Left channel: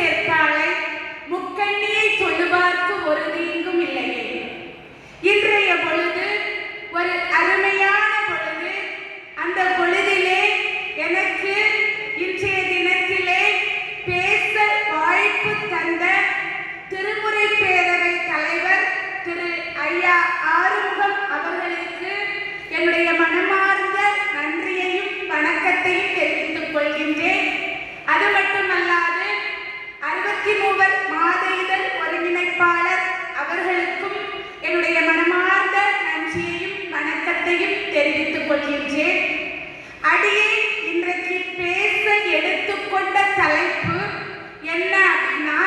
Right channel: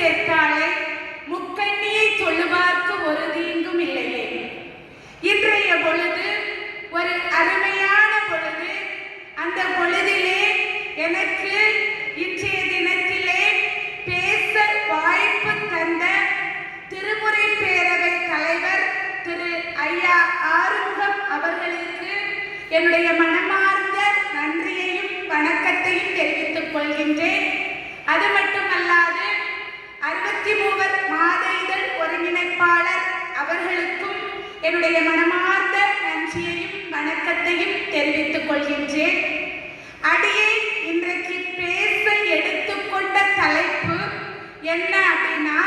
சேர்த்தாலே முக்கண்ணியை தொழுவார்க்கு ஒரு தீங்கும் இல்லையே. இன்றைய பொழுது ஒரு அருமையான பொழுது. அந்த பொழுதிலே எனக்கு இன்றைய தினத்திலே பேச வாய்ப்பு தந்த திருமுறை பேரவை தலைவர் திரு ஐயா ஆறுமுகம் அவர்களுக்கு என்னுடைய மனமார்ந்த நன்றியையும் வணக்கத்தையும் தெரிவித்துக் கொள்கின்றேன். அது மட்டுமல்லாது 63 மாத இதழ் ஒருங்கிணைப்பாளர் அவர்களுக்கும் என்னுடைய மனமார்ந்த நன்றியையும் வணக்கத்தையும் தெரிவித்துக் கொள்கின்றேன். அடியே இன்றைக்கு பேச எடுத்துக்கொண்ட தலைப்பு என்ன அப்படின்னா,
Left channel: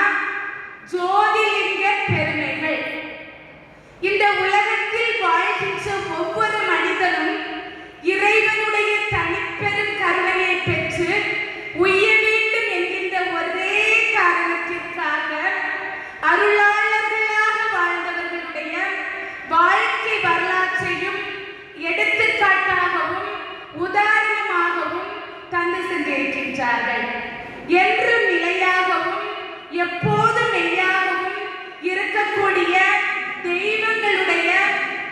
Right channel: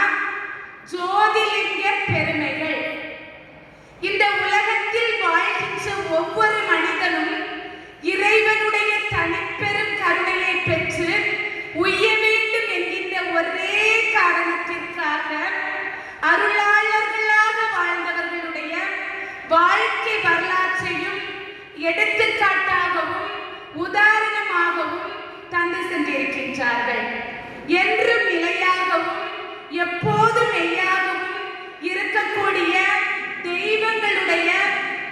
ஜோதிலிங்க பெருமைகள். இந்த உலகத்தில் வாழ்கின்ற ஒவ்வொரு மனிதனும் இறைவனுடைய தனிப்பெரும் கருணையை பெற்று உய்ய வேண்டும் என்கின்ற ஒரே காரணத்திற்காக அருளாளர்களாக வாழ்ந்தவர்களுடைய வாழ்க்கை வரலாற்றையும் எடுத்துக்காட்டாகவும் உதாரணமாகவும் தந்து சென்றிருக்கின்றார்கள். என்றும் நிலையாகவும் எப்போதும் மெய்யாகவும் இருக்கக்கூடிய தெய்வங்களுடைய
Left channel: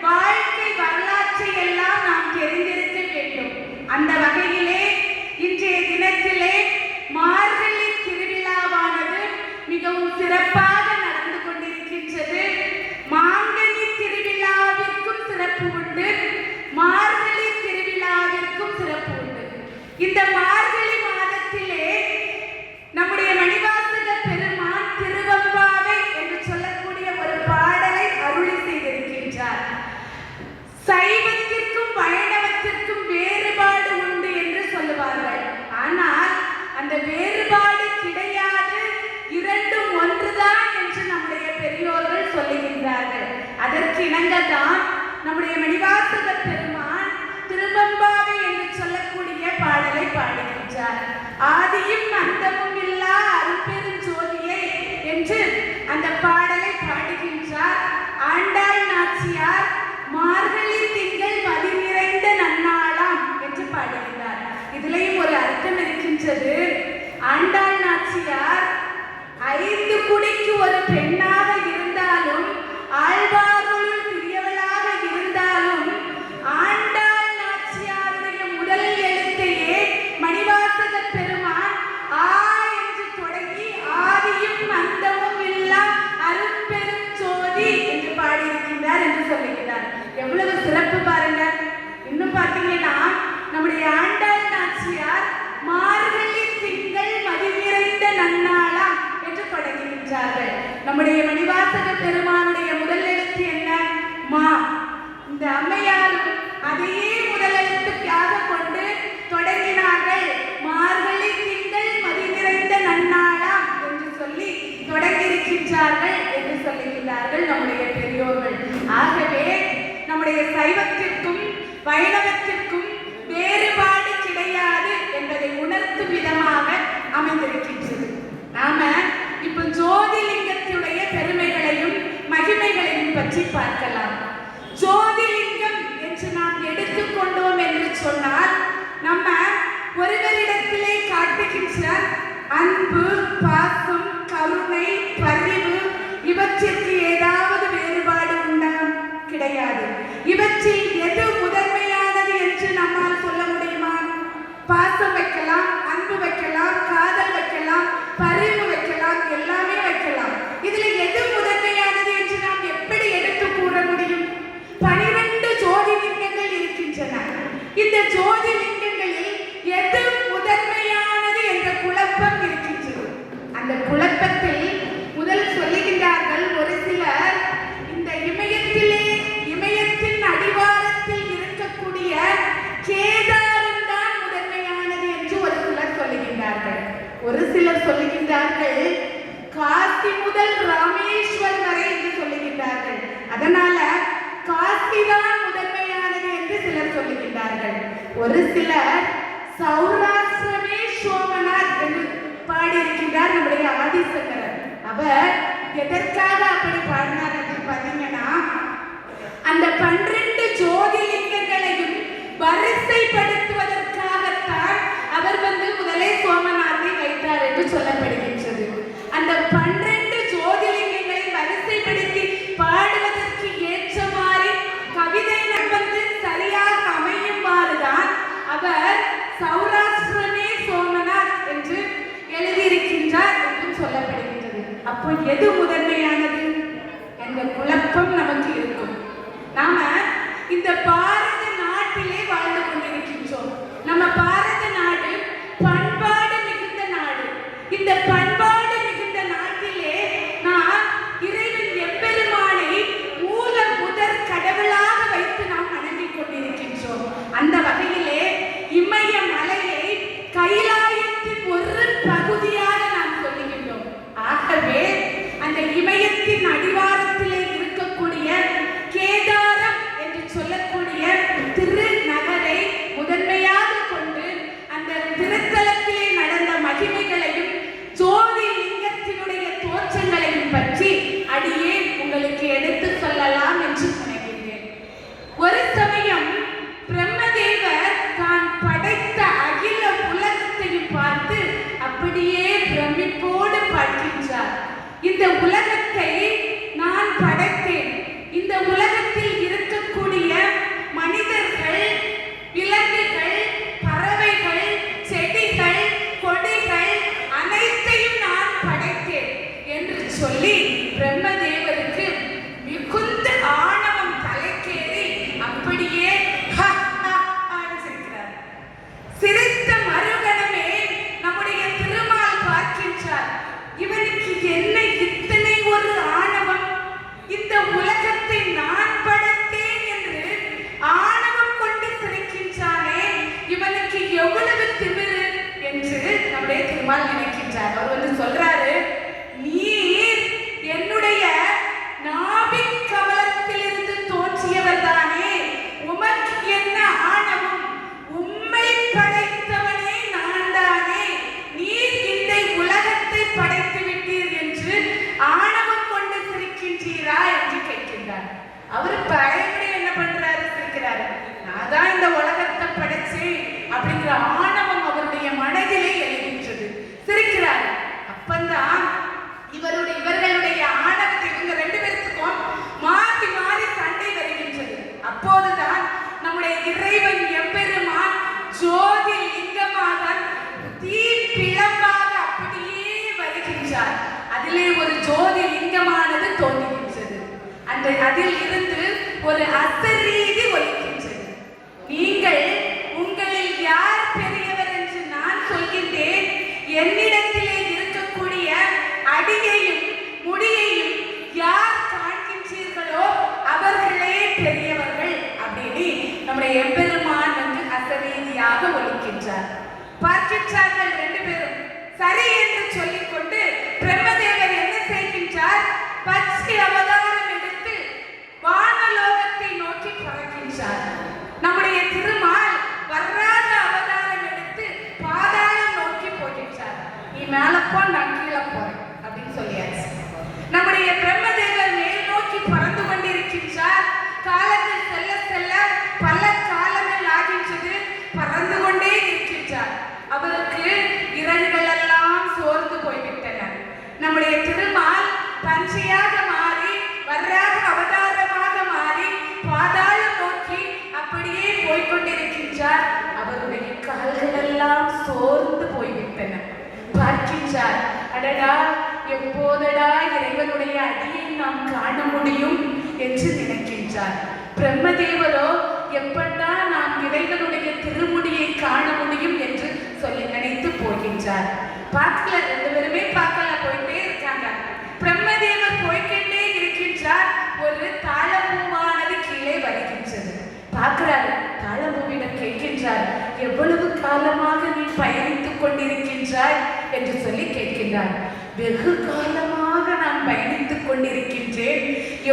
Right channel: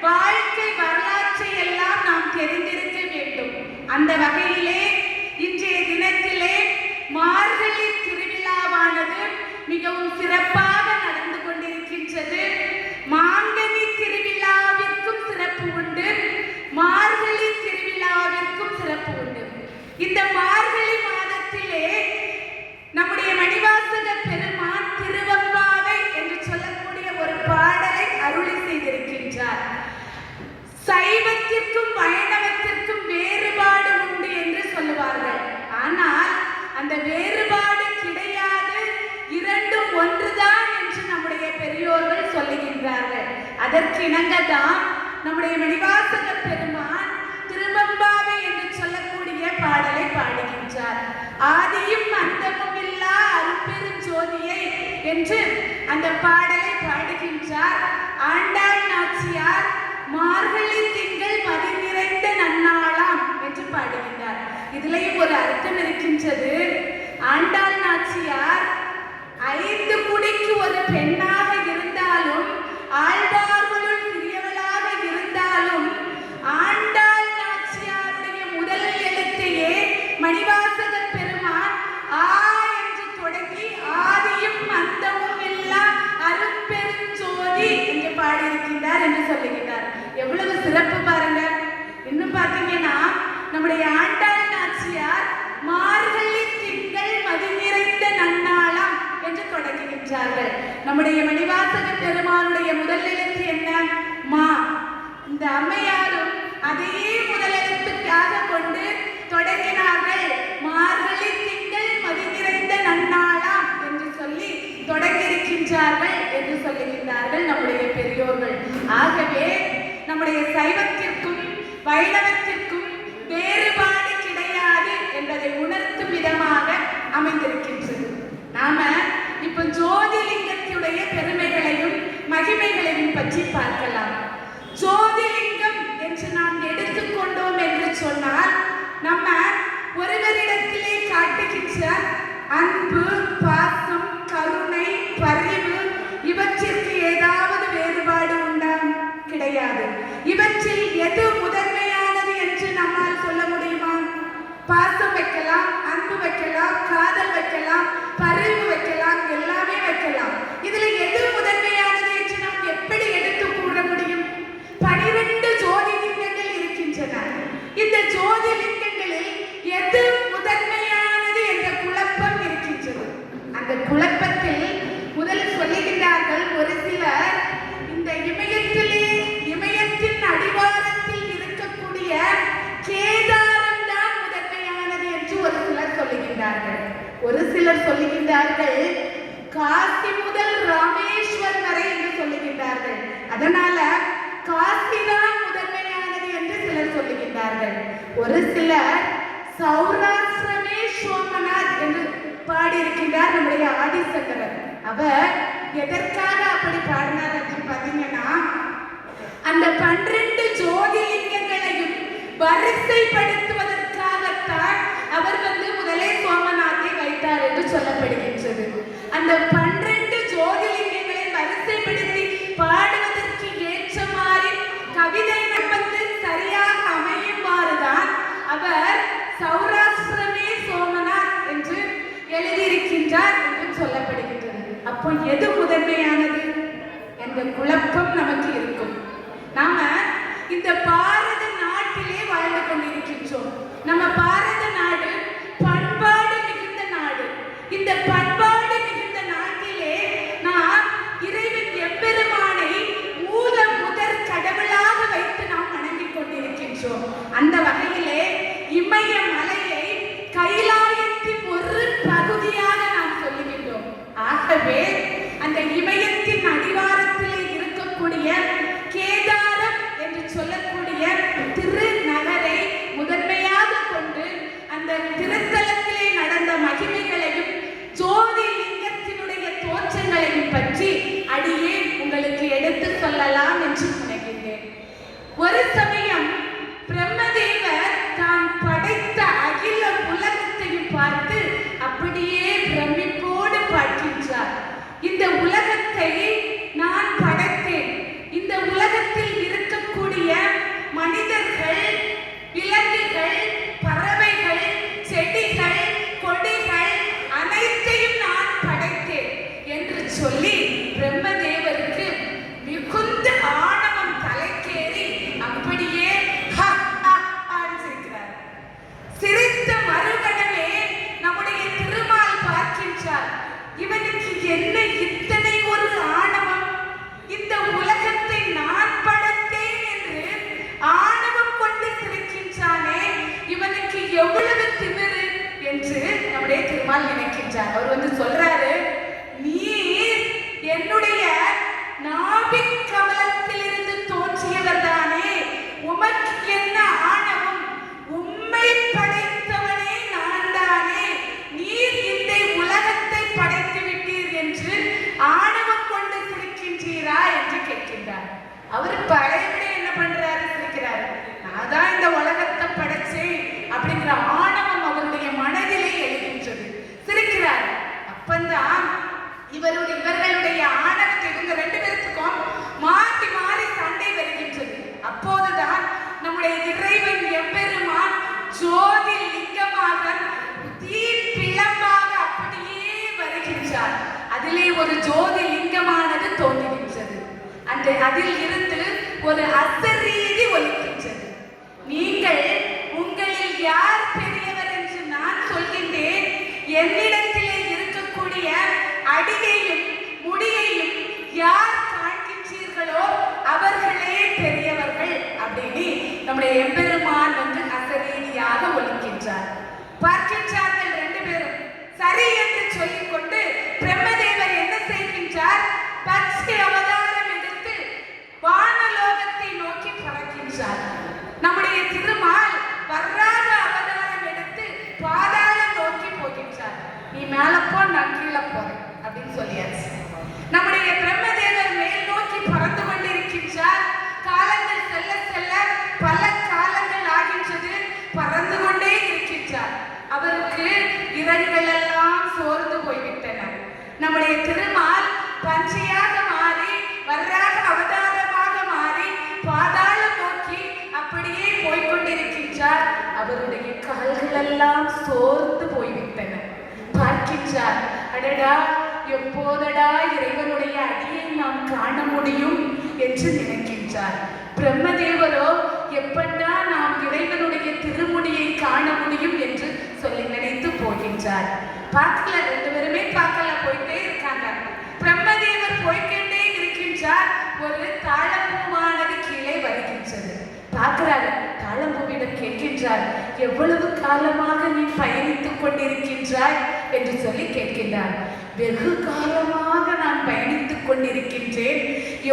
வாழ்க்கை வரலாற்றை எல்லாம் நாம் தெரிந்திருக்க வேண்டும். அந்த வகையிலே இன்றைய தினத்திலே மார்கழி திருவிழாவானது மிகவும் சிறப்பாக நடந்து கொண்டிருக்கின்றது. மாங்கனி திருவிழாவிற்கும் சிறப்பு உண்டு, மார்கழி திருவிழாவிற்கும் சிறப்பு உண்டு. இந்த மார்கழி மாதத்திலே நம்முடைய மணிவாசக பெருமான் திருவெம்பாவை என்று சொல்லக்கூடிய ஒரு பாடலை அருளி செய்திருக்கின்றார். சைவத்திற்கும் வைணவத்திற்கும் வேறுபாடு உண்டு என்று சொல்லுவார்கள். ஆனால் அந்த வேறுபாடு கிடையாது, இரண்டும் ஒன்றுதான் என்று நம்முடைய பெரியோர்கள் சொல்லுகின்றார்கள். அதற்கு இணங்கதான் நம்முடைய மணிவாசக பெருமான் திருவெம்பாவை என்று சொல்லக்கூடிய பாடலை பாடுகின்றார். ஆதியும் அந்தமும் இல்லா அருட்பெரும் ஜோதியை என்று அந்த பாடலை பாடுகின்றார். ஆண்டாள் நாச்சியார் மார்கழி திங்கள் மதி நிறைந்த நன்னாளாம் என்று பாடுகின்றார். இதிலேயும் ஒரு அர்த்தம் இருக்கின்றது. ஆண்டாள் நாச்சியார் 5 குடிக்கு ஒரு பெண்ணாக இருந்தாலும், ஆழ்வார்களுள் சிறியவளாக இருந்தாலும், ஆண்டாள் நாச்சியாருடைய முதல் எழுத்தையே மணிவாசக பெருமான் ஆ என்று தொடங்கி ஆதியும் அந்தமும் இல்லா அருட்பெரும் ஜோதி என்று பாடியிருக்கின்றார் என்று சொல்லுகிறார். எவ்வளவு சிறப்பு பாருங்க. இன்னும் பார்த்தீங்கன்னா நம்முடைய ஆண்டாள் நாச்சியார் மார்கழி திங்கள் மதி நிறைந்த நன்னாளாம் என்று தொடங்குகின்றார்கள். நம்முடைய மணிவாசக பெருமானுடைய முதல் எழுத்து என்ன? மா. இந்த அம்மையாரும் அதையே முதல் எழுத்துக்காக கொண்டு தொடங்கினார்கள். மார்கழி திங்கள் மதி நிறைந்த நன்னாளாம் என்று சொல்லி தொடங்கியிருக்கின்றார்கள் என்று சொல்லுகின்றார்கள் நம்முடைய பெரியோர்கள். ஆகவே நம்முடைய சைவத்திற்கும் வைணவத்திற்கும் வேறுபாடு கிடையாது என்பதை உணர்த்தும் விதமாக அமைந்திருக்கின்றது. நாம இப்ப ஜோதிலிங்கத்துடைய பெருமைகளையும் மகிமைகளையும் பற்றி பார்க்கலாம். ஜோதிலிங்கம் என்று நாம் எடுத்துக்கொண்டோம் என்று சொன்னால், நம்ம ஒருவரிடத்திலே காட்டுகின்ற அன்பு, பாசம், கருணை, பரிவு இவற்றிற்கு ஏதாவது வேறுபாடு உண்டா? கிடையாது. இவற்றில் எது முதன்மையானது என்று நம்மால் சொல்ல முடியுமா? பாசம் வைக்கலாம், அன்பு வைக்கலாம், காதல் வைக்கலாம், பரிவு வைக்கலாம், எல்லாமே வைக்கலாம். இதில் எது முதன்மையானது என்று நாம் எப்படி எடுத்து கூற முடியும்? 12 ஜோதிலிங்கங்கள் இருக்கின்றன. இந்த ஜோதிலிங்கங்களில் எது முதன்மையானது என்ற குழப்பம் இருக்கின்றது. அந்த குழப்பத்தில் முதல் சொல்லுகின்றார்கள் ஒரு சிலர், இந்த இமயத்தின் அடிவாரத்தில் இருக்கக்கூடிய கேதாரம் தான் முதன்மையானது என்று ஒரு சிலர் சொல்லுகின்றார்கள். ஒரு சிலர் சொல்லுகின்றார்கள் காசி முதல் ராமேஸ்வரம் வரை என்று சொல்லுகின்றார்கள். அதனால காசிதான் முதன்மையானது என்று சிலர் சொல்லுகின்றார்கள். ஒரு சிலர் சௌராஷ்டிரமே சோமநாத் என்று பாடியிருக்கின்றார் நம்முடைய ஆதிசங்கரர். அப்போ எது முதன்மையானது என்ற குழப்பம் நமக்கு இருக்கும். நாம இந்த பாரத நாட்டிலே வாழ்ந்து கொண்டிருக்கின்றோம். நம்ம பாரத நாடு பண்பாடு மிகுந்த நாடு. இந்த பண்பாடு மிகுந்த நாட்டிலே நாம் இறைவன் எம்பெருமானை மூல முதற் கடவுளாக வைத்து நாம் வணங்கிக் கொண்டிருக்கின்றோம். அந்த வகையிலே இமய மலையை கைலாயத்தின் ஒரு பகுதியாக நாம் சொல்லுகின்றோம். ஆகவே அந்த இமயத்தின் அடிவாரத்திலே இருக்கக்கூடிய கேதாரம் என்று சொல்லக்கூடிய திருநகரை முதன்மையாக கொண்டு அந்த திருத்தலத்திலே நடந்த மகிமைகளையும் ஜோதி லிங்கத்தினுடைய தோற்றங்களையும் பற்றி அடியே உங்களுக்கு எடுத்து சொல்லலாம் என்று நினைக்கின்றேன். ஒரு சமயம் பிரம்மதேவர் தான் படைத்த அகில உலகத்தையும் பார்த்து அப்படியே பிரமிப்போடு பார்க்கின்றார். இந்த உலகத்தை நான் படைத்தேன். இந்த உலகத்தில் இருக்கக்கூடிய மனிதர்கள், விலங்குகள், பறவைகள், செடிகள், கொடிகள் அனைத்தையும் நான் படைத்தேன் என்று சொல்லி பிரம்மதேவருக்கு மிகுந்த ஆணவம் தலைக்கேறி அப்படியே சிரிக்கிறார். சிரித்த மறுகணமே நம்முடைய திருமால் பார்க்கின்றார். இவனுக்கு என்ன இத்தனை ஒரு ஆணவம்? இந்த உலகத்தை நான் படைத்தேன் என்று ஆணவம் கொண்டு சிரிக்கின்றானே, இவனுக்கு எவ்வளவு திமிரு என்று நம்முடைய திருமால் நினைக்கின்றார். அவர் சொல்றாரு, நீர் என்னுடைய நாபிக் கமலத்திலிருந்து தோன்றியவர் தானே, உமக்கு என்ன ஆணவம்? உம்மை படைத்தவனே நான் தானே, நீர் இந்த உலகத்தை படைத்து விட்டீர் என்று ஆணவம் கொண்டு சிரிக்கின்றீரா என்று கேட்கின்றார். அவர் பழையபடி என்ன பண்றாரு? சிரிக்கிறார். நான் தான் இந்த உலகத்தை படைச்சேன் அப்படிங்கிற ஆணவம் அவருடைய மனதிலே எழுகின்றது. சிரிக்கிறார். அப்பந்தான் இவர்களுடைய ஆணவத்தை இவங்க ரெண்டு பேருக்கும் மாறி மாறி சண்டை வருகின்றது. அப்போதுதான் நம்முடைய இறைவன் எம்பெருமான் ஜோதி லிங்கமாக தீப்பிழம்பாக அப்படியே வருகின்றார். அதிலே ஒரு ஜோதி லிங்கமானது தோன்றுகின்றது. அதில் இருந்து ஒரு அசரீதி ஒலிக்கின்றது. நீங்கள் உங்களில் யார் பெரியவர் என்று நான் சொல்கின்றேன். என்னிடத்திலே இருக்கக்கூடிய அடியையும் முடியையும் யார் காண்கின்றீர்களோ அவர்களே பெரியவர்கள் அப்படின்னு நம்முடைய எம்பெருமான் அசரீதியாக ஒலிக்கின்றார். பார்க்கின்றார்கள் ரெண்டு பேரும். சரி என்று சொல்லிக்கொண்டு பிரம்மதேவர் என்ன செய்கின்றார்? பச்சை அவதாரம் எடுத்து வானலோகத்தை நோக்கி பறக்கின்றார். நம்முடைய திருமால் வர்றாக அவதாரம் எடுத்து பாதாளம் நோக்கி போகின்றார். நீ மேல போ, நான் கீழே போறேன் அப்படின்னு சொல்லியாச்சு. நம்முடைய பிரம்மதேவர் மேல் நோக்கி பறந்து கொண்டிருக்கின்றார். காலங்கள் செல்ல செல்ல பல காலங்கள் ஆகின்றது. பறந்து கொண்டே இருக்கின்றார். அவருக்கு இறகுகள் எல்லாம் சோர்ந்து போய்விட்டன. நம்முடைய திருமால் பஞ்சையாக மாறி வர்றாக அவதாரமாக மாறி பாதாளம் நோக்கி அப்படியே போய்கொண்டிருக்கின்றார். அவருடைய கால்கள் எல்லாம் சோர்ந்து போய்விட்டன. பார்க்கின்றார். அடடா, எப்போதடா இறைவனுடைய அடியை நாம் காண முடியும் என்று நினைக்கின்றார். பிரம்மதேவரோ எப்படா நாம் இறைவனுடைய திருமுடியை காண முடியும் என்று சொல்லி நினைத்து போகின்றார். பார்க்கல, ரெண்டு பேருமே பார்க்கல, போயிட்டே இருக்காங்க. பிரம்மதேவர் போய்கிட்டே இருக்கின்றார். ஒரு தாழம்பூவானது கீழே வருகின்றது. பார்க்கிறார். தாழம்பூவிடம் கேட்கின்றார், எவ்வளவு காலமாக நீ பயணித்துக் கொண்டிருக்கின்றாய் என்று சொல்லி கேட்கின்றார். வெகு காலமாக நான் பயணித்துக் கொண்டிருக்கின்றேன்.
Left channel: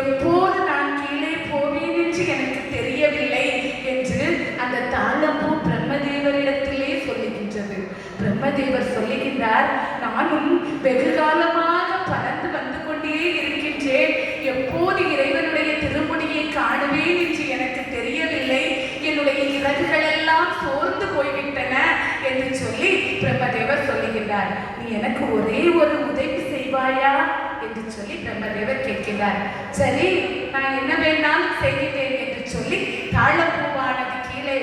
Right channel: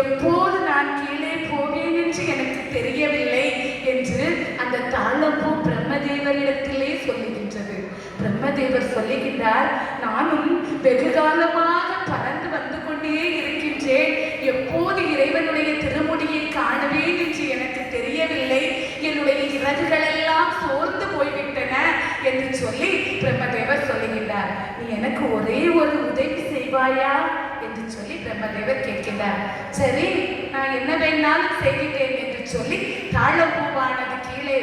எப்போது நான் கீழே போவேன் என்று எனக்கு தெரியவில்லை என்று அந்த தாழம்பூ பிரம்மதேவரிடத்திலே சொல்லுகின்றது. பிரம்மதேவர் சொல்லுகின்றார், நானும் வெகு காலமாக பறந்து வந்து கொண்டே இருக்கின்றேன். எப்போது இறைவனுடைய திருமுடியை காணுவேன் என்று எனக்கு தெரியவில்லை. என்னுடைய இறகுகள் எல்லாம் சோர்ந்து போய்விட்டன என்று சொல்லி பிரம்மதேவர் சொல்லுகின்றார். நீ எனக்கு ஒரே ஒரு உதவி செய்வாயா என்று சொல்லி பிரம்மதேவர் கேட்கிறார். சரி, நான் என்ன வேண்டாலும் செய்கிறேன் என்று சொல்லி தாழம்பூவானது கீழே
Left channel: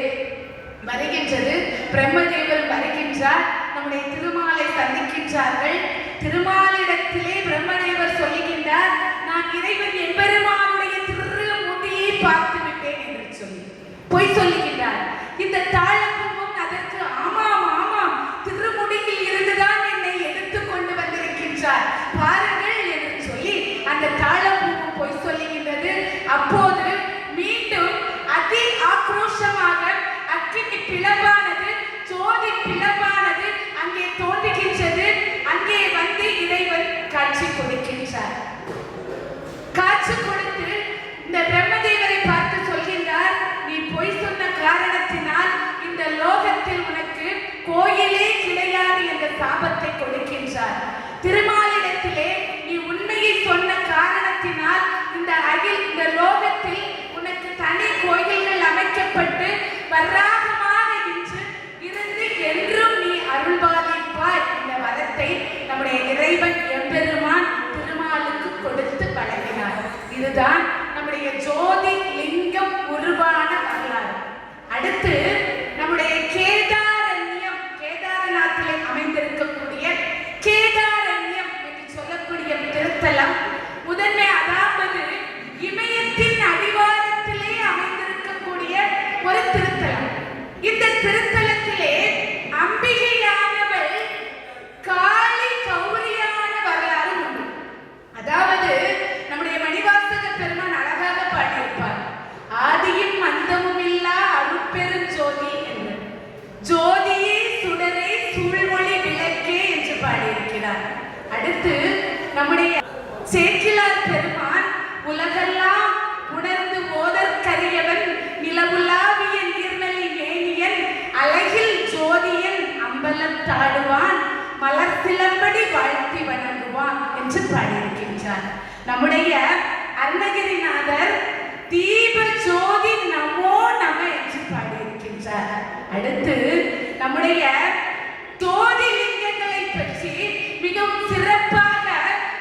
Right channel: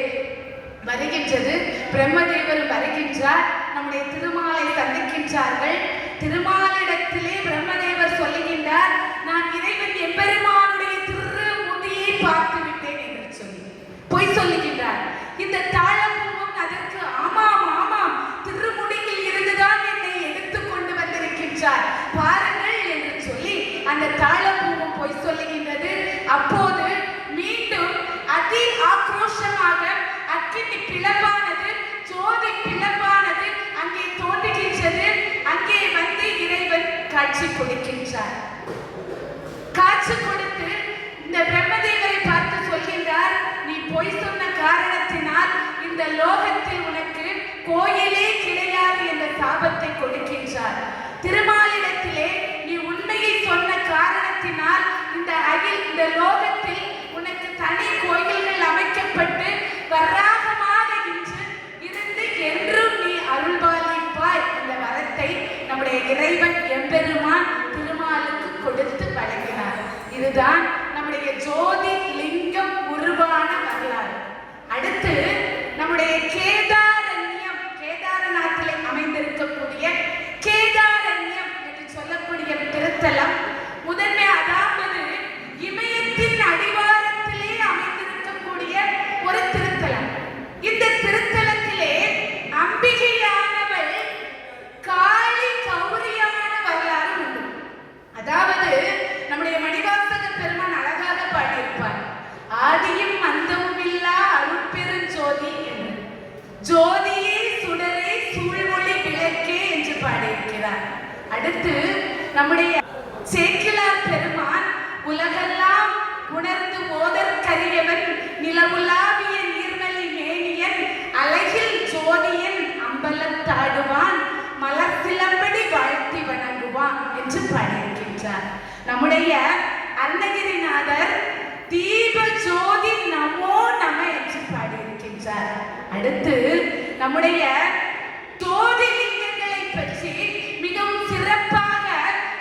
வருகின்றது. பிரம்மதேவர் வருகின்றார். நம்முடைய திருமாலை சந்திக்கின்றார்கள். திருமாலிடத்திலே பிரம்மதேவர் இந்த லோகத்தில் உனக்கு தனி கோயில்கள் அமைக்கப்பட்டு வராகமாக இருந்து என்றும் நீ அருள்பாலிப்பாய். இந்த வரத்தை நம்முடைய இறைவன் எம்பெருமான் திருமாலுக்கு கொடுத்து வழங்கினார். இதுதான் நம்முடைய ஜோதி லிங்கம் உருவான வரலாறு. அடுத்து நம்முடைய கேதாரண்யம், கேதாரநாத்திலே அமைந்திருக்கக்கூடிய கேதாரண்யம் என்று சொல்லக்கூடிய திருத்தலம் முதன்மை, அதாவது இமயத்தின் அடிவாரத்திலே அமைந்திருக்கக்கூடிய ஒரு திருத்தலம். இந்த திருத்தலத்திலே அம்பிகையானவள் காளி கௌரியமான வரலாறு உண்டு. அதாவது நம்முடைய மணிவாசக பெருமான் அழகாக பாடியிருப்பார், ஆதியும் அந்தமும் இல்லா அருட்பெரும் ஜோதி என்று. ஜோதியே சுடரே சூழ்மொழி விளக்கே என்று பாடியிருக்கிறார். அடுத்து நம்முடைய சேக்கிழார் பெருமான் உலகெல்லாம் உணர்ந்து ஓதற்கரியவன் நிலவுலாவிய நீர்மலி மேனியன் அழகில் ஜோதியன் அம்பலத்தாடுவான் மலர் சிலம்படி வாழ்த்தி வணங்குவான் என்று பாடியிருக்கின்றார். நம்முடைய அருணகிரிநாதர் தீப ஜோதி நமோ நம என்று பாடியிருக்கின்றார். அடுத்து நம்முடைய ஜோதி லிங்கங்களை பற்றி மிகவும் சிறப்பாக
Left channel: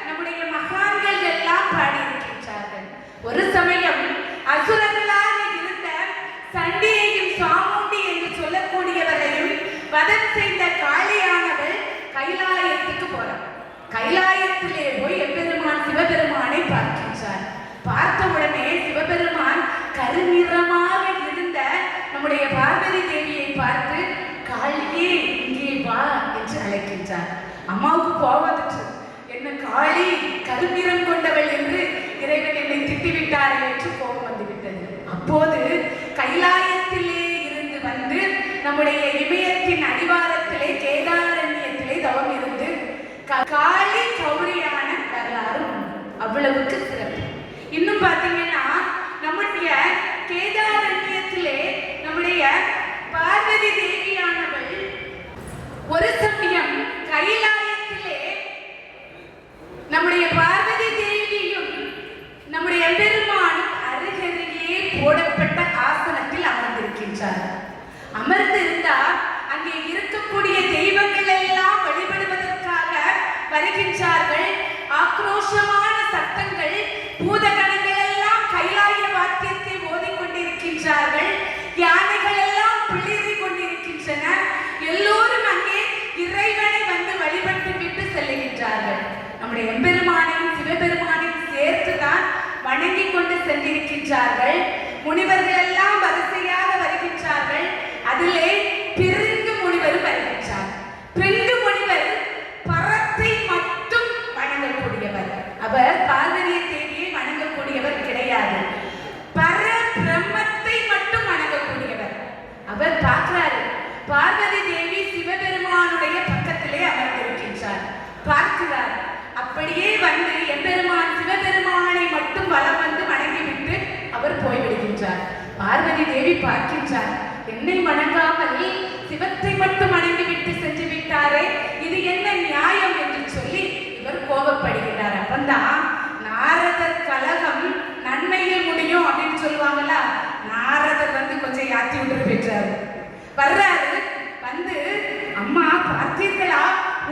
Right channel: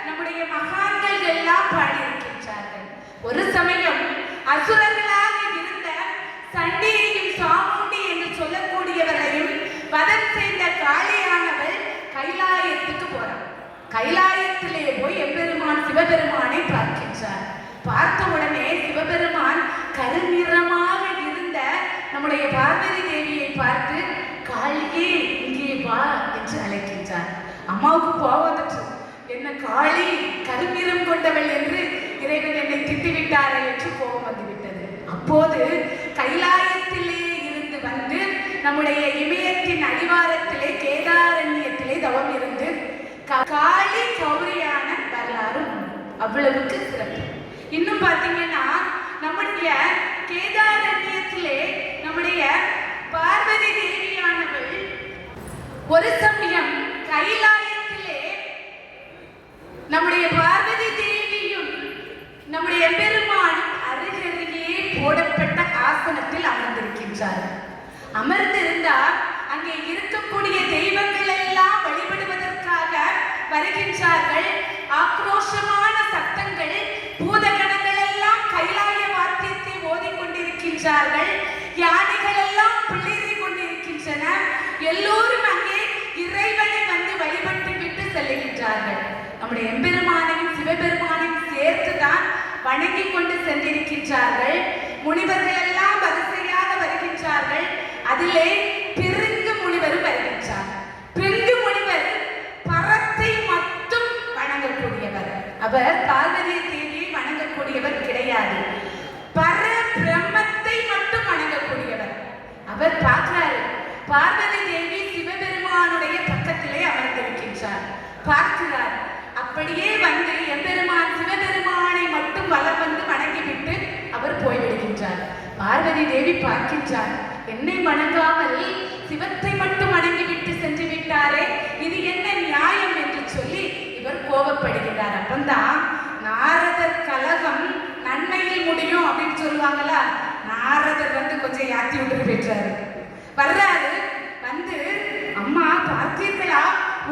நம்முடைய மகான்கள் எல்லாம் பாடியிருக்கின்றார்கள். ஒரு சமயம் அசுரர்களாக இருந்த சண்டியையும் சாமுண்டி என்று சொல்லக்கூடியவரையும் வதம் செய்த காளியானவள் கைலாயத்துக்கு போறார். கைலாயத்திலே போய் எம்பெருமான் சிவபெருமானை பார்க்கின்றார். பார்த்த உடனே சிவபெருமான் கருநிறமாக இருந்த நம்முடைய பார்வதி தேவியை பார்த்து காளியே இங்கே வா என்று அழைக்கின்றார். அம்மாவுக்கு போவதற்கு என்ன காளி கருநிறம் கொண்டவள் என்று இறைவன் என்னை திட்டிவிட்டார் என்று கோபம் வந்துவிட்டது. அப்போது கைலாயத்திலே இருந்து வந்து நம்முடைய இமயத்தின் அடிவாரத்திலே கேதாரண்யத்திலே தவம் இருந்து காளி கௌரியான வரலாறு அவ்வளவுக்கு சிறப்பு. இன்னும் பார்த்தீங்கன்னா நம்முடைய கேதாரண்யத்திலே நம்முடைய பார்வதி தேவியானவள் ஒரு சமயம் கைலாயத்திலே நம்முடைய பார்வதி தேவியும் நம்முடைய பெருமான் அருகருகே போடப்பட்ட ஆசனத்தில் அமர்ந்திருக்கின்றார். அமர்ந்திருந்தால் அங்கே இருக்கக்கூடிய தெய்வங்கள் எல்லாம் வழிபடுவதற்காக வருகின்றார்கள். ஆக்ரோஷமான சத்தங்கள், பூதகணங்கள் எல்லாம் கைலாய வாத்தியத்தை ஓதிக்கொண்டிருக்கின்றார்கள். யானைகள் எல்லாம் பிளிரிக் கொண்டிருக்கின்றன. எல்லோரும் அங்கே இறைவனை வந்து வழிபட்டு விட்டு செல்லுகின்றார்கள். நம்முடைய எம்பெருமானையும் சிவபெருமானையும் சேர்த்துதான் வணங்கி கொண்டு சென்றிருக்கின்றார்கள். முனிவர்கள் எல்லாம் வரிசையாக வருகின்றார்கள். அதிலே பிருங்கு முனிவர் வருகின்றார். பிருங்கு முனிவர் பரத்தை மட்டும் வணங்கக்கூடியவர். அவர் பார்வதி தேவியை வணங்கக்கூடியவர் கிடையாது. பர பிரம்மத்தை மட்டும் வணங்கக்கூடியவர். அவர் பார்க்கிறார், பார்வதி தேவி சிவபெருமானுடைய பக்கத்திலே அமர்ந்திருக்கின்றார். பார்க்கிறார். அப்படியே வந்து எம்பெருமான் சிவபெருமானை மட்டும் வலம் வந்து வணங்கிவிட்டு அவர் போய்விடுகின்றார். பார்வதி தேவி பார்க்கின்றார், என்னை வணங்காமல் சிவத்தை மட்டும் வணங்கிவிட்டு சென்று விட்டாரே, இது என்ன நியாயம் என்று சொல்லி இவர் கோபப்படுகிறார். அப்பந்தான் நாரதர் கலகம் நன்மையில் முடியும் அப்படின்னு சொல்லுவாங்களா, நாரதர் வந்து கொஞ்சம் யாத்தி விட்டு பெற்றாரு. வர்றாரு. வந்து அம்மா பார்த்தீர்களா,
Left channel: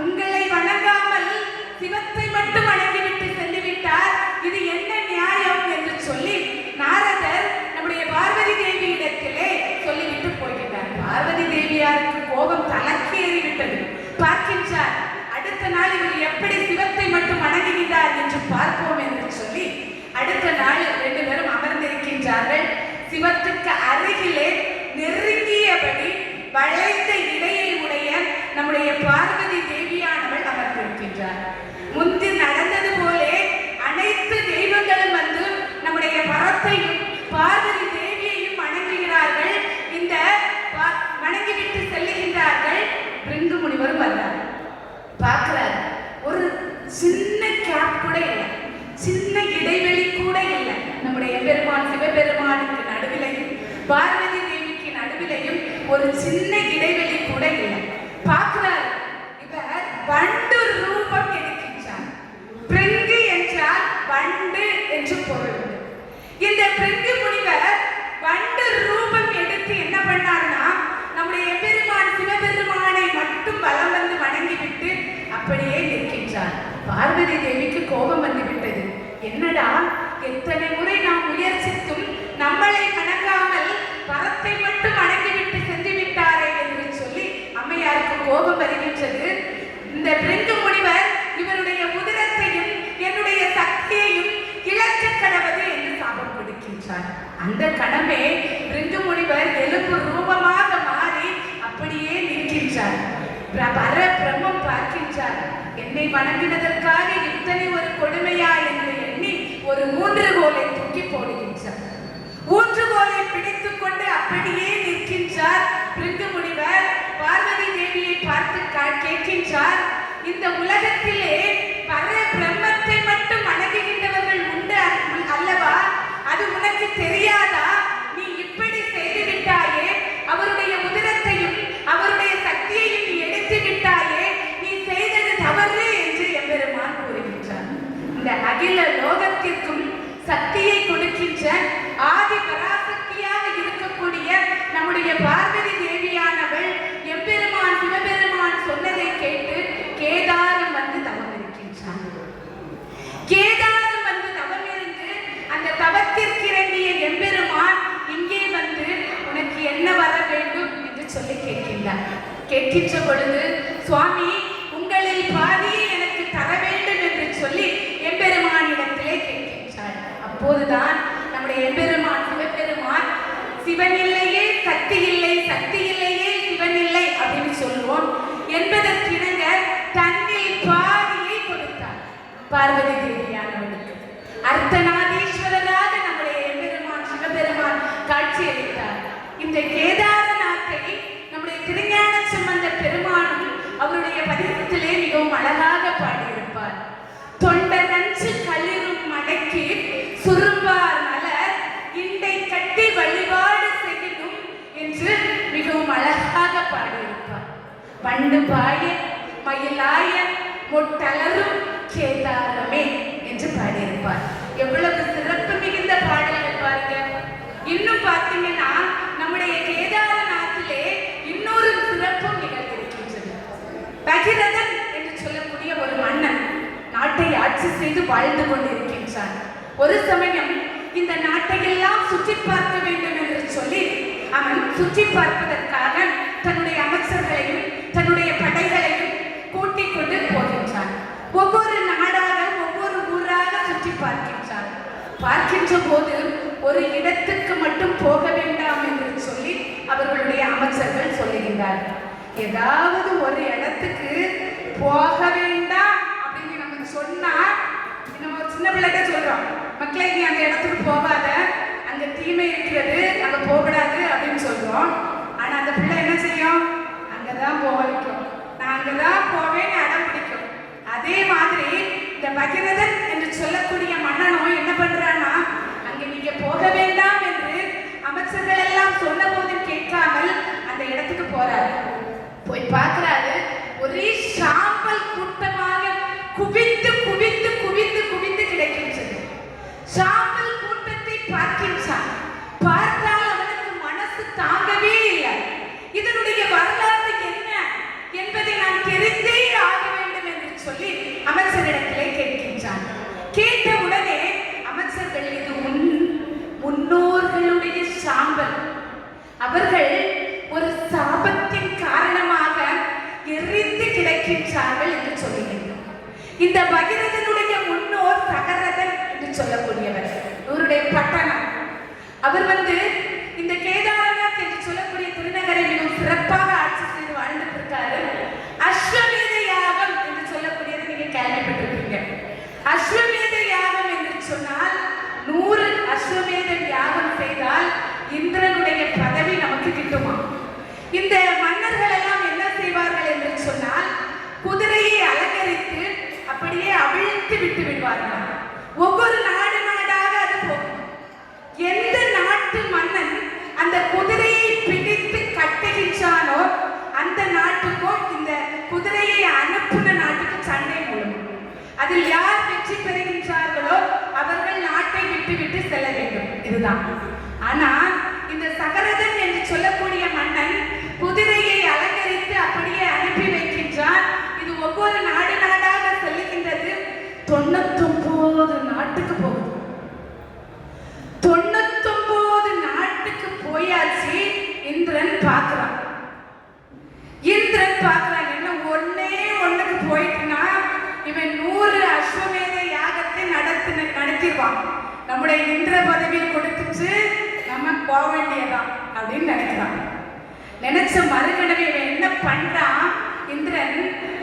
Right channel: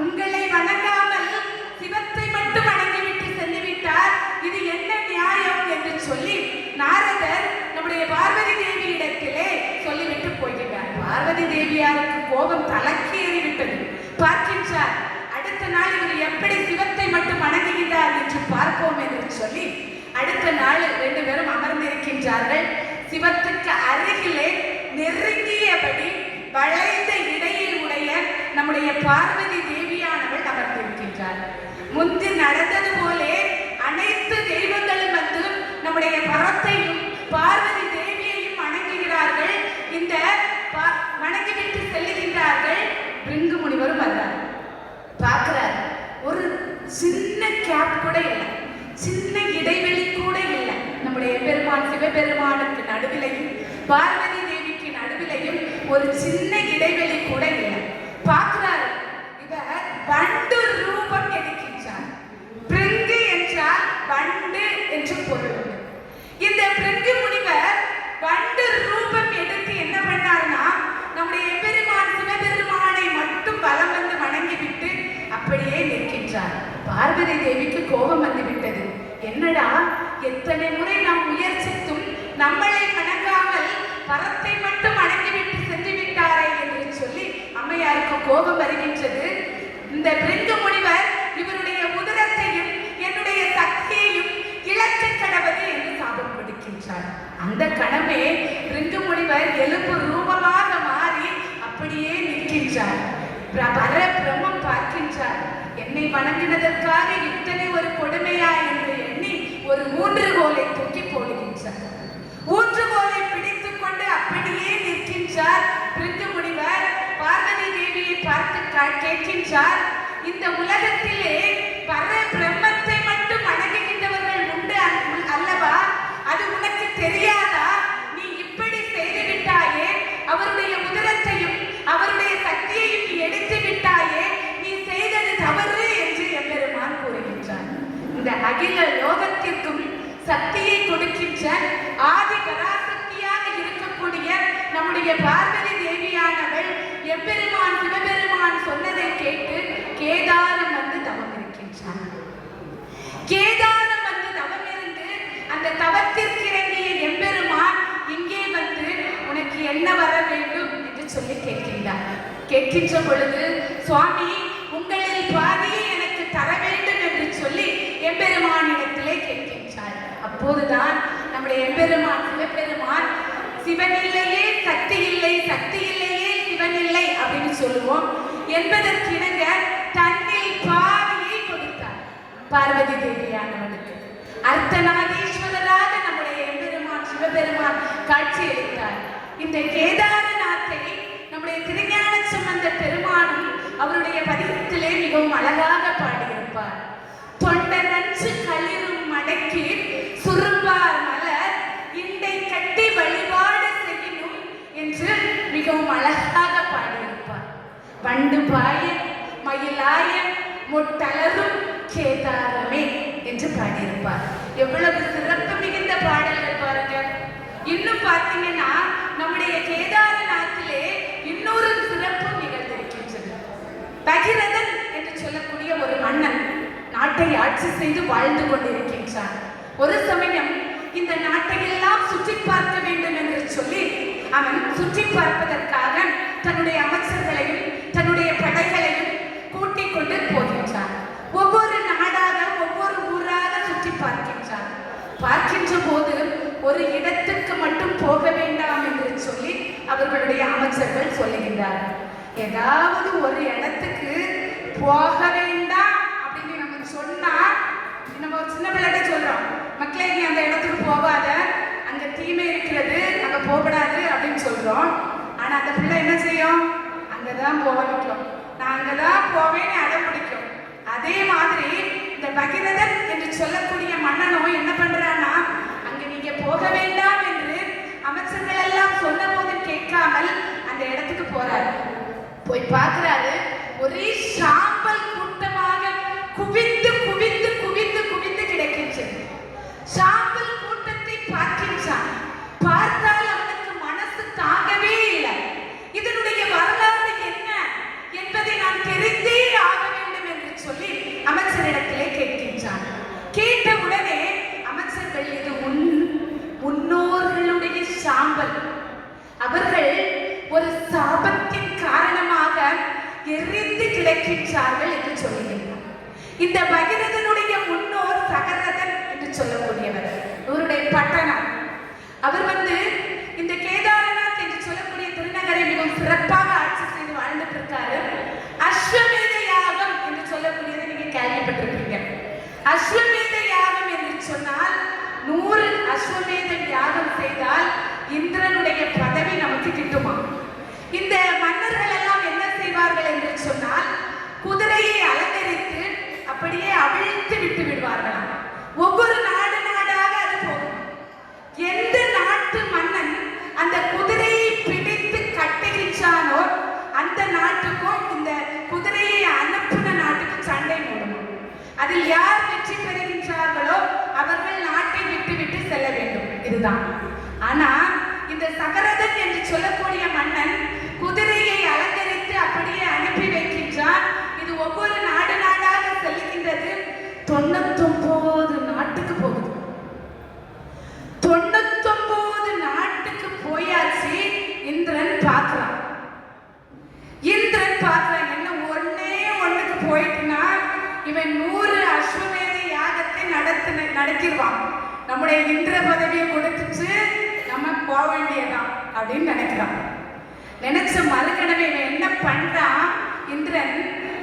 உங்களை வணங்காமல் சிவத்தை மட்டும் வணங்கிவிட்டு சென்று விட்டார், இது என்ன நியாயம் என்று சொல்லி நாரதர் நம்முடைய பார்வதி தேவி இடத்திலே சொல்லிவிட்டு போய்விட்டார். பார்வதி தேவியாருக்கு கோபம் தலைக்கேறிவிட்டது. பார்க்கின்றார். அடுத்த நாள் இவர் எப்படி சிவத்தை மட்டும் வணங்குகிறார் என்று பார்ப்போம் என்று சொல்லி அடுத்த நாள் ரெண்டு பேரும் அமர்ந்திருக்கின்றார்கள். சிவத்துக்கு அருகிலே நெருங்கியபடி வளைந்த இடையில் உடைய நம்முடைய பார்வதி தேவியானவள் அமர்ந்திருக்கின்றார். முந்தி நடந்தது போலே அனைத்து தெய்வங்களும் வந்து நம்முடைய பரத்தையும் பார்வதி தேவியையும் வணங்குகிறார்கள். இந்த வணங்கிவிட்டு செல்லுகின்றார்கள். பிருங்கு முனிவர் வர்றார். பார்க்கிறார். ஒரு சின்ன கேப் கூட இல்லை, சின்ன இடைவெளி கூட இல்லை. நம்முடைய பெருமான் சிவபெருமானுக்கு நடுவிலையும் பார்வதி தேவிக்கு நடுவிலையும் ஒரு சின்ன இடைவெளி கூட இல்லை. பார்க்கிறார். இவர் வண்டு ரூபம் எடுக்கின்றார். பிருங்கு என்றால் வண்டு என்று பொருள். என்னடா எத்தனை முறை நாம் முயற்சித்தும் நம்மளை வணங்காமல் வரத்தை மட்டும் அடங்கிவிட்டு சென்று விட்டாரே என்று சொல்லி அம்மையாருக்கு கோபம் வருகின்றது. இந்த பிருங்கு முனிவர் இவருடைய உதிரத்தையும் என்னுடைய சக்தியையும் இழக்க கடவுது என்று சாபம் கொடுக்கின்றார். அந்த கணமே பிருங்கு முனிவர் எலும்பு ரூபமாக மாறி அப்படியே நிற்கின்றார். பிரம்மம் பார்க்கின்றார். என்னை வணங்கினதற்காக இத்தனை ஒரு கொடுமையா என்று எண்ணி ஒரு ஊன்றுகோலை தூக்கி போடுகின்றார். ஊன்றுகோலை பிடித்துக் கொண்டு அப்படியே நிற்கின்றார். பிருங்கு முனிவர் பார்வதி தேவியை பார்த்து கேட்கின்றார், இந்த உலகத்திலே பர பிரம்மத்தை மட்டும் வணங்குகின்றவர்கள் உண்டு அல்லவா? அது உனக்கு தெரியாதா? நீ இப்படி செய்து விட்டாயே, அவருடைய உதிரத்தையும் அவருடைய சக்தியையும் நீ எடுத்து விட்டாயே, நீ செய்தது தவறு என்று எம்பெருமான் கூறுகின்றார். இந்த அகில லோகத்திற்கும் சக்தியை கொடுக்கின்ற ஆதி பராசக்தியாக இருக்கக்கூடிய நம்முடைய பார்வதி தேவியானவள் எம்பெருமான் சிவபெருமான் சொன்னதை கேட்டு கேதாரம் வந்து தவம் இருக்கின்றார். கேதாரம் வந்து தவம் இருந்து அந்த தவத்திற்கு இறங்கிய எம்பெருமான் இங்கே வந்து உனக்கு என்ன வர வேண்டும் என்று சொல்லி கேட்கின்றார். கேட்கின்ற பொழுது சுவாமி உங்களில் பாதியை எனக்கு தர வேண்டும் என்று சொல்லி எம்பெருமானிடத்திலே கேட்கின்றார். அப்போதுதான் நம்முடைய எம்பெருமான் சிவபெருமான் சிவன் இல்லையே சக்தி இல்லை, சக்தி இல்லையே சிவன் இல்லை அப்படின்னு சொல்லுவோம் என்பதற்கிணங்க தன்னில் பாதியை கொடுத்தார் பார்வதி தேவியானவனுக்கு. அர்த்தநாதீஸ்வரராக நம்முடைய எம்பெருமான் சிவபெருமான் காட்சியளித்தார். இந்த கேதாரநாத்தை நம்முடைய திருஞான சம்பந்த பெருமானும் அவருடைய பதிகத்திலே மிகவும் அழகாக பாடியிருப்பார். தொண்டர் நஞ்சு களிரும் மடக்கி சுரும்பார் மலர் இண்டை கட்டி வழிபாடு செய்யணும் என்று மிகவும் அழகாக பாடியிருப்பார். பண்டு பாய மயிலாய முட்டலரும் கேதாரமே என்று பாடியிருப்பார். எவ்வளவு சிறப்பு மிகுந்த பாடல்கள் பாருங்க. இன்னும் பார்த்தீங்கன்னா நம்முடைய கேதாரநாத்திலே இன்னொரு சிறப்பும் நிகழ்ந்திருக்கின்றது. பகிரதன் என்று சொல்லக்கூடிய ஒரு மன்னன் நாட்டை ஆட்சி செய்து வாழ்ந்து கொண்டிருக்கின்றார். ஒரு சமயம் இந்த நாட்டை எல்லாம் சுற்றி பார்க்க வேண்டும் என்று சொல்லி அவன் சுற்றி பார்ப்பதற்காக தன்னுடைய அமைச்சர்களையும் தன்னுடைய படைகளையும் கூட்டிக் கொண்டு போகின்றான். ஒவ்வொரு நாடாக ஒவ்வொரு ஊராக சுற்றி பார்க்கின்றான். பார்க்கின்ற போது ஒரு இடத்துக்கு மட்டும் போக வேண்டாம் என்று சொல்லி அவர்களுடைய அமைச்சர்கள் சொல்லுகின்றார்கள். ஏதாவது ஒரு இடத்துக்கு போக வேண்டாம் அப்படின்னு நம்ம சொன்னா, நம்ம சின்ன பிள்ளைகிட்ட சொல்றோம், மக்களே நீ அந்த இடத்துக்கு போகாத, அங்க தீமை இருக்கிறது, அங்க போகக்கூடாது அப்படின்னு சொல்றோம். ஆனா அந்த பிள்ளை என்ன செய்யும்? அங்கதான் போக வைக்கும், நான் அங்கதான் போவேன்னு அடம் பிடிக்கும். அதே மாதிரி இந்த பகிரதன் என்று சொல்லக்கூடிய மன்னனும் என்ன பண்றான்னா, அங்க நீங்க போக வேண்டாம் என்று அமைச்சர்கள் எல்லாம் சொன்ன போது கேட்காமல் அந்த இடத்துக்கு போறாரு. போய் பார்க்கிறாரு, ஒரே சாம்பல் கூட்டமாக குவிந்து குவிந்து குவிந்து குவிந்து கிடைக்கின்றது. சாம்பல் கூட்டத்தை பார்க்கின்றான். பார்த்தால் அவனுக்கு மனசு தாங்கவே இல்லை. இதனுடைய வரலாறு என்ன என்பதை நான் தெரிந்தே ஆக வேண்டும் என்று சொல்லி அமைச்சரிடத்திலே கேட்கின்றான். கேட்ட உடனே அமைச்சர்கள் இது முன்னோர்களுடைய சாம்பல், அவர்கள் ஒரு சாபத்தின் காரணமாக எரிந்து கிடக்கின்றார்கள் என்று சொல்லுகிறார். இந்த பகிரதனுடைய முன்னோர் சகரதன் என்று சொல்லக்கூடியவர், இவருடைய பட்டணம். அவர் வந்து இந்த கேதாரநாத் என்று சொல்லக்கூடிய திருநகரை மிகவும் சிறப்பாக ஆட்சி செய்து வாழ்ந்துட்டு இருக்காரு. அஸ்வமேத யாகம் என்று சொல்லக்கூடியதை நீங்க கேள்விப்பட்டிருக்கீங்க. அஸ்வமேத யாகம் என்று சொன்னால் 100 அஸ்வமேத யாகம் செய்தால் இந்திரனுடைய பதவி நமக்கு கிட்டுமா? இந்த மன்னர்கள் எல்லாம் என்ன செய்வார்கள் என்று சொன்னால், குதிரையை அலங்கரித்து அப்படியே அவிழ்த்து விட்டு விடுவார்கள். ஒவ்வொரு நாடு நாடாக அது போகும். எந்த நாட்டு மன்னன் அந்த குதிரையை பிடித்து கட்டுகின்றானோ அந்த நாட்டுக்கும் இந்த குதிரையை அனுப்புன நாட்டுக்கு சண்டை மூடும். அதில் யார் வெற்றி பெறுகின்றார்களோ அவர்கள் நாட்டை விட்டு விட்டு செல்ல வேண்டும். இதுதான். ஆனா இந்த சகரதன் என்று சொல்லக்கூடிய மன்னன் குதிரையை அலங்கரித்து அப்படியே அனுப்பி வைக்கின்றார். இது ஒவ்வொரு நாடு நாடாக செல்லுகின்றது. 99 நாட்டுக்கு போகுது. நினைச்சிருப்பான், நம்முடைய இந்திர பதவியை கொடுத்துட்டு நம்ம போக வேண்டியதான் அப்படின்னு நினைக்கிறான். நினைச்ச மறுகணமே என்ன பண்றான் இந்திரன்,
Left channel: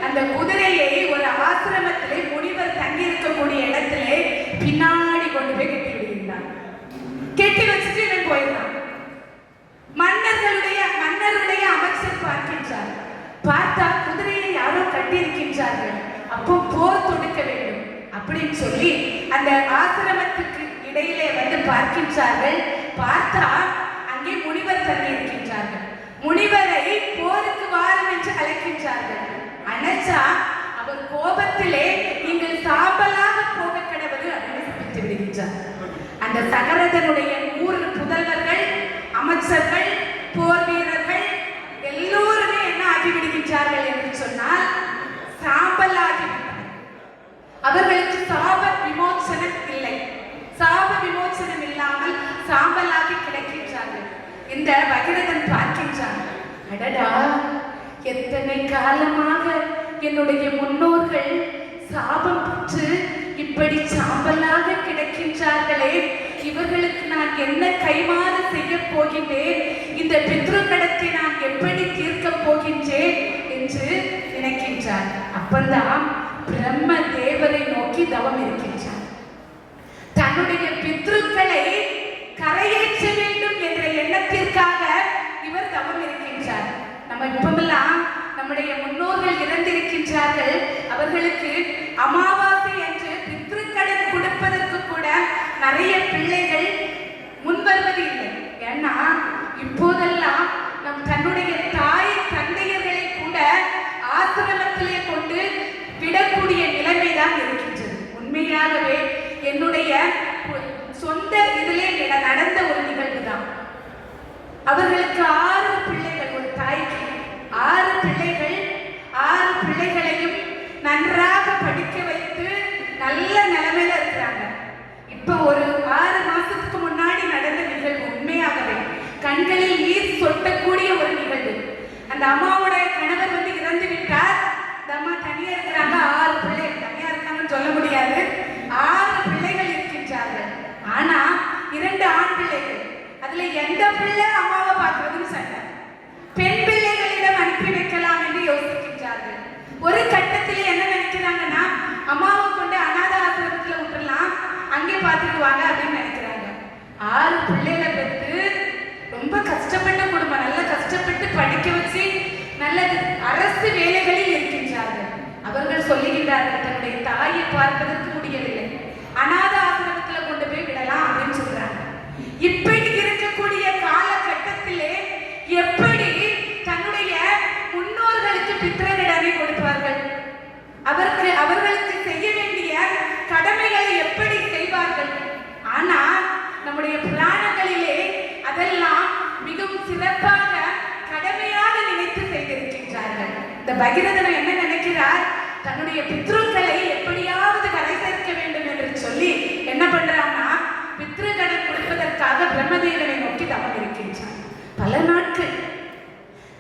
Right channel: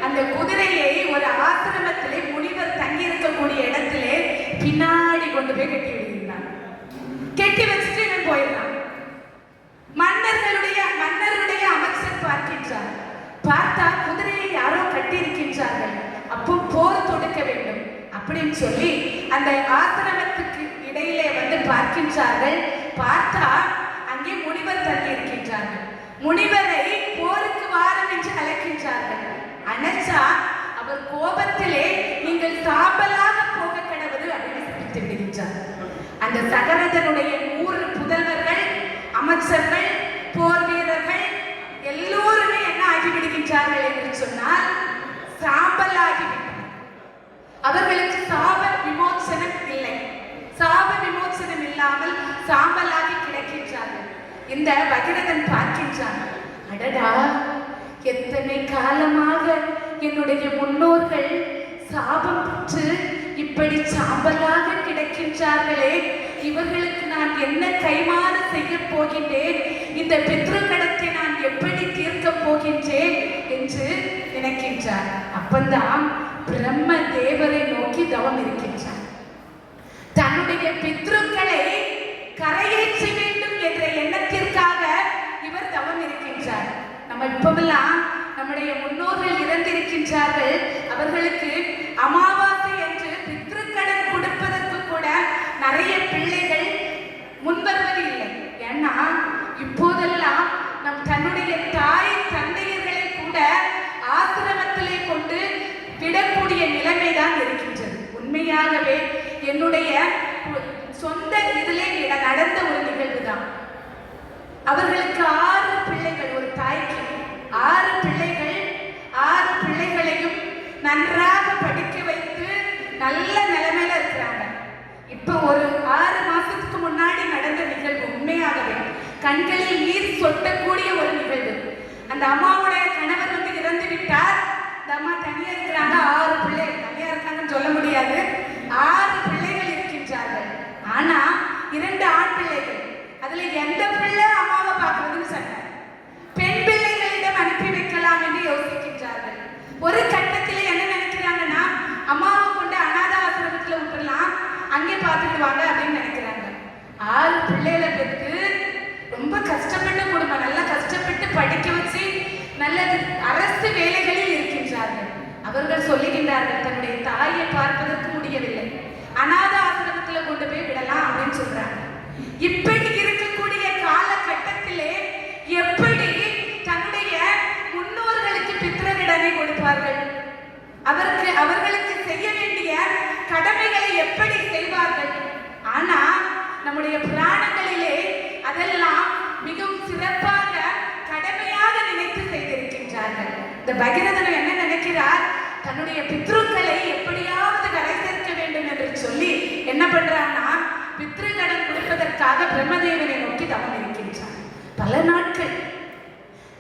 அந்த குதிரையை ஒரு ஆசிரமத்திலே முனிவர் தங்கி இருக்கக்கூடிய இடத்திலே பின்னாடி கொண்டு போய் கட்டி விடுகிறான். கட்டி வச்சுட்டு இவன் போயிடுறான். மன்னருடைய அமைச்சர் பார்க்கின்றார். பார்த்தா குதிரையை யாரோ கட்டி இருக்கின்றார்கள். அப்போ போர் தொடுக்க வேண்டும் அப்படின்னு சொல்லி அந்த ஆசிரமத்துக்கு இடையிலே வந்து பார்க்கின்றார்கள். பார்த்தா அங்கே முனிவர் தங்கி இருக்கின்றார்கள். முனிவரை போருக்கு வாரம் என்று அழைக்கின்றார்கள். அணைச்சா அவர் கோபத்திலே நீங்கள் சாம்பலாக போக கடவுது அப்படின்னு விடுகின்றார். அந்த சகரதனுடைய 100 புதல்வர்கள், அமைச்சர்கள், போர் வீரர்கள் எல்லோருமே என்ன ஆகிவிடுகின்றார்கள் என்று சொன்னால் சாம்பல் ஆகிவிட்டார். அவர்களுக்கு சாப விமோசனம் இல்லை. சாப விமோசனம் இல்லாமல் சாம்பலாகி கிடக்கின்றார்கள். இந்த பகீரதன் பார்க்கின்றான், அடடா, எத்தனை காலமாக என்னுடைய முன்னோர்கள் சாபம் பெற்று இப்படி சாம்பலாக கிடக்கின்றார்களே, இவர்களுக்கு நான் என்ன கைமாறு செய்ய போகின்றேன், இந்த பித்ருக்கடத்தை நான் எப்படி தீர்க்க போகின்றேன் என்று நினைக்கின்றார். அப்பந்தான் பிரம்ம தேவரை நோக்கி தவம் இருக்கின்றார். தன்னுடைய பித்ருக்களை கரையேற்ற வேண்டும் என்ற எண்ணத்திற்காக இவர் தவம் இருக்கின்றார். நம்ம இப்பெல்லாம் நம்முடைய முன்னோர்கள் இறந்திருக்கின்றார்கள், அவர்களுக்கு அமாவாசை என்று பித்ருக்கடன் கொடுப்பதற்கு கூட நிறைய பிள்ளைகள் முன்வருவது இல்லை. ஏன்னா இப்போதெல்லாம் நம் தன்னுடைய தாய் தந்தையர்களை கூட ஆசிரமத்திலே கொண்டு விடக்கூடிய நிலைமைதான் இருக்கின்றது. உண்மையாகவே என்னுடைய சொந்த இதிலே நடந்த ஒரு நிகழ்வு தான். அவர்களுக்கு 6 பிள்ளைகள், ஒரு தாய்க்கு 6 பிள்ளைகள். 6 பிள்ளைகளையும் நன்றாக படிக்க வைத்து நல்ல நிலைமையில இருக்கிறாங்க. இப்போ ஒரு 6 மாசத்துக்கு முன்னாடி நடந்த நிகழ்வு, உண்மையாகவே கண்களில் நீர் சொட்டக்கூடிய ஒரு நிகழ்வு. அந்த அம்மாவுடைய கணவர் வந்து இறந்து விட்டார். இந்த அம்மா தனியா இருக்கிறாங்க. 6 பிள்ளைகள் தனியா இருக்காங்கன்னு சொல்ல முடியாது. 6 பிள்ளைகள் இருக்கின்றார்கள். ஆனா 2 ஆண் பிள்ளைகள். அதுல எந்த பிள்ளை அம்மாவை பார்க்கறதும் சண்டை. பெண் பிள்ளைகளிடம் அனுப்பி வைக்கலாம் என்று யோசிக்கின்றார்கள். ஒரு கட்டத்தில் என்ன நினைக்கிறாங்கன்னா, அம்மாவை கொண்டு அநாத ஆசிரமத்தில் விட்டுலாம், அங்கே பார்த்துக்குவாங்க அப்படின்னு நினைக்கிறாங்க. 6 பிள்ளைகளை பெற்று ரொம்ப கஷ்டப்பட்ட குடும்பம், நல்லா கஷ்டப்பட்டு படிக்க வச்சு நல்ல அரசு வேலைகளில் இருக்கின்றார்கள். அவர்கள் சொல்லுகின்றார்கள், தன்னுடைய தாயை பார்ப்பதற்கு முடியவில்லை, அநாத ஆசிரமத்தில் கொண்டு போய் விடலாம் அப்படின்னு சொல்றாங்க. இப்படி இருக்கக்கூடிய காலகட்டத்திலே எப்படி தன்னுடைய முன்னோர்களுக்கு பித்ருக்கடனை கொடுப்பார்கள்? அவர்களுக்கு செய்ய வேண்டிய கடமைகளை எப்படி செய்வார்கள்? ஆனா நம்முடைய புராணங்களிலே அதெல்லாம் மிகவும் சிறப்பாக கடமையாக நினைத்து செய்திருக்கின்றார்கள். இந்த பகீரதன் என்ன நினைக்கிறார், தன்னுடைய பித்ருக்களை எப்படியாவது கரை சேர்க்க வேண்டும் என்று சொல்லி என்ன பண்றாங்கன்னா, பித்ருக்கடன் கொடுப்பதற்காக பிரம்மதேவனை நோக்கி தவம் இருக்கின்றார். பல நாட்கள்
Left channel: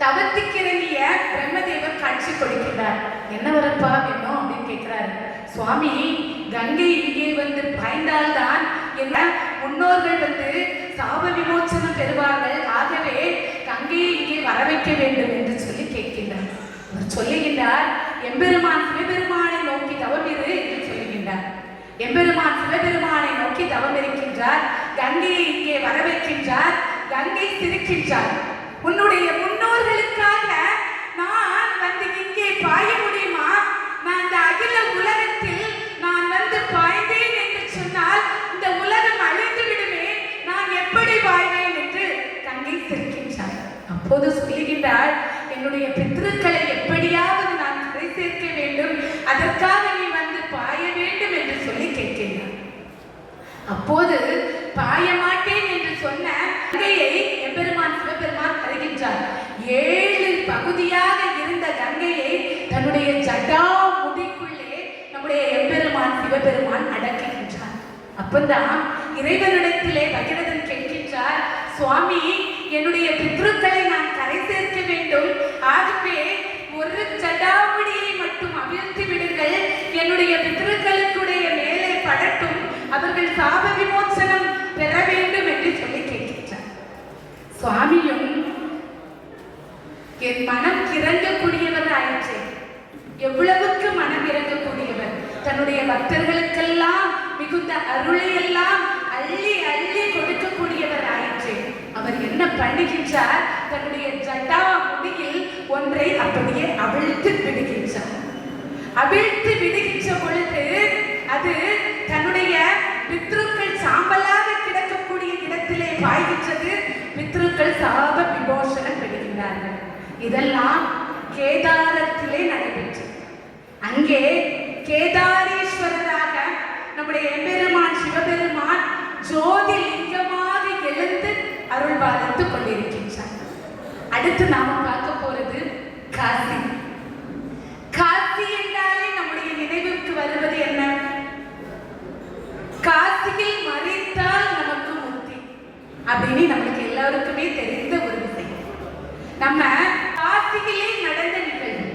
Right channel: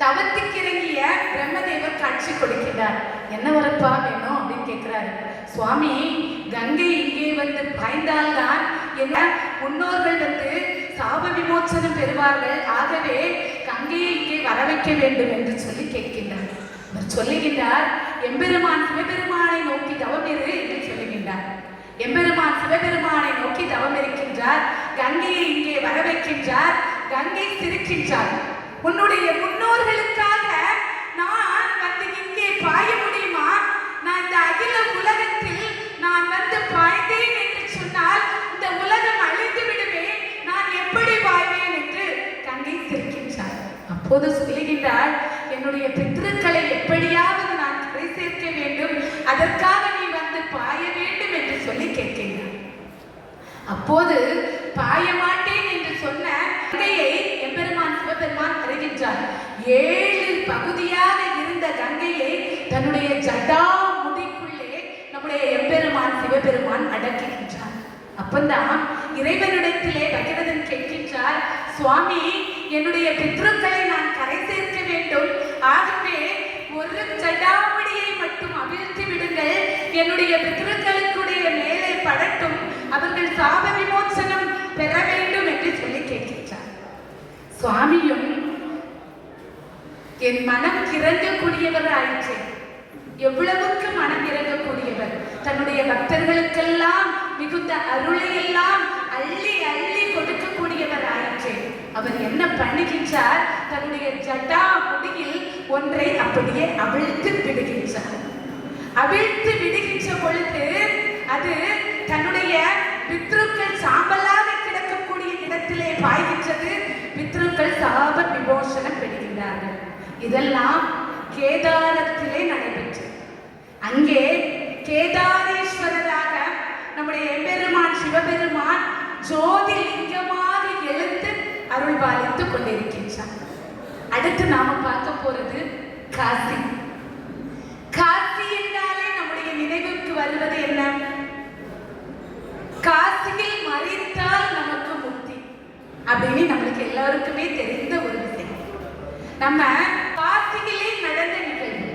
தவத்துக்கு இறங்கிய பிரம்மதேவர் காட்சி கொடுக்கிறார். என்ன வரப்பா வேணும் அப்படின்னு கேட்கிறாரு. சுவாமி, கங்கை இங்கே வந்து பாய்ந்தால்தான் என்ன முன்னோர்கள் வந்து சாப விமோசனம் பெறுவார்கள், ஆகவே கங்கையை இங்கே வர வைக்க வேண்டும் என்று சொல்லி கேட்கின்றார். அவர் சொல்லுகின்றார், எம்பெருமான் சிவபெருமானை நோக்கி தவம் இரு என்று சொல்லுகின்றார். எம்பெருமான் சிவபெருமானை நோக்கி தவம் இருக்கின்றார். கங்கையை இங்கே வர வைக்கின்றார். கங்கை சிரிக்கின்றார். உன்னுடைய முன்னோர்களுக்காக நான் வந்து இங்கே பாய முடியுமா? நான் இந்த அகில உலகத்தில் நான் வந்து பாய்ந்தேன் என்று சொன்னால் இந்த உலகம் அழிந்து விடுமே, நான் எப்படி பாய்வேன் என்று கங்கை சிரிக்கின்றார். அப்போது சொல்லுகின்றார், என்னுடைய பித்ருக்களை எப்படியாவது நான் கரை சேர்க்க வேண்டும், அதற்காக நீ வந்து பாய வேண்டும் என்று சொல்லி கேட்கின்றார். அப்போது பாய மாட்டேன் என்று சொன்ன கங்கையை எம்பெருமான் சிவபெருமான் அறிகின்றார். 7 பகுதியாக இருந்த கங்கையை தன்னுடைய ஜடா முடிக்குள்ளே நம்முடைய எம்பெருமான் சிவபெருமான் அடக்குகின்றார். அப்பந்தான் இறைவனிடத்திலே பகீரதன் கேட்கின்றார், சுவாமி, என்னுடைய பித்ருக்களை நான் கரை சேர்க்க வேண்டும், ஆகவே ஒரு ஜடாமுடியை மட்டும் அவிழ்த்து விடுங்கள், என்னுடைய பித்ருக்களுடைய மேலே படட்டும், அவர்கள் என் மனம் இறங்கக்கூடியவர் ஆயிற்று. எவ்வளவுக்கு மனம் இறங்கக்கூடியவர், தன்னுடைய பக்தர்களுக்கெல்லாம் மிகுந்த அருளை எல்லாம் அள்ளி அள்ளி கொடுக்கக்கூடியவர் ஆயிற்று. அவர் என்ன பண்ணுகின்றார், தன்னுடைய ஜட்டா முடியில் ஒன்றை அப்படியே அவிழ்த்து விடுகின்றார். அவிழ்த்து விடுகின்ற பொழுது அது தன்னுடைய பித்ருக்கள் சாம்பலாக கிடக்கக்கூடிய இடத்திலே பாய்கின்றது. பித்ருக்கள் சாப விமோசனம் பெறுகின்றார்கள். இதெல்லாம் கேதாரத்திலே நடைபெற்றது. அங்கே கேதாரேஸ்வரராக நம்முடைய எம்பெருமான் சிவபெருமான் ஜோதி லிங்கமாக எழுந்து அருள் பாலித்துக் கொண்டிருக்கின்றார். அடுத்து நாம பார்க்க போறது காசி. காசி என்றாலே நம்முடைய நினைவுக்கு வருவது என்ன? காசியில் மறைத்தால் நமக்கு முக்தி அப்படின்னு நம்மளுக்கு எல்லாருக்குமே தெரிந்த ஒரு விஷயம். நம்ம காசியிலே நடந்த நிகழ்வு.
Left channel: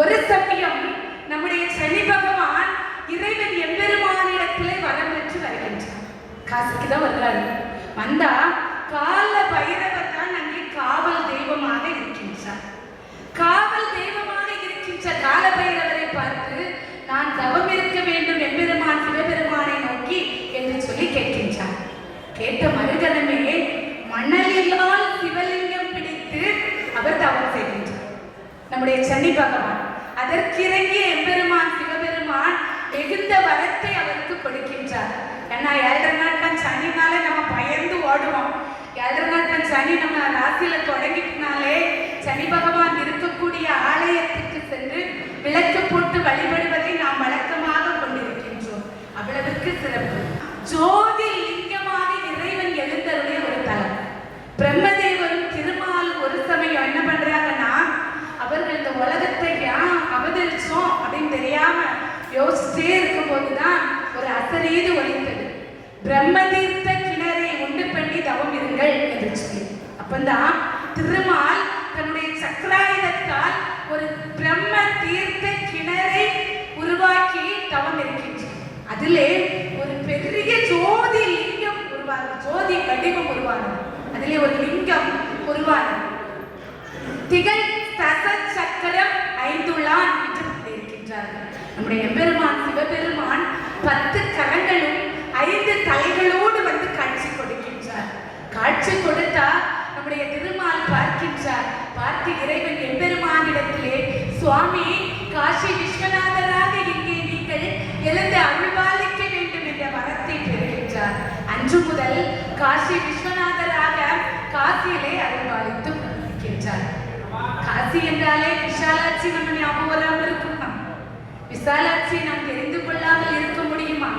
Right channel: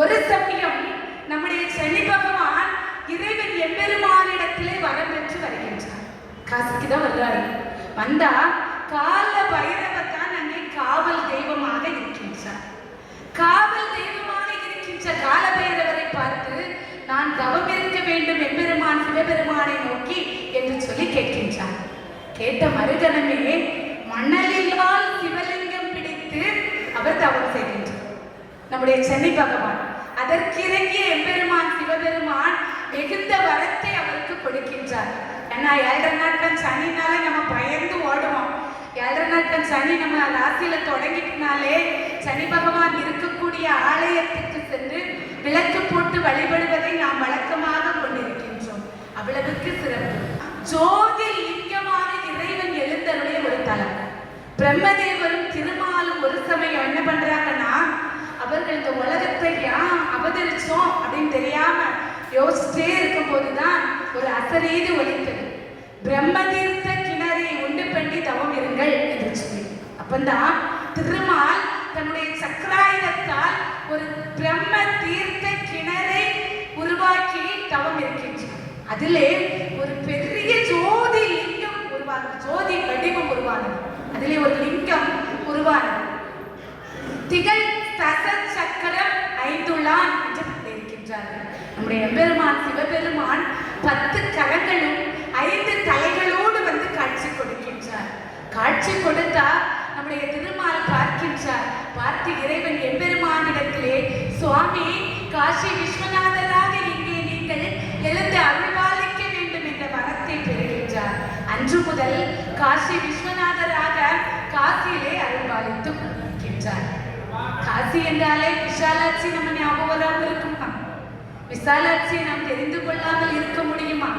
ஒரு சமயம் நம்முடைய சனி பகவான் இறைவன் எம்பெருமானிடத்திலே வரம் பெற்று வருகின்றார். காசிக்கு தான் வர்றாரு. வந்தா கால பைரவர் தான் அங்கே காவல் தெய்வமாக இருக்கின்றார். காவல் தெய்வமாக இருக்கின்ற கால பைரவரை பார்த்து, நான் தவம் இருக்க வேண்டும் எம்பெருமான் சிவபெருமானை நோக்கி என்று சொல்லி கேட்கின்றார். கேட்ட மறுகணமே மணலிலால் சிவலிங்கம் பிடித்து அவர் தவம் செய்கின்றார் நம்முடைய சனி பகவான். அதற்கிறங்கிய எம்பெருமான் சிவபெருமான் மிகுந்த வரத்தை அவருக்கு கொடுக்கின்றார். ஏன்னா 7 நாட்கள் சனினாலே நம்ம பயந்து ஓடுவோம். 7 நாட்கள் சனி நம்ம ராசியில தொடங்கினாலே சனி பகவான் இருக்கக்கூடிய ஆலயத்துக்கு சென்று விளக்கு போட்டு வழிபடுவதை நாம் வழக்கமாக கொண்டிருக்கின்றோம். அவ்வளவுக்கு சிறப்பு. ஜோதி லிங்கமாக இறைவன் எழுந்தருடைய ஒரு தலம். பிரம்மதேவரும் திருமாலும் ஒரு சமயம் என்ன பண்றாங்கன்னா, அவர்கள் இந்த உலகத்தை ஏன் அவதரிச்சோம் அப்படின்னு தெரியாம யோசிச்சே இருக்கும் போதுதான் ஒரு அசரீது ஒலித்தது. பிரம்மதீர்த்த கிணறை உண்டு பண்ணி தவம் இருங்கள் என்று சொல்லி. அப்பந்தான் திருமால் தன்னுடைய சக்கராயுதத்தால் ஒரு பிரம்ம தீர்த்த கிணறை உருவாக்கி தவம் இருக்கின்றார். அதிலே ஒரு பெரிய ஜோதி லிங்கம் உருவானது. ஜோதி வடிவம் உருவானது. அதிலே ஒரு லிங்கம் உருவானது. திகழ் சக்கரம் 5 என்று இருக்கின்றார்கள். நம்முடைய எம்பெருமான் சிவபெருமான் 10 கரங்களும் 5 தலைகளோடு வந்து காட்சி கொடுக்கின்றார். காட்சி கொடுத்தா நம்முடைய திருமால் பார்க்கின்றார். பார்த்து இறைவன் எம்பெருமானிடத்திலே, சுவாமி காசி விஸ்வநாதராக இங்கே நீங்கள் எழுந்து அருள்பாலிக்க வேண்டும் என்ற வரத்தை பெறுகின்றார். அன்று முதல் காசி விஸ்வநாதராக காசியிலே அருள்பாலித்து இருக்கின்றார். காசி என்றாலே விஷாலாட்சி நம்ம ஞாபகம் வராமல் இருக்குமா? விசாலாட்சி நாம் தெரிந்து கொள்ளாமல் இருக்க முடியுமா?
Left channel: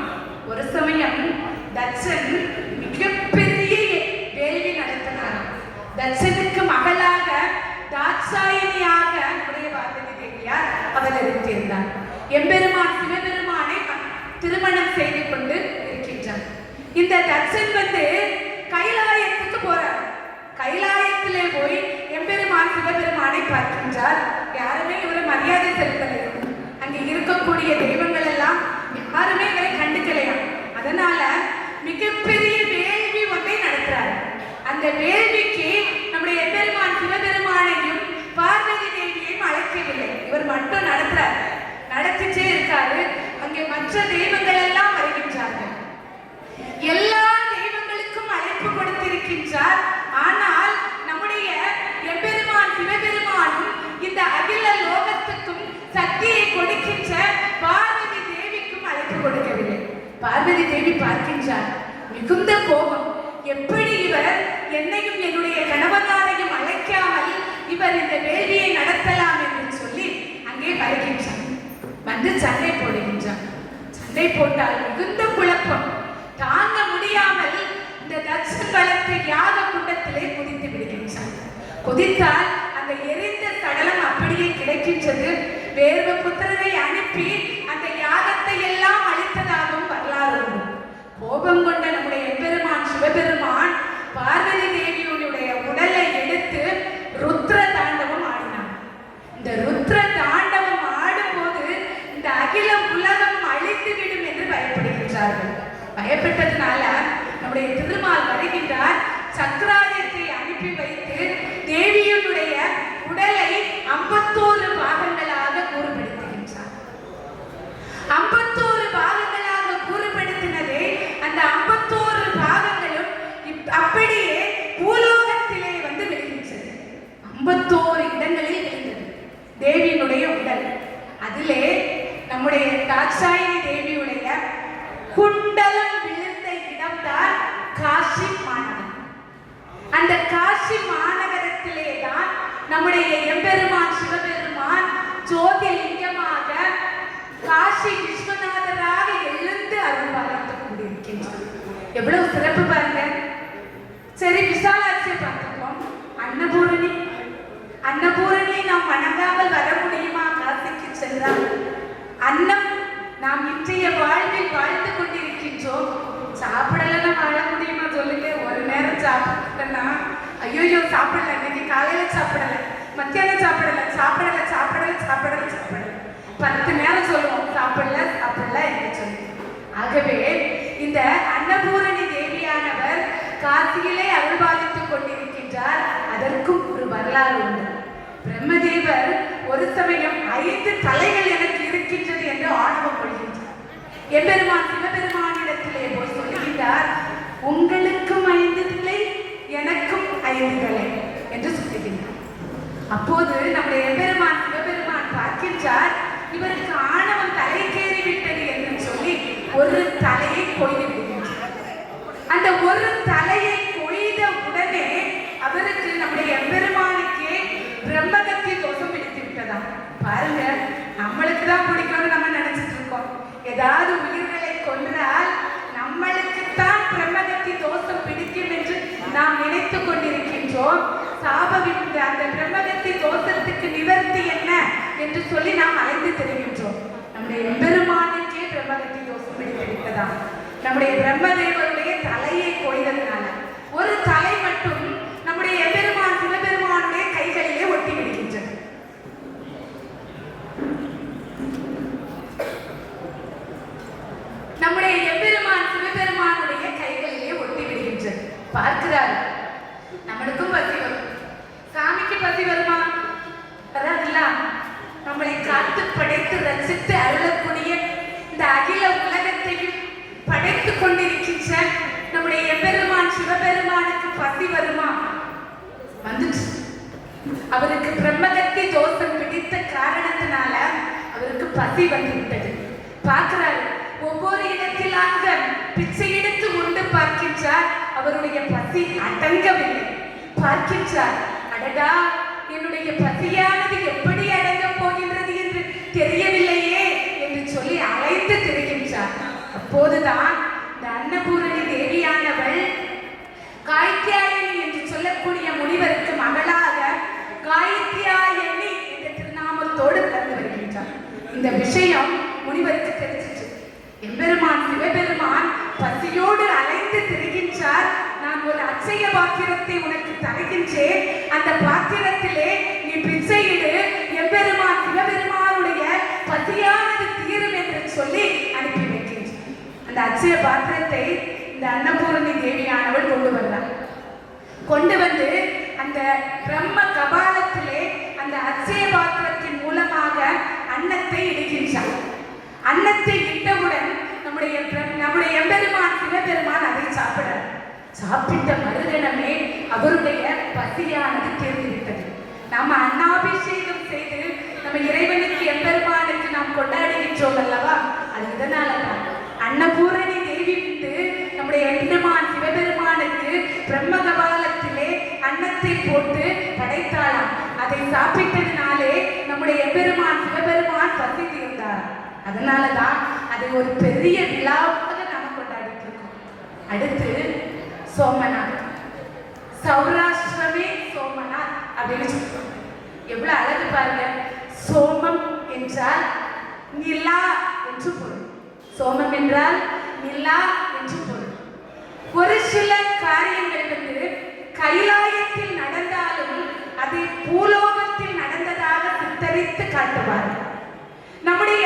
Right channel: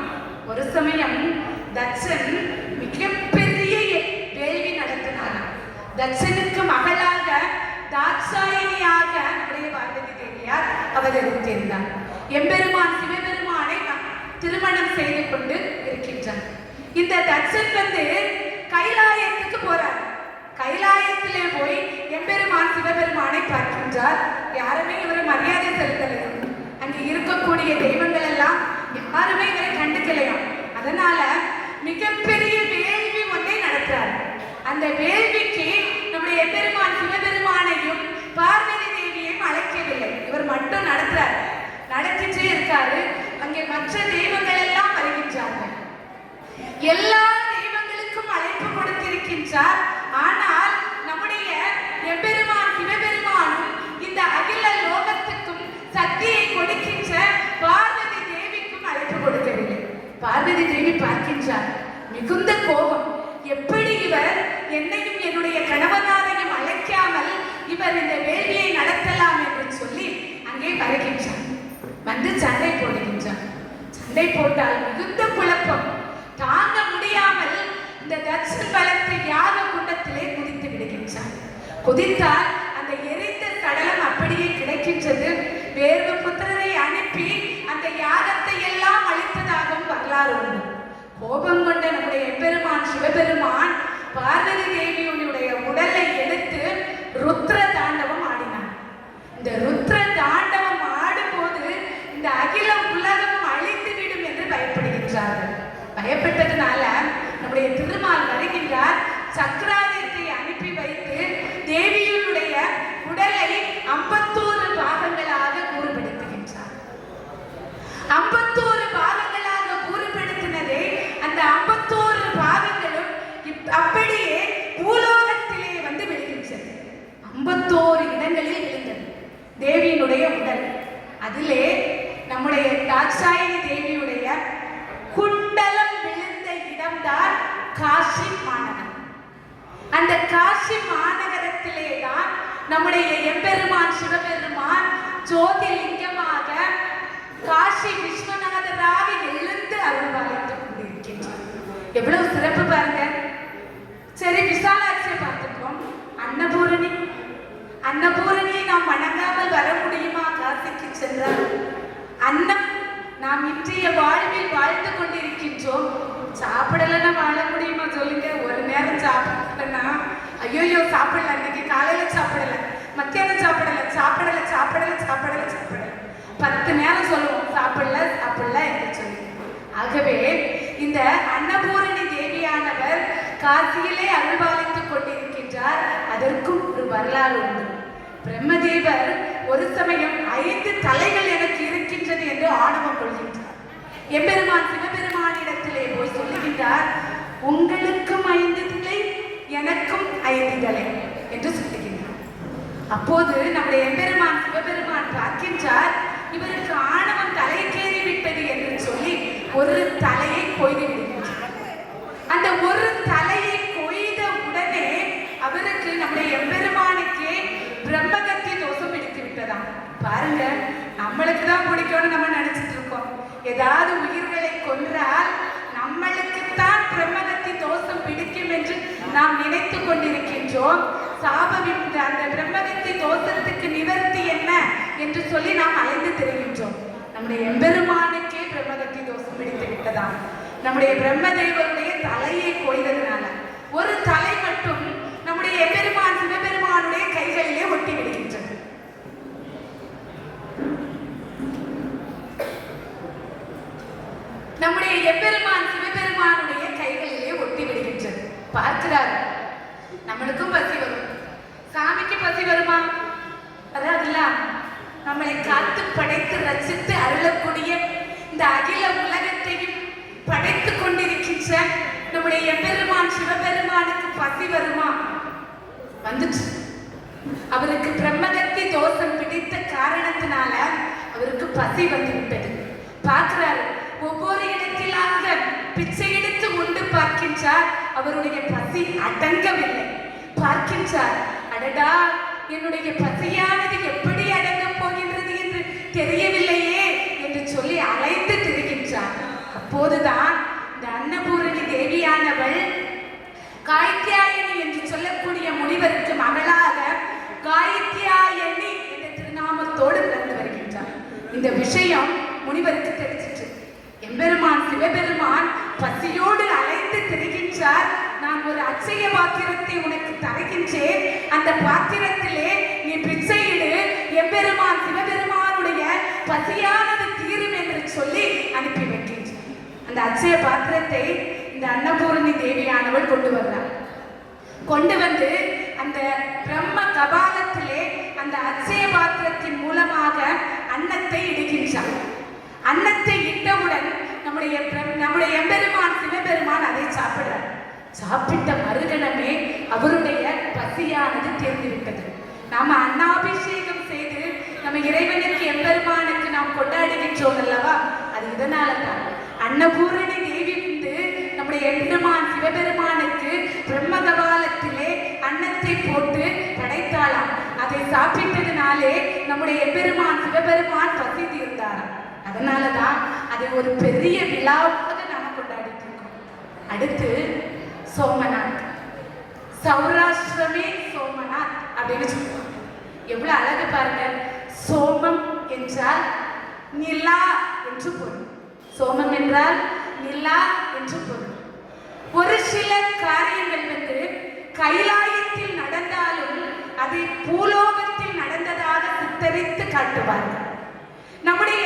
ஒரு சமயம் தட்சன் மிகப்பெரிய வேள்வி நடத்தினார். தட்சனுக்கு மகளாக தாட்சாயினியாக நம்முடைய பார்வதி தேவியார் அவதரித்திருந்தார். எம்பெருமான் சிவபெருமானை திருமணம் செய்து கொண்டு இருக்கின்றார். இந்த தட்சன் வந்து கைலாயத்துக்கு போறார். கைலாயத்திலே போய் எம்பெருமான் சிவபெருமானை பார்க்கின்றார். யாருமே இவரை மரியாதை செலுத்தலை. அங்கே இருக்கக்கூடிய தெய்வங்கள் எல்லாம் யாருமே இவரை கண்டுக்கலையா. அதனால மிகப்பெரிய வேள்வி ஒன்றை நடத்துறார். அந்த வேள்விக்கு நம்முடைய எம்பெருமான் சிவபெருமானையும் பார்வதி தேவியையும் அழைக்கவில்லை. இவர் மட்டும் நடத்துறார். நடத்திட்டே இருக்காரு. அங்கே மற்ற தெய்வங்கள் எல்லாம் வருகின்றார்கள். எல்லா தெய்வங்களுக்கும் அழைப்பு கொடுத்திருக்கின்றார். ஆனால் நம்முடைய எம்பெருமான் சிவபெருமானும் இந்த அகில லோகத்துக்கும் சக்தியை கொடுக்கின்ற பார்வதி தேவிக்கும் அழைப்பு கொடுக்கவில்லை. பார்வதி தேவி பார்க்கின்றார். மிகுந்த கோபம். எப்படி இவர் என்னையும் என்னுடைய கணவனாரையும் அழைக்காமல் இவர் இந்த வேள்வியை நடத்தலாம் என்று சொல்லி அங்கே வருகின்றார். வந்து சண்டை போடுகின்றார். சண்டை போட்டால் மிகுந்த குழப்பம். தாங்க முடியாமல் இந்த தட்ச களத்தை யாக குண்டத்திலே குதித்து விடுகின்றார். குதித்தால் அந்த எரிந்த சடலம் அப்படியே கிடைக்கின்றது. வேறு புத்திரரை அனுப்பி அந்த யாகத்தை எல்லாம் அழித்ததாகவும் வரலாறு உண்டு. கோபம் கொண்ட நம்முடைய எம்பெருமான் சிவபெருமான் பார்வதி தேவியுடைய உடலை எடுத்து ருத்ர தாண்டவம் ஆடினார். இந்த ருத்ர தாண்டவம் ஆடும்போது இந்த அகில உலகம் அழித்து விடும் என்று பயப்படுகின்றார்கள். பயப்பட்டதுனால நம்முடைய திருமால் வருகின்றார். சக்கராயுதத்தை அனுப்பி வைத்து தேவியுடைய உடலை அந்த 51 பாகங்களும் அப்படியே பூலோகத்திலே வந்து விழுகின்றது. 51 இடங்களில் விழுந்தது தேவியினுடைய உடல். அதிலே நம்முடைய தாட்சாயினி தேவியுடைய குண்டலம் விழுந்த இடம்தான் காசி மாநகரம். அந்த காசி மாநகரத்திலே தான் நம்முடைய எம்பெருமான் சிவபெருமான் ஜோதிலிங்கமாக காசி விஸ்வநாதராக எழுந்து அருள்பாலித்துக் கொண்டிருக்கின்றார். எவ்வளவு சிறப்பு பாருங்க. சரி, விசாலாட்சியை பார்த்துக்கிறோம். அன்னபூரணியை நாம் வணங்காமல் வர முடியுமா? காசிக்கு சென்றால் அன்னம் நாம் இன்றைய வாழ்வில் வாழ்ந்து கொண்டிருக்கின்றோம். சாப்பிடலன்னா வாழ முடியுமா சொல்லுங்க? ஒரு நேரம் சாப்பிடலன்னா ஐயோ சாப்பிடல, இன்னைக்கு காலையில சாப்பிடல, மத்தியானம் சாப்பிடல 10 நேரம் சொல்லுவோம் சாப்பிடல என்று சொல்லி. ஆகவே இந்த அன்னபூரணி தேவியானவர் காசியிலே அருள்பாலித்துக் கொண்டிருக்கின்றார். அதற்கும் ஒரு வரலாறு உண்டு. பிரம்மதேவர் ஒரு சமயம் 5 தலைகள் எனக்கு இருக்கின்றது என்று ஆணவம் கொள்கின்றார். எம்பெருமான் சிவபெருமானிடத்திலே போய் சொல்லுகின்றார், உங்களுக்கும் 5 தலை, எனக்கும் 5 தலை என்று சொல்லுகின்றார். அப்போது நம்முடைய எம்பெருமான் சிவபெருமான் பார்க்கின்றார், இவருக்கு ஆணவம் தலைக்கேறி விட்டது என்று சொல்லி ஒரு தலையை கொய்து விடுகின்றார். அந்த ஒரு தலையை கொய்த உடனே அவருக்கு நம்முடைய எம்பெருமானுக்கே பிரம்மகத்தி தோஷம் பிடித்து விட்டதா. பாருங்க, நம்மளுக்கு தான் பிடிக்கும்னு நம்ம நினைச்சிட்டு இருக்கோம். ஏதாவது உயிர்களை கொன்றால் நம்மளுக்குத்தான் பிரம்மகத்தி தோஷம் பிடிக்கும் என்று நாம் நினைத்துக் கொண்டிருக்கின்றோம். சாபவிட்டு அந்த பிரம்மகத்தி தோஷத்துக்கு நிவர்த்தி என்ன என்று சொல்லி நாம் அலைந்து திரிகின்றோம். நம்முடைய எம்பெருமானுக்கே பிரம்மகத்தி தோஷம் பிடித்து விட்டதா. நம்முடைய பிரம்மதேவருடைய தலையை கொய்ததுனால ஒரு தலை மட்டும் நம்முடைய எம்பெருமான் சிவபெருமானுடைய கைகளிலே ஒட்டி விடுகின்றது. நம்முடைய எம்பெருமான் சிவபெருமானுடைய கைகளிலே ஒட்டி விடுகின்றது. பார்க்கிறார், நம்மளுக்கும் பசி வரும், சாமிக்கு பசி வருமா? வராதுல்ல. நம்மளை காத்து படைத்து ரசித்து அருளக்கூடிய இந்த அகில உலகத்தையும் படைத்துக் கொண்டிருக்கின்ற நம்முடைய எம்பெருமான் சிவபெருமானுக்கு பசி வருமா? வந்துச்சு. அவருக்கு பிரம்மகத்தி தோஷம் பிடித்த காரணத்தினால அவருக்கு பசி வந்து விட்டது. பார்க்கிறார், ஒவ்வொரு இடத்திலாக பிச்சை எடுத்து உண்டு பார்க்கின்றார். அவருடைய பசி அடங்கவில்லை. பார்க்கின்றார், அடடா, என்னுடைய பசியானது எப்படி அடங்கப் போகின்றது என்று தெரியவில்லையே என்று சொல்லி அழைத்து திரிகின்றார். அப்போதுதான் இந்த அன்னபூரணி தேவியானவள் காய்த்தியாயனி என்று சொல்லக்கூடிய முனிவருக்கு மகளாக காய்த்தியாயனி என்ற திருநாமத்தோடு பிறந்து வருகின்றார். இந்த விஷயம் முனிவருக்கு தெரிஞ்சிச்சு. எம்பெருமான் சிவபெருமான் பசியோடு அழைத்து திரிகின்றார். நான் ஒரு அச்சய பாத்திரத்தை உனக்கு தருகின்றேன், அந்த பாத்திரத்திலே நீ பிச்சையிடு, எம்பெருமான் சிவபெருமானுடைய பசியானது தீரும் என்று சொல்லி அனுப்பி வைக்கின்றார். அந்த அச்சய பாத்திரத்தை இந்த அன்னபூரணி தேவியானவள் கொண்டு வந்தார். கொண்டு வந்து அந்த பிரம்ம கபாலத்திலே அந்த அச்சய பாத்திரத்தின் மூலமாக அன்னத்தை இடுகின்றார். அன்னத்தை இட்டவுடன் நம்முடைய எம்பெருமான் சிவபெருமான் அதை சாப்பிடார். சாப்பிட்ட மறுகணமே அவருடைய பசியானது தீர்ந்துவிட்டது. நாம அன்னாபிஷேகம் செய்து நம்ம இறைவனுக்கு எம்பெருமானுக்கு நாம் கொண்டாடுகின்றோம் அல்லவா, அது இதனாலதான். அன்னபூரணி தேவி வந்து நம்முடைய எம்பெருமான் சிவபெருமானுக்கு பிரம்மகபாலத்திலே அன்னத்தை போட்டு படைத்தாளாம். அதை சாப்பிட்டதுனாலே நம்முடைய எம்பெருமான் சிவபெருமான் பசி தீர்ந்தாராம். அதனாலதான் அது ஒரு பெரிய விழாவாக நாம் கொண்டாடிட்டு இருக்கோம். அடுத்து சோமநாத், சௌராஷ்டிரமே சோமநாத் அப்படின்னு சொல்லுவோம். எவ்வளவு அழகு பாருங்க. சோமம் என்றால் நிலா என்று பொருள். சோமம் என்றால் நிலா என்று பொருள். ஒரு சில காரியங்கள் வந்து கைலாயத்தில் நடந்தாலும் அதை பூலோகத்தில் நடந்ததாக சித்தரித்து காட்டுவார்கள். நம்முடைய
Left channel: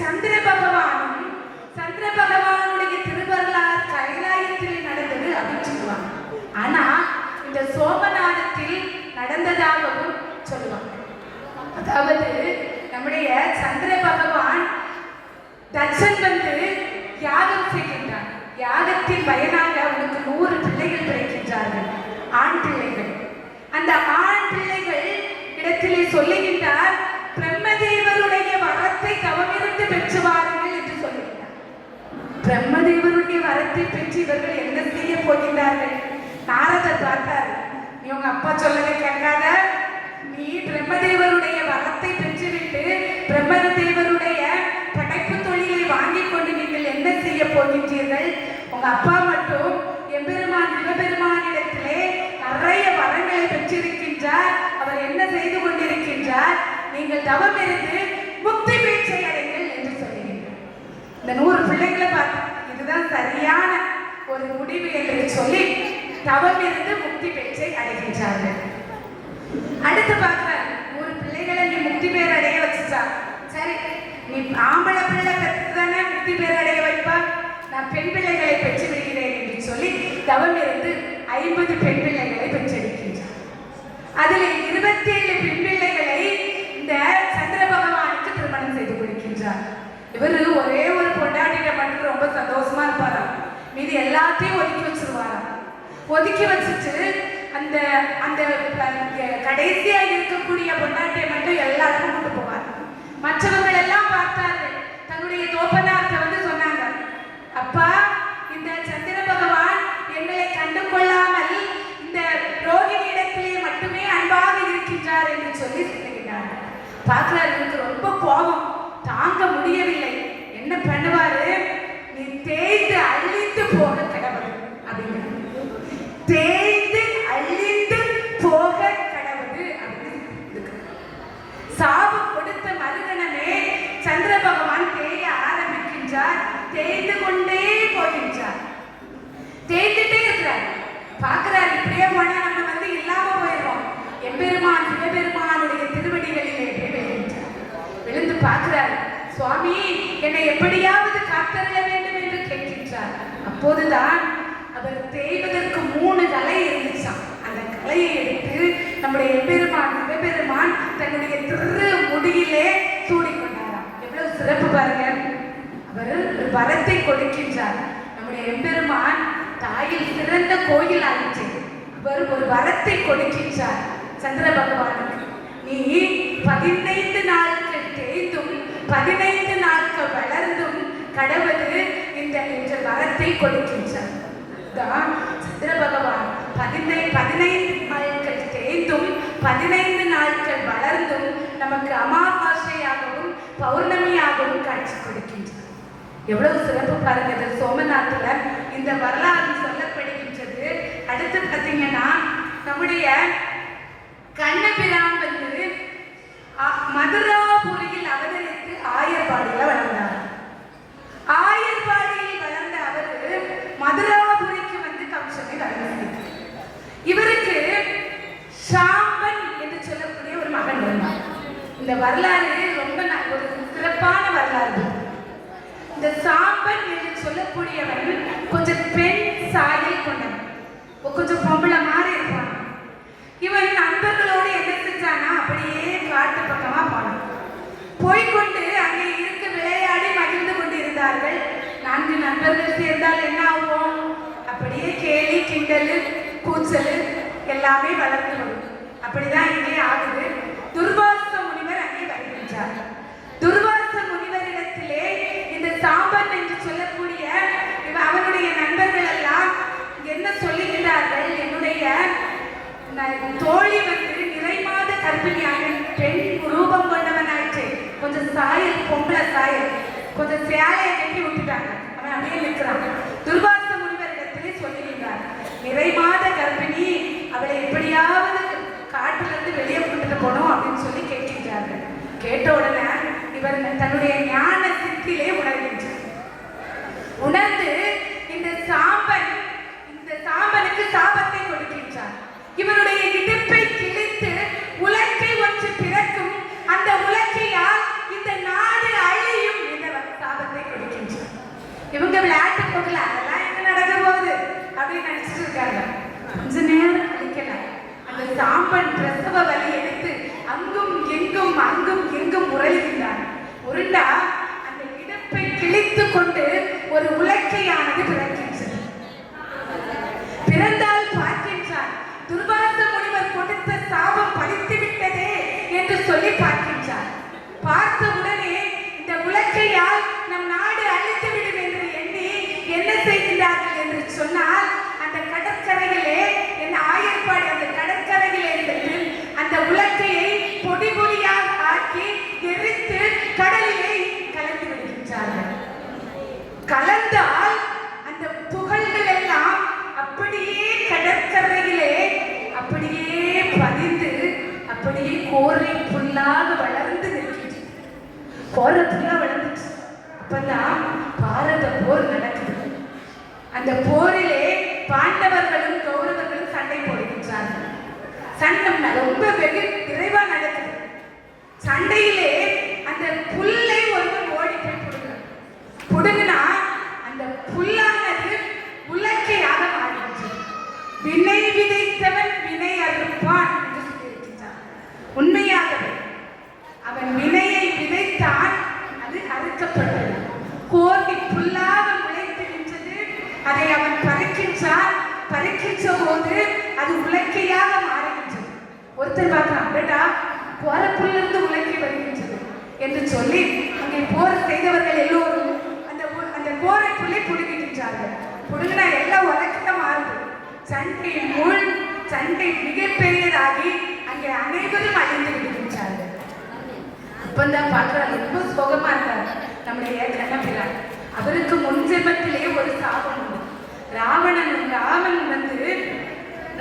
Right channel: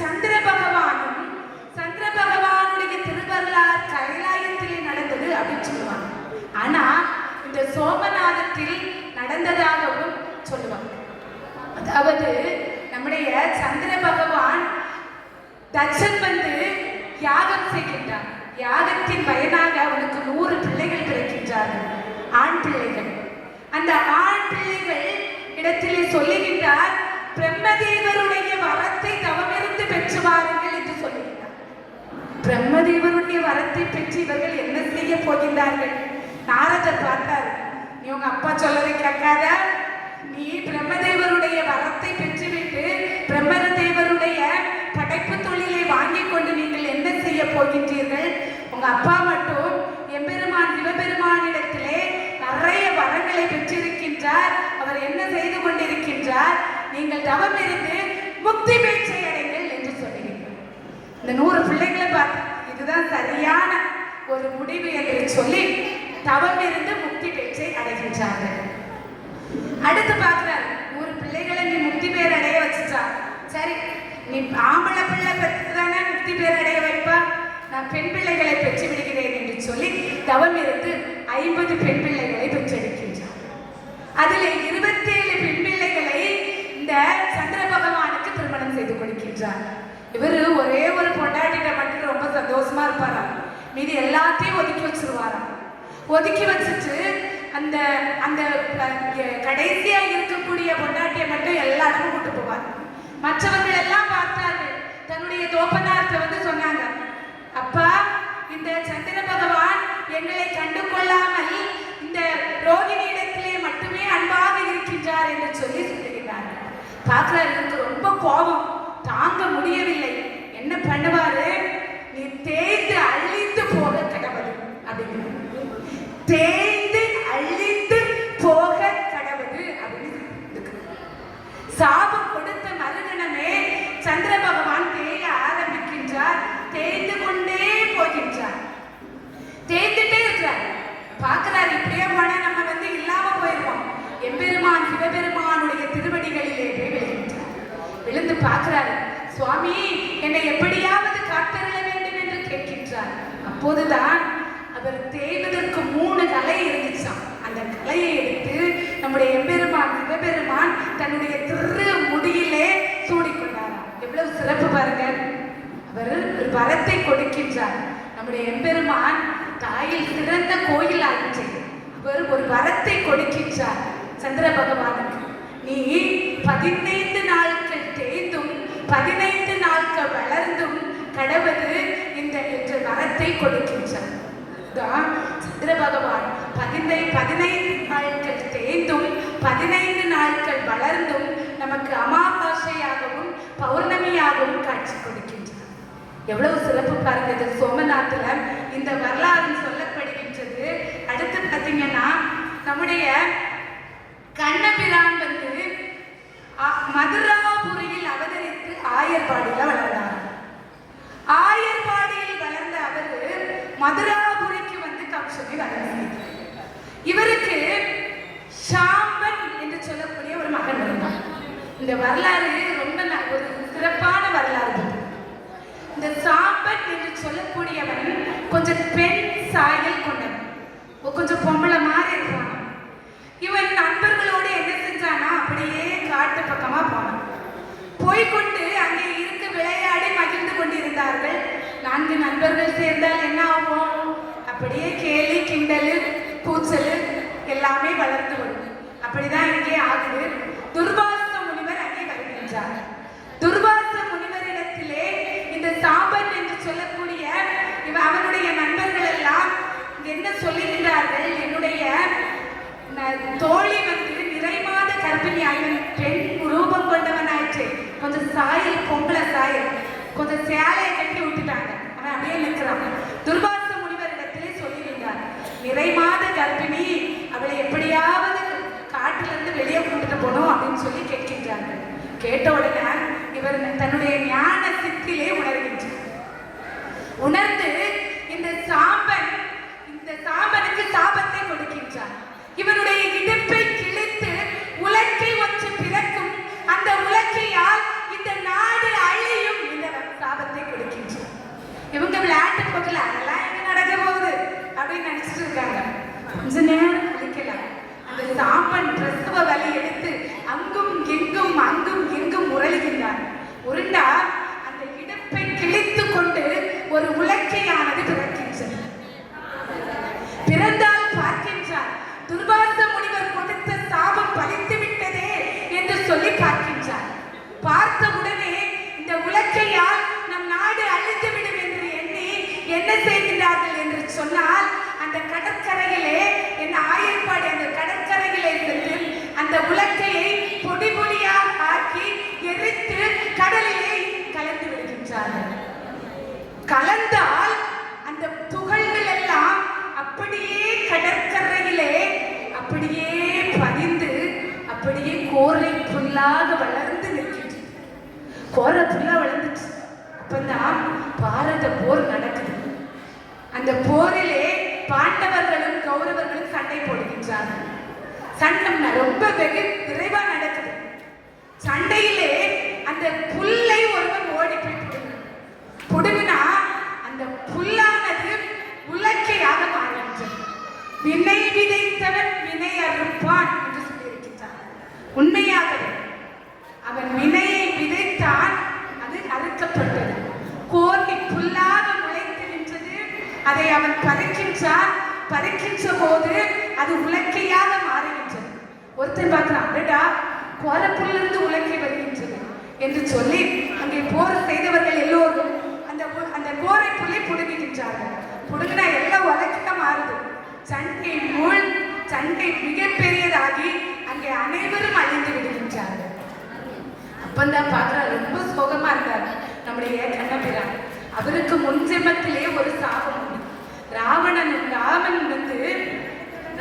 சந்திர பகவானும் சந்திர பகவானுடைய திருவருளால் கைலாயத்தில் நடந்தது அப்படின்னு சொல்லுவாங்க. ஆனா இந்த சோமநாதத்தில் நடந்ததாகவும் சொல்லுவாங்க. அதாவது நம்முடைய சந்திர பகவான் தட்சன் வந்து யாகம் செய்கின்றார். யாகத்தின் பயனாக அவனுக்கு 100 பிள்ளைகள் கிடைக்கின்றார்கள், ஆண் பிள்ளைகள். அந்த ஆண் பிள்ளைகள் இடத்திலே சொல்லுகின்றார், பிரம்மதேவருடைய வரத்தை தவமிருந்து பெற்று வாருங்கள் என்று சொல்லுகின்றார். பிரம்மதேவருடைய வரத்தை பெற்று இவர்கள் என்ன செய்ய போகின்றார்கள்? நாரதர் பார்த்தார், நீ உங்க அப்பா சொல்லதை கேட்காத, நீ பிரம்மதேவருடைய வரத்தை பெற்றுவிட்டு பிரம்மதேவருடைய படைப்பு தொழிலை வாங்கிக் கொண்டு நீங்கள் என்ன செய்ய போகின்றீர்கள்? உங்க அப்பா மட்டும் எம்பெருமான் சிவபெருமானிடத்திலே நிறைய வரங்களை பெற்றிருக்கின்றார். அவர் என்ன செய்து கொண்டிருக்கின்றார்? நீங்கள் தவம் இருந்து முக்தி பேச்சை அடைங்கள் என்று சொல்லுகின்றார். இந்த 100 பிள்ளைகளை பார்த்து இதுதான் சரியான ஒரு முடிவு என்று சொல்லி தவம் இருந்து முக்தி பேச்சை அடைகின்றார்கள். அடுத்து பார்க்கிறார், 100 பிள்ளைகளை நீ முக்தி பேர் அடைய வச்சுட்டா, சரி நீ ஆம்பளை பிள்ளை பெற்றுதானே முக்தி பேர் அடைய வைப்பா, நான் பெண் பிள்ளைகளை பெற்று விடுகிறேன் என்று சொல்லி தவம் இருந்து 50 பெண் பிள்ளைகளை பெற்றெடுக்கின்றார். அதில் 27 பெண் பிள்ளைகளை இந்த சந்திர பகவானுக்கு திருமணம் செய்து கொடுக்கின்றார். இவர் ஒரே ஒரு பொண்டாட்டினை மட்டும் ரொம்ப சந்தோஷமா இருப்பார், மீதி எல்லாத்தையும் ஒதுக்கி வச்சிருவார். ஒதுக்கி வச்சுட்டு அந்த அந்த கடைசியா இருக்கக்கூடிய பொண்டாட்டியை மட்டும் எல்லாருக்கும் கூட்டு போவார். மற்றவர்கள் எல்லாம் பார்த்தார்கள். தன்னுடைய தோப்பனார்ட்ட வந்து சொன்னாங்க, அப்பா இந்த சந்திர பகவான் எங்களை கண்டு கொள்ளாமல் இந்த ரோகிணி இடத்திலே மட்டுமே அன்பாக இருக்கின்றார் என்று சொல்லி சொல்லுகிறார். பார்க்கிறார், எனக்கு ரொம்ப கோபம் தாங்க முடியவில்லை. என்ன பண்ணுவாரு? நீ தேய்ந்து அழித்து போக கடவுள் அப்படிங்கிற, தேய்ந்து அழித்து போக கடவுள் அப்படின்னு சாபம் கொடுத்த மறுகணமே சந்திர பகவான் தேய ஆரம்பிக்கின்றார். தேய்ந்து கொண்டே போகின்றார், தேய்ந்துட்டே இருக்கிறார். பார்க்கிறார், இப்படியே போனா நம்ம வந்து இல்லாம போயிடுவோம். எம்பெருமான் சிவபெருமானுடைய திருவடிகளிலே விழுகின்றார். விழுந்து பார்க்கிறார், சுவாமி என்னை எப்படியாவது காத்தருள வேண்டும் என்று கேட்கின்றார். அப்போதுதான் அவர் தேய்வதற்கு 3 கலை இருந்துச்சாம். அந்த கலையை எடுத்து நம்முடைய எம்பெருமான் சிவபெருமான் தன்னுடைய திரு முடியிலே சூடிக்கொண்டாராம். எவ்வளவு சிறப்பு பாருங்க. அவர் ஒரு வரத்தை கொடுக்கின்றார். நம்முடைய எம்பெருமான் தாயில் சிறந்த கோயில் ஆயிற்று. அவர் ஒரு வரத்தை கொடுக்கின்றார் சந்திர பகவானுக்கு. நீ 15 நாட்கள் தேய்ந்தும் 15 நாட்கள் வளர்ந்தும் கடவுள் இந்த என்ற வரத்தை கொடுக்கின்றார். சந்திர பகவான் 15 நாட்கள் தேய்ந்தும் 15 நாட்கள் வளர்ந்தும் நமக்கு அமாவாசையாகவும் பௌர்ணமியாகவும் காட்சி கொடுக்கின்றார். எவ்வளவு சிறப்பு பாருங்க. சோமநாத்துல இந்த வரலாறு சொல்லப்படுகின்றது. அடுத்து பார்த்தீங்கன்னா நம்முடைய கண்ணபிரான் வந்து மதுராபுரியில் அவதரித்து ஆயர்பாடியில் வளர்ந்தார். ஆயர்பாடியில் வளர்ந்த அவர் மதுராபுரிக்கு வந்து கம்சனை வளர்ந்தார். இவருக்கு சாம்பன் என்று சொல்லக்கூடிய ஒரு மகன் இருந்தார். இந்த வரலாறு ரொம்ப ஒரு சிறப்பான வரலாறு. இந்த சாம்பன் என்று சொல்லக்கூடியவன் கொஞ்சம் பெண் சாயல் கொண்டவன், கொஞ்சம் பொம்பளை மாதிரி இருப்பான். இவன் நண்பர்களோடு என்ன செஞ்சானா, அப்படியே காட்டு பக்கமா போனான். போய்கொண்டு அங்கே இருக்க விளையாடி மகிழ்ந்து கொண்டிருந்தார்கள். 4 நண்பர்கள் சேர்ந்தால் என்ன ஆகும்? அப்படியே கேலி கிண்டல் கூச்சல் எல்லாமே வளர்ந்து வரும். அப்படிதான் இங்கே ஆகுது. துர்வாச முனிவர் அங்கே வருகின்றார். துர்வாச முனிவரிடத்திலே இந்த சாம்பன் என்று சொல்லக்கூடிய அவனுடைய நண்பர்கள் எல்லாம் என்ன சொல்லுகிறார்கள்? என்னுடைய தோழி வந்து நிறைமாத கர்ப்பிணியாக பெண் ரூபம் கொண்டவனாயிற்று, கொஞ்சம் சாயல் பொம்பளை சாயல், கொஞ்சம் சேலையை கட்டி விட்டுட்டாங்க, அவன் அப்படியே நிற்கிறான். துர்வாச முனிவரிடத்திலே சொல்லுகின்றார், நிறைமாத கர்ப்பிணி, அவளை எப்படியாவது காட்டிலிருந்து வெளியே கொண்டுட்டு போனோம் அப்படின்னு சொல்லி கேட்கின்றார்கள். கேட்ட உடனே இவர் தன்னுடைய ஞான சித்திலே உணர்கின்றார். உணர்ந்து இந்த சாம்பனுக்கு சாபத்தை கொடுக்கின்றார். இவருடைய இடுப்பை கிழித்து உலக்கை ஒன்று பிறக்கும், அந்த உலக்கையால் இந்த நாடு அழியும் என்ற சாபத்தை கொடுக்கின்றார். இவங்க விளையாட்டு போகல, அதெல்லாம் என்ன நடக்க போகுது அப்படின்னு நினைச்சிட்டு இருக்காங்க. கொஞ்ச நேரம் கழிக்கல, அந்த சாம்பன் பிரசவ வலி எடுத்து அங்கும் இங்கும் உரளுகின்றார். உருண்டா அந்த இடுப்பை கிழித்து கொண்டு ஒரு உலக்கையானது பிறக்கின்றது. என்ன செய்கிறார்கள் என்று சொன்னால், அந்த கடற்கரையிலே என் ஆயர்பாடி அந்த கடற்கரையிலே இருந்து அந்த உலக்கையை பொடி பொடியாக ஆக்கி எரித்து கடலிலே கலந்து விடுகின்றார்கள். கலந்தால் அந்த துகள்கள் எல்லாம் அப்படியே கடற்கரையிலே அப்படியே பதிந்து அப்படியே கோரை புல்லாக வளர்ந்து நிற்கின்றது. கோரை புல்லா வளர்ந்துச்சு. அப்பதான் பாரத போர் நடக்குது. அந்த போரிலே பாண்டவர்களும் கௌரவர்களும் சண்டை போடுகின்றார்கள். சண்டை ரொம்ப வெகு விரைவா நடக்குது. சண்டையிலே அந்த புல்லை ஒருவன் ஓடி போய் புடுங்கினா அந்த புல்லானது உலக்கையாக மாறுகின்றது. வினை விதைத்தவன் வினை அறுப்பான் என்று சொல்லியிருக்கின்றான். உண்மையாகவே அவன் வினையை விதைத்தான், அது அறுக்கப்பட்டது. கோர்வி புல்லாக முளைத்து நின்றது. அதை அவன் பறிக்கின்றான். பறிக்கின்ற போது அது உலக்கையாக மாறுகின்றது. ஒருத்தர் பார்க்கிறான், அடடா கோரப்புள்ளிருந்து உலக்கை வருகின்றது என்று சொல்லி அங்கே போர் செய்தவர்கள் எல்லோரும் அந்த கோரை புள்ளை புடுங்குகின்றார்கள். புடுங்கினா எல்லாம் உலக்கிட்ட மாறுது. சண்டை மிகப்பெரியதாகி அங்கே அனைவரும் அழிந்து விடுகின்றார்கள். அப்பந்தான் பார்க்கிறார், ரொம்ப சோகமா இருந்தார் நம்முடைய கண்ணபிரான். அவருக்கு முன் ஜென்மத்திலே ஒரு சாபம் உண்டு. ராவணன் வந்து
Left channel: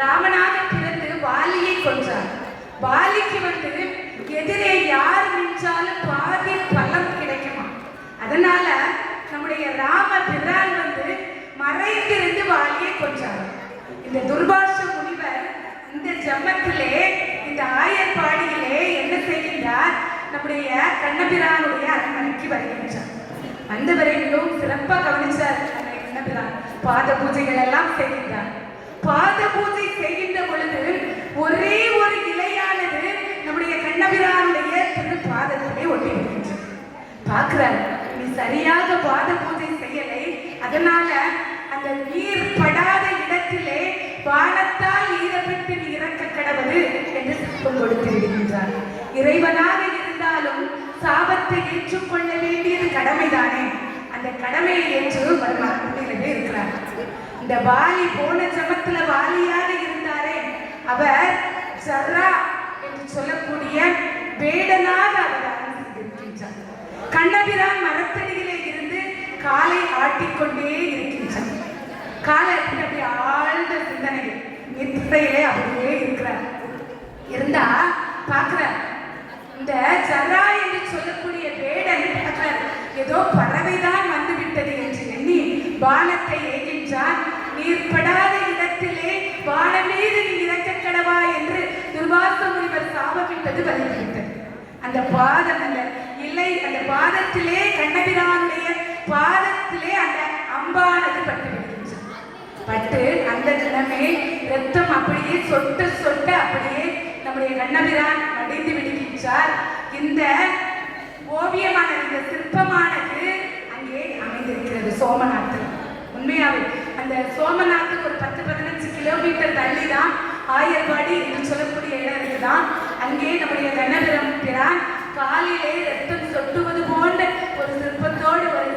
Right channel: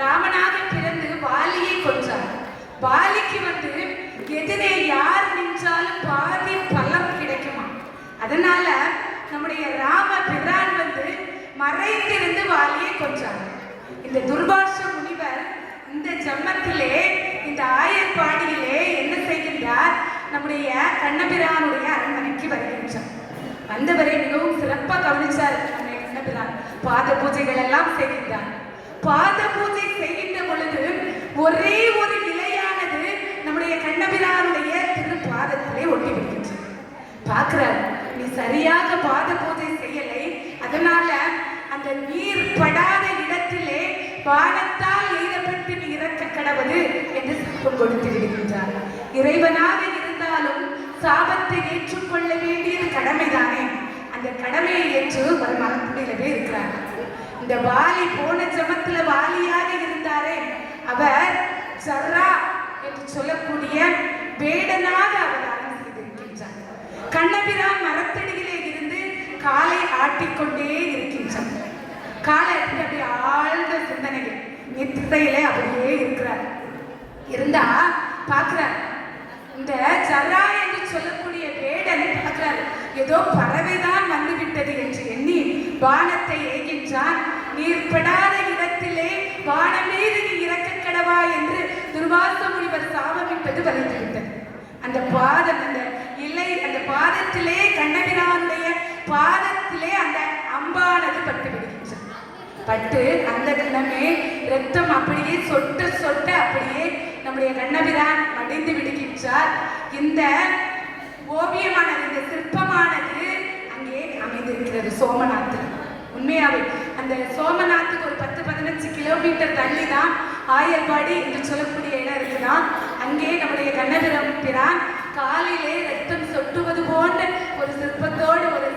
ராமனாக பிறந்து வாலியை கொன்றார். வாலிக்கு வந்து எதிரே யார் நின்றாலும் பாதி பலம் கிடைக்குமா. அதனால நம்முடைய ராம பிரான் வந்து மறைந்திருந்து வாலியை கொன்றார். இந்த துர்வாச முனிவர் இந்த ஜென்மத்திலே இந்த ஆயர்பாடியிலே என்ன செய்கின்றார், நம்முடைய கண்ணபிரானுடைய அரண்மனைக்கு வருகின்றார். வந்தவரை மிகவும் சிறப்பாக கவனிச்சார் கண்ணபிரான். பாத பூஜைகள் எல்லாம் செய்கின்றார். பாத பூஜை செய்கின்ற பொழுது ஒரே ஒரு இலையானது நம்முடைய கண்ணபிரானுடைய திரு பாதத்திலே ஒட்டி இருக்கின்றது. பார்க்கிறார், நீ சரியாக பாத பூஜை செய்யலை, அதனால அந்த நீர் படாத இடத்திலே வானத்தால் ஈரப்பட்டு இறக்க கடவுது என்று சாபம் கொடுத்து விடுகின்றார். இறைவனாக இருந்தாலும் சாபத்தை ஏற்றுக்கொள்ள வேண்டியது கடமைதானே. அந்த கடமையை ஏற்று வருமானத்திலே இருக்கிறார். இந்த வாலி போன ஜென்மத்துல வாலியாக இருந்தாரே, அவர் சர்ரா என்று சொல்லக்கூடிய வேடனாக அவதாரம் செய்திருக்கின்றார். கண்ணபிரான் மரத்தடியிலே இருந்து காலை ஆட்டிக்கொண்டே இருக்கின்றார். காலை அப்படி ஆழ்ந்த சிந்தனை நித்திரையிலே அப்படியே இருக்கிறார். இருந்தா பார்க்கிறார், இந்த சர்ரா என்று சொல்லக்கூடிய வேடன் பார்க்கிறார், ஏதோ பறவைதான் வந்துவிட்டது என்று எண்ணி வானத்தை ஏகின்றான். நீர்படாத இடத்திலே வானம் மீது நீ இறக்க கடவா என்று துர்வாச முனிவர் சாபமிட்டது வலிக்கின்றது. அந்த பாதம் அந்த இலை அந்த பாதத்திலே கண்ணபிரானுடைய பாதத்திலே அந்த அம்பானது பட்டு விடுகின்றது. பட்டு அந்த தினமே ரத்தம் அப்படியே சொட்ட சொட்ட அப்படியே நம்முடைய கண்ணபிரான் அடைந்து விடுகின்றார். இந்த ஓவியமானது இந்த சிற்பமானது அங்கே அமைந்திருக்கிறது சோமநாதர். உண்மையாவே அந்த சோமநாத்துக்கு ஒரு 10-15 கிலோமீட்டர் தள்ளி தான் ஆயர்பாடி என்று சொல்லக்கூடிய இடம் இருக்குதான். அங்கே நம்முடைய கண்ணபிரான் காலிலே ரத்தம் சொட்டுவது போன்ற ஒரு சிற்பத்தோடு ஒரு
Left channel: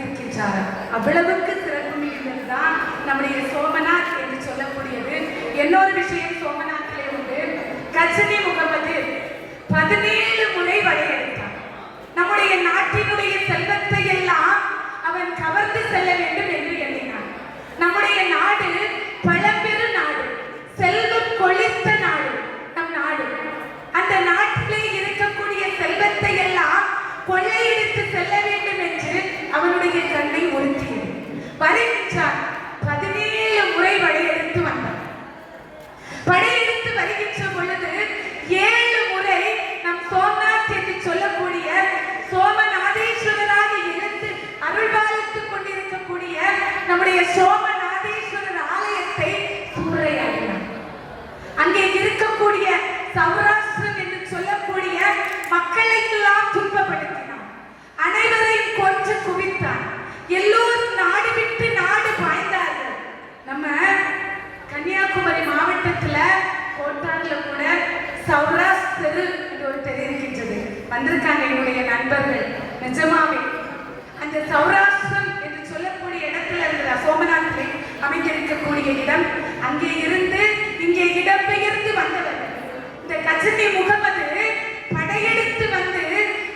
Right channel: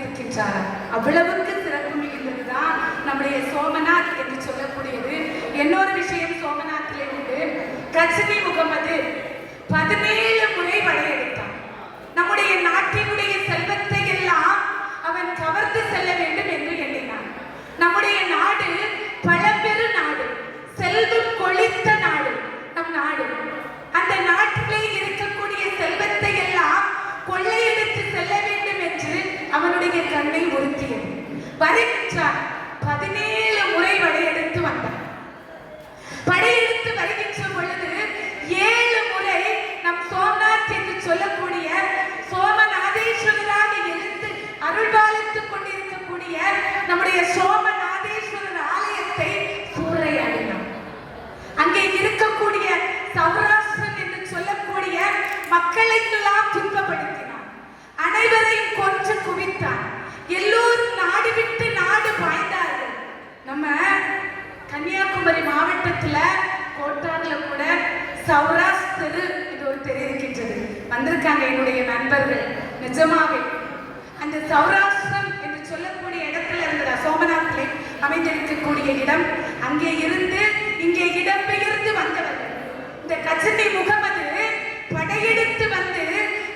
இருக்கின்றார். அவ்வளவுக்கு சிறப்பு மிகுந்ததுதான் நம்முடைய சோமநாத் என்று சொல்லக்கூடியது. இன்னொரு விஷயம் சோமநாத்திலே உண்டு. கஜனி முகமது 17 முறை படையெடுத்தான். நம்முடைய நாட்டினுடைய செல்வத்தை எல்லாம் அவன் கவர்ந்து செல்ல வேண்டும் என்று எண்ணினான். நம்முடைய நாடு பழம்பெரு நாடு, செல்வம் கொழித்த நாடு நம் நாடு. அந்த நாட்டிலே இருக்கக்கூடிய செல்வத்தை எல்லாம் கொள்ளையடித்து செல்ல வேண்டும் என்று அவனுடைய கண்ணை உறுத்தியது. வருகின்றான். 17 முறை படையெடுத்து வந்தான். படையெடுத்து வருகின்ற பொழுது 7 முறை நம் சோமநாத் என்று சொல்லக்கூடிய சோமநாதேஸ்வரராக இருந்து அருள்பாலித்துக் கொண்டிருக்கக்கூடிய நம்முடைய சோமநாதேஸ்வரர் ஆலயத்தை சூறையாடினார். அங்கே இருக்கக்கூடிய சௌராஷ்டிரம் என்று சொல்லக்கூடிய மக்களுக்கெல்லாம் துன்பப்படுத்தினார். அனைவரையும் கொன்று குவித்தார். எல்லோரும் நாடு விட்டு நாடு பாய்ந்தார்கள். நம்ம கன்னியாகுமரி மாவட்டத்துல கோட்டார்ல கூட சௌராஷ்டிர ஒரு தெரு இருக்கின்றது. வந்திருக்காங்க என்னுடைய நண்பர்கள். நிஜமாவே அந்த சௌராஷ்டிரம் என்று சொல்லக்கூடிய இடத்துல இருக்கக்கூடிய இடம். அங்கே இருந்து இங்கே இடம்பெயர்ந்து வந்தவர் இந்த கஜினி முகமது படையெடுத்து வந்து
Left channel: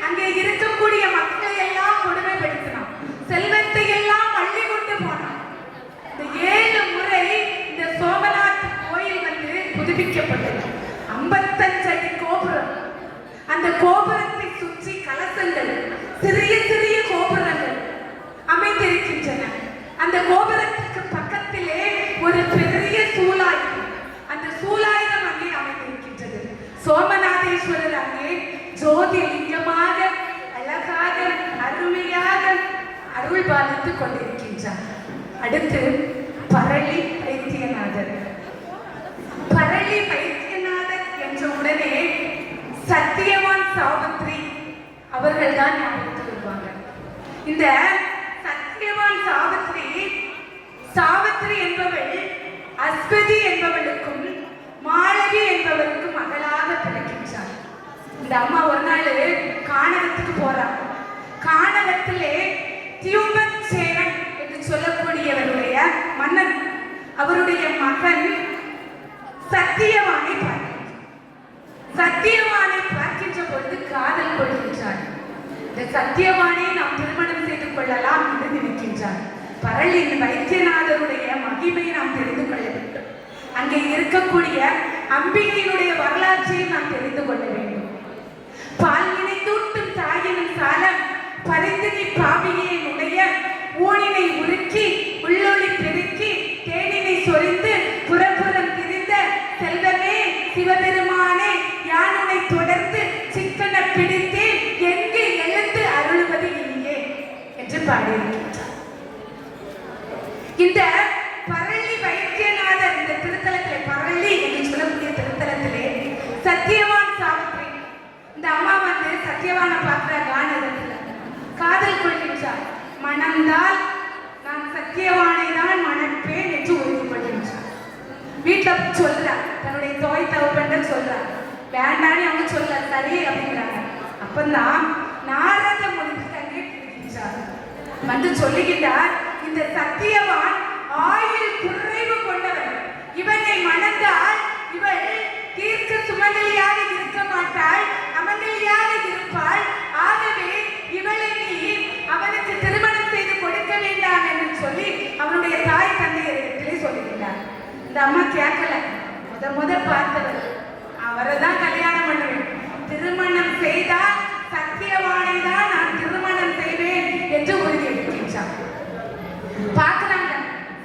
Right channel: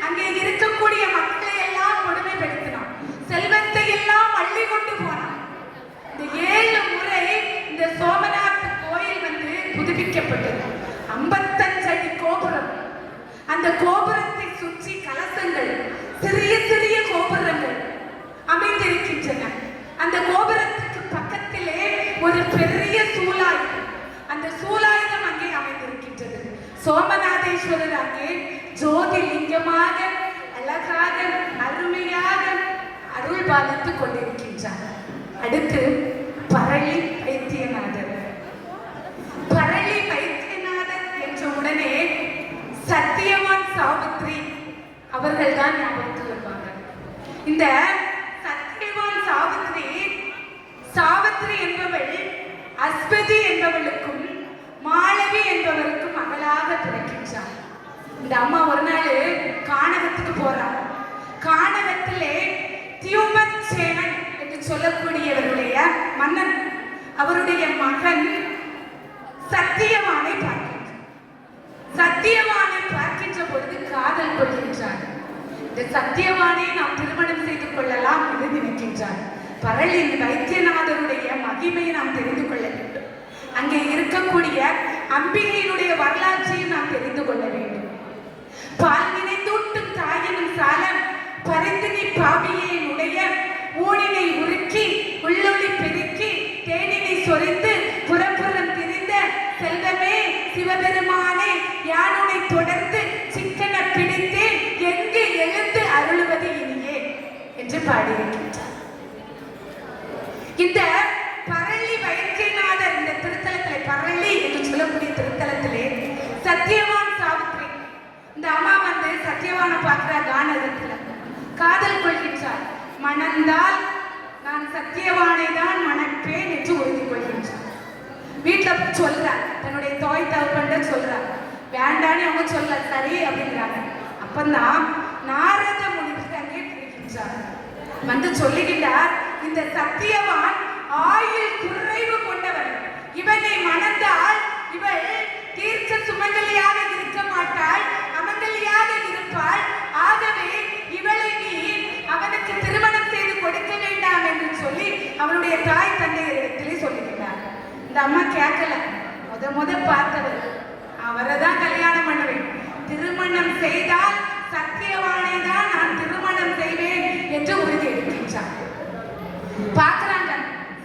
அங்கே இருக்கக்கூடிய மக்களை எல்லாம் கொடுமைப்படுத்தினான். செல்வத்தை எல்லாம் அள்ளி கொண்டு போனான். இந்த 7 முறை இந்த சோமநாத் கோயில் வந்து புதுப்பிக்கப்பட்டது. 55 அடி கோபுரம். அந்த கோபுரத்தை சுற்றி கலசங்கள், சிறிய சிறிய கோபுரங்கள் அமைந்திருக்கின்றன. அந்த கோபுரத்துக்கு பக்கத்திலே ஒரு பெரிய சூலாயுதம், அந்த சூலாயுதம் அங்கே அமைந்திருக்கின்றது. சோமநாதேஸ்வரர் அங்கே ஜோதிலிங்கமாக அழகாக அருமையாக அருள் பாலித்துக் கொண்டிருக்கின்றார். அடுத்து பரளி வைத்தியநாதர். பரளி வைத்தியநாதர் என்ற உடனே சத்தியவான் சாவித்ரி அவர்கள் தான் ஞாபகத்துக்கு வருவாங்க. இந்த சத்தியவான் சாவித்ரி என்பவள் அஸ்வதி என்பவளுக்கும் மாளவி என்பவருக்கும் மகளாக பிறக்கின்றார். இந்த அம்மா ஒரு நாள் கானகத்துக்கு போறார். கானகத்திலே தியுமச்சேனன் என்று சொல்லக்கூடியவருடைய மன்னன் அவருடைய மகன் சத்தியவானை பார்க்கின்றார். சத்தியவானை பார்க்கின்ற பொழுது காதல் கொள்கின்றார். இந்த சத்தியவானை நாம் திருமணம் செய்து கொள்ளலாம் என்று நினைக்கின்றார். பரளி வைத்தியநாதருடைய மகிமையை நாம் தெரிந்து கொள்ள வேண்டும். அங்கே இருக்கக்கூடிய அம்பிகையினுடைய வரலாற்றையும் நாம் தெரிந்து கொள்ள வேண்டும். பால் நினைந்தூட்டும் தாயினும் சாலம் பரிந்தினி பாவியனுடைய ஊனினை உருக்கி உள்ளொளி பெருக்கி தேனினை சொரிந்து புறப்புறம் திரிந்த செல்வமே சிவபெருமானே யானை தொடர்ந்து சிக்கன பிடித்தேன் எங்கு எழுந்து அருள்வது இனியே என்று பாடியிருக்கின்றார். இந்த பரளி வைத்தியநாதர் இந்த திருத்தலத்திலே, பரளி என்று சொல்லக்கூடிய திருத்தலத்திலே சத்தியவான் சாவித்ரி இந்த அம்மா வந்து சத்தியவானை பார்க்கிற கானகத்தில் காதல் கொள்கின்றார். மணந்தால் நான் சத்தியவானை தான் மணப்பேன் என்று உறுதி கொள்கின்றார். வீட்டில் சொல்றார், தன்னுடைய தாய் தகப்பன்ட்ட சொல்றார். வேண்டான்னு அவங்க சொல்ல சரி அப்படிங்கிறாங்க. அப்பந்தான் நாரத முனிவர் அங்கே இருக்கின்றார். வந்து சொல்லுகின்றார், இந்த சத்தியவான் ஆயுள் குறைவு கொண்டவன். இவனை மணந்தால் இவள் தீர்க்க சுமங்கலியாக இருக்க மாட்டாள், அமங்கலியாக இருப்பாள். ஆகவே இவளை நீ அவனுக்கு திருமணம் செய்து கொடுக்க வேண்டாம் என்று சொல்லி அவனுடைய தாய் தந்தையரிடத்திலே சொல்லுகிறார். இந்த அம்மா கேட்கல. முத பார்த்தவர் அவரை தான் கல்யாணம் பண்ணுவேன், திருமணம் செய்தால் சத்தியவானை தான் நான் திருமணம் செய்வேன் என்று உறுதி எடுக்கின்றார். பார்க்கிறாங்க,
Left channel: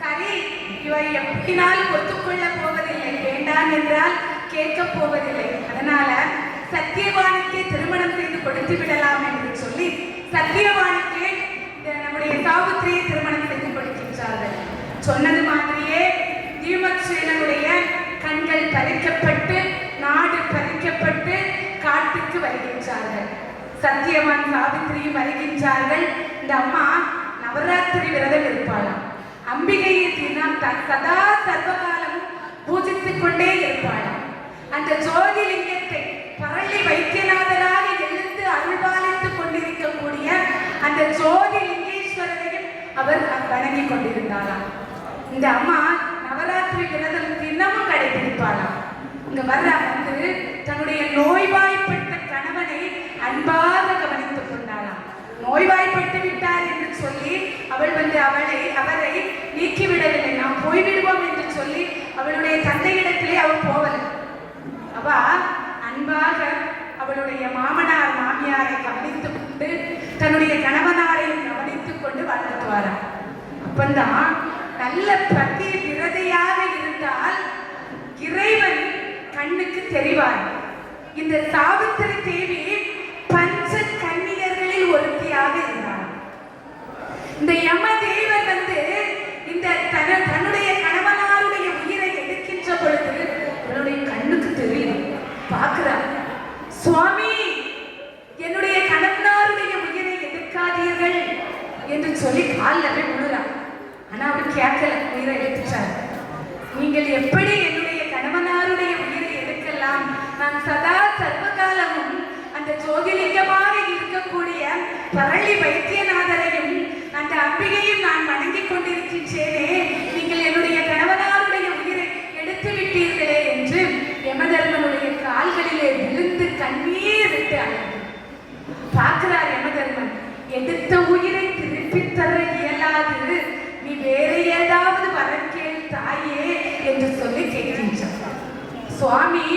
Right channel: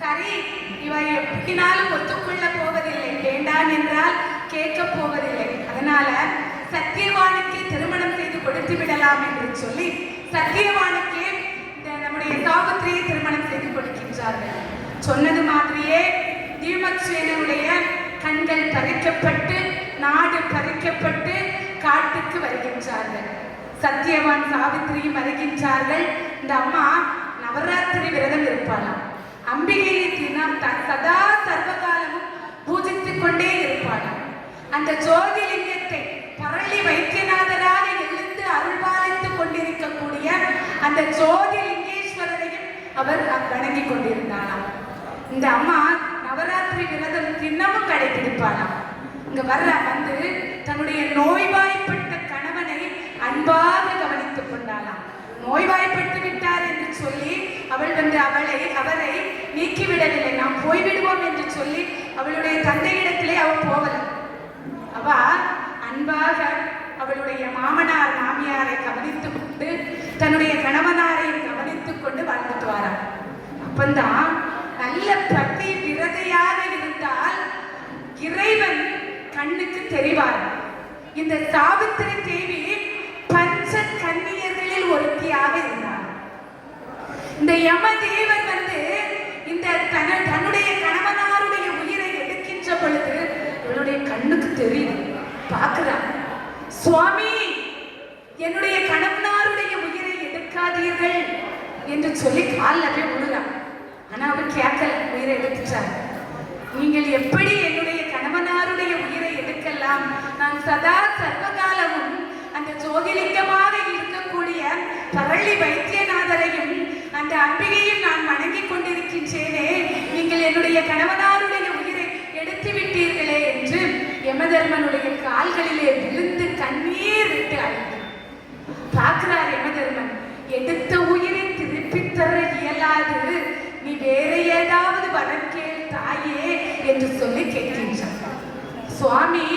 சரி இவை எப்படினாலும் ஒத்துக்கொள்ள போவதில்லை, வேண்டாம் என்றால் கேட்க போவதில்லை. அதனால சத்தியவானுக்கு திருமணம் செய்து கொடுத்து விடலாம் என்று சொல்லி சத்தியவானுக்கு நம்முடைய சாவித்திரியை திருமணம் செய்து கொடுக்கின்றார்கள். சொன்னது மாதிரியே தீமச்சேனனுடைய கண்கள் பறிக்கப்பட்டு நாடு பறிக்கப்பட்டு காட்டுக்கு வருகின்றார்கள். சத்தியவான் சாவித்திரியும் வருகின்றார்கள். இந்த அம்மா நவராத்திரி விரதம் இருப்பாளாம். அம்பிகையை தினம் சதா சர்வகாலமும் பூஜித்துக் கொண்டே இருப்பாளாம். அந்த ஜோதிலிங்கத்தை பரளி வைத்தியநாதராக எழுந்து அருள்பாலித்துக் கொண்டிருக்கக்கூடிய அந்த ஜோதிலிங்கேஸ்வரரையும் அவர் வணங்கி கொண்டிருந்தாராம். இந்த அம்மா நவராத்திரி விரதம் தினமும் கடைபிடிப்பாளாம். இங்க வர்ற வந்து தன்னுடைய நோய்வாய்ப்பட்ட கணவனை அன்பாக கவனித்துக் கொண்டாளாம். நோய்வாய்ப்பட்டு விட்டார் என்று சொல்லி அவள் வந்து அவரை நீக்கிவிடவில்லை. நாம் போய்விடுவோம் என்று சொல்லி அவளுடைய தந்தையிடத்திலே அவள் போவல. அவ அன்பாக அவளுடைய மாமனார் மாமியாரை கவனித்துக் கொண்டு தன்னுடைய கணவனாரையும் கவனித்துக் கொண்டு வாழ்ந்துட்டு வாரார். அப்பந்தான் நல்ல பதி விரதையாக இருந்தால் இறைவன் கண்ணுக்கு தெரிவார். இந்த சாவித்திரி தேவி பஞ்ச கன்னியர்களில் ஒருத்தியாக இருந்தார். இந்த யமதேவர் வந்து இந்த தன்னுடைய கணவனாருடைய உயிரை எடுக்கின்ற பொழுது இவருடைய கண்ணுக்கு தெரியும். பார்க்கிறார், சுவாமி என்னுடைய கணவனாருடைய உயிரை எடுக்காதீர்கள் என்று சொல்லி காலில் விழுறார். ஆனா அவர் கேட்கல, உயிரை எடுத்துட்டார். நீங்கள் எப்படி என்னுடைய கணவனாருடைய உயிரை எடுக்கலாம்? நான் சதா சர்வகாலமும் அந்த ஜோதிலிங்கமாக இருக்கக்கூடிய பரளி வைத்தியநாதரையும் அந்த அம்பிகையும் நான் வணங்கிக் கொண்டிருக்கின்றேனே, நீங்கள் என்னுடைய கணவனாருடைய சுவாமி,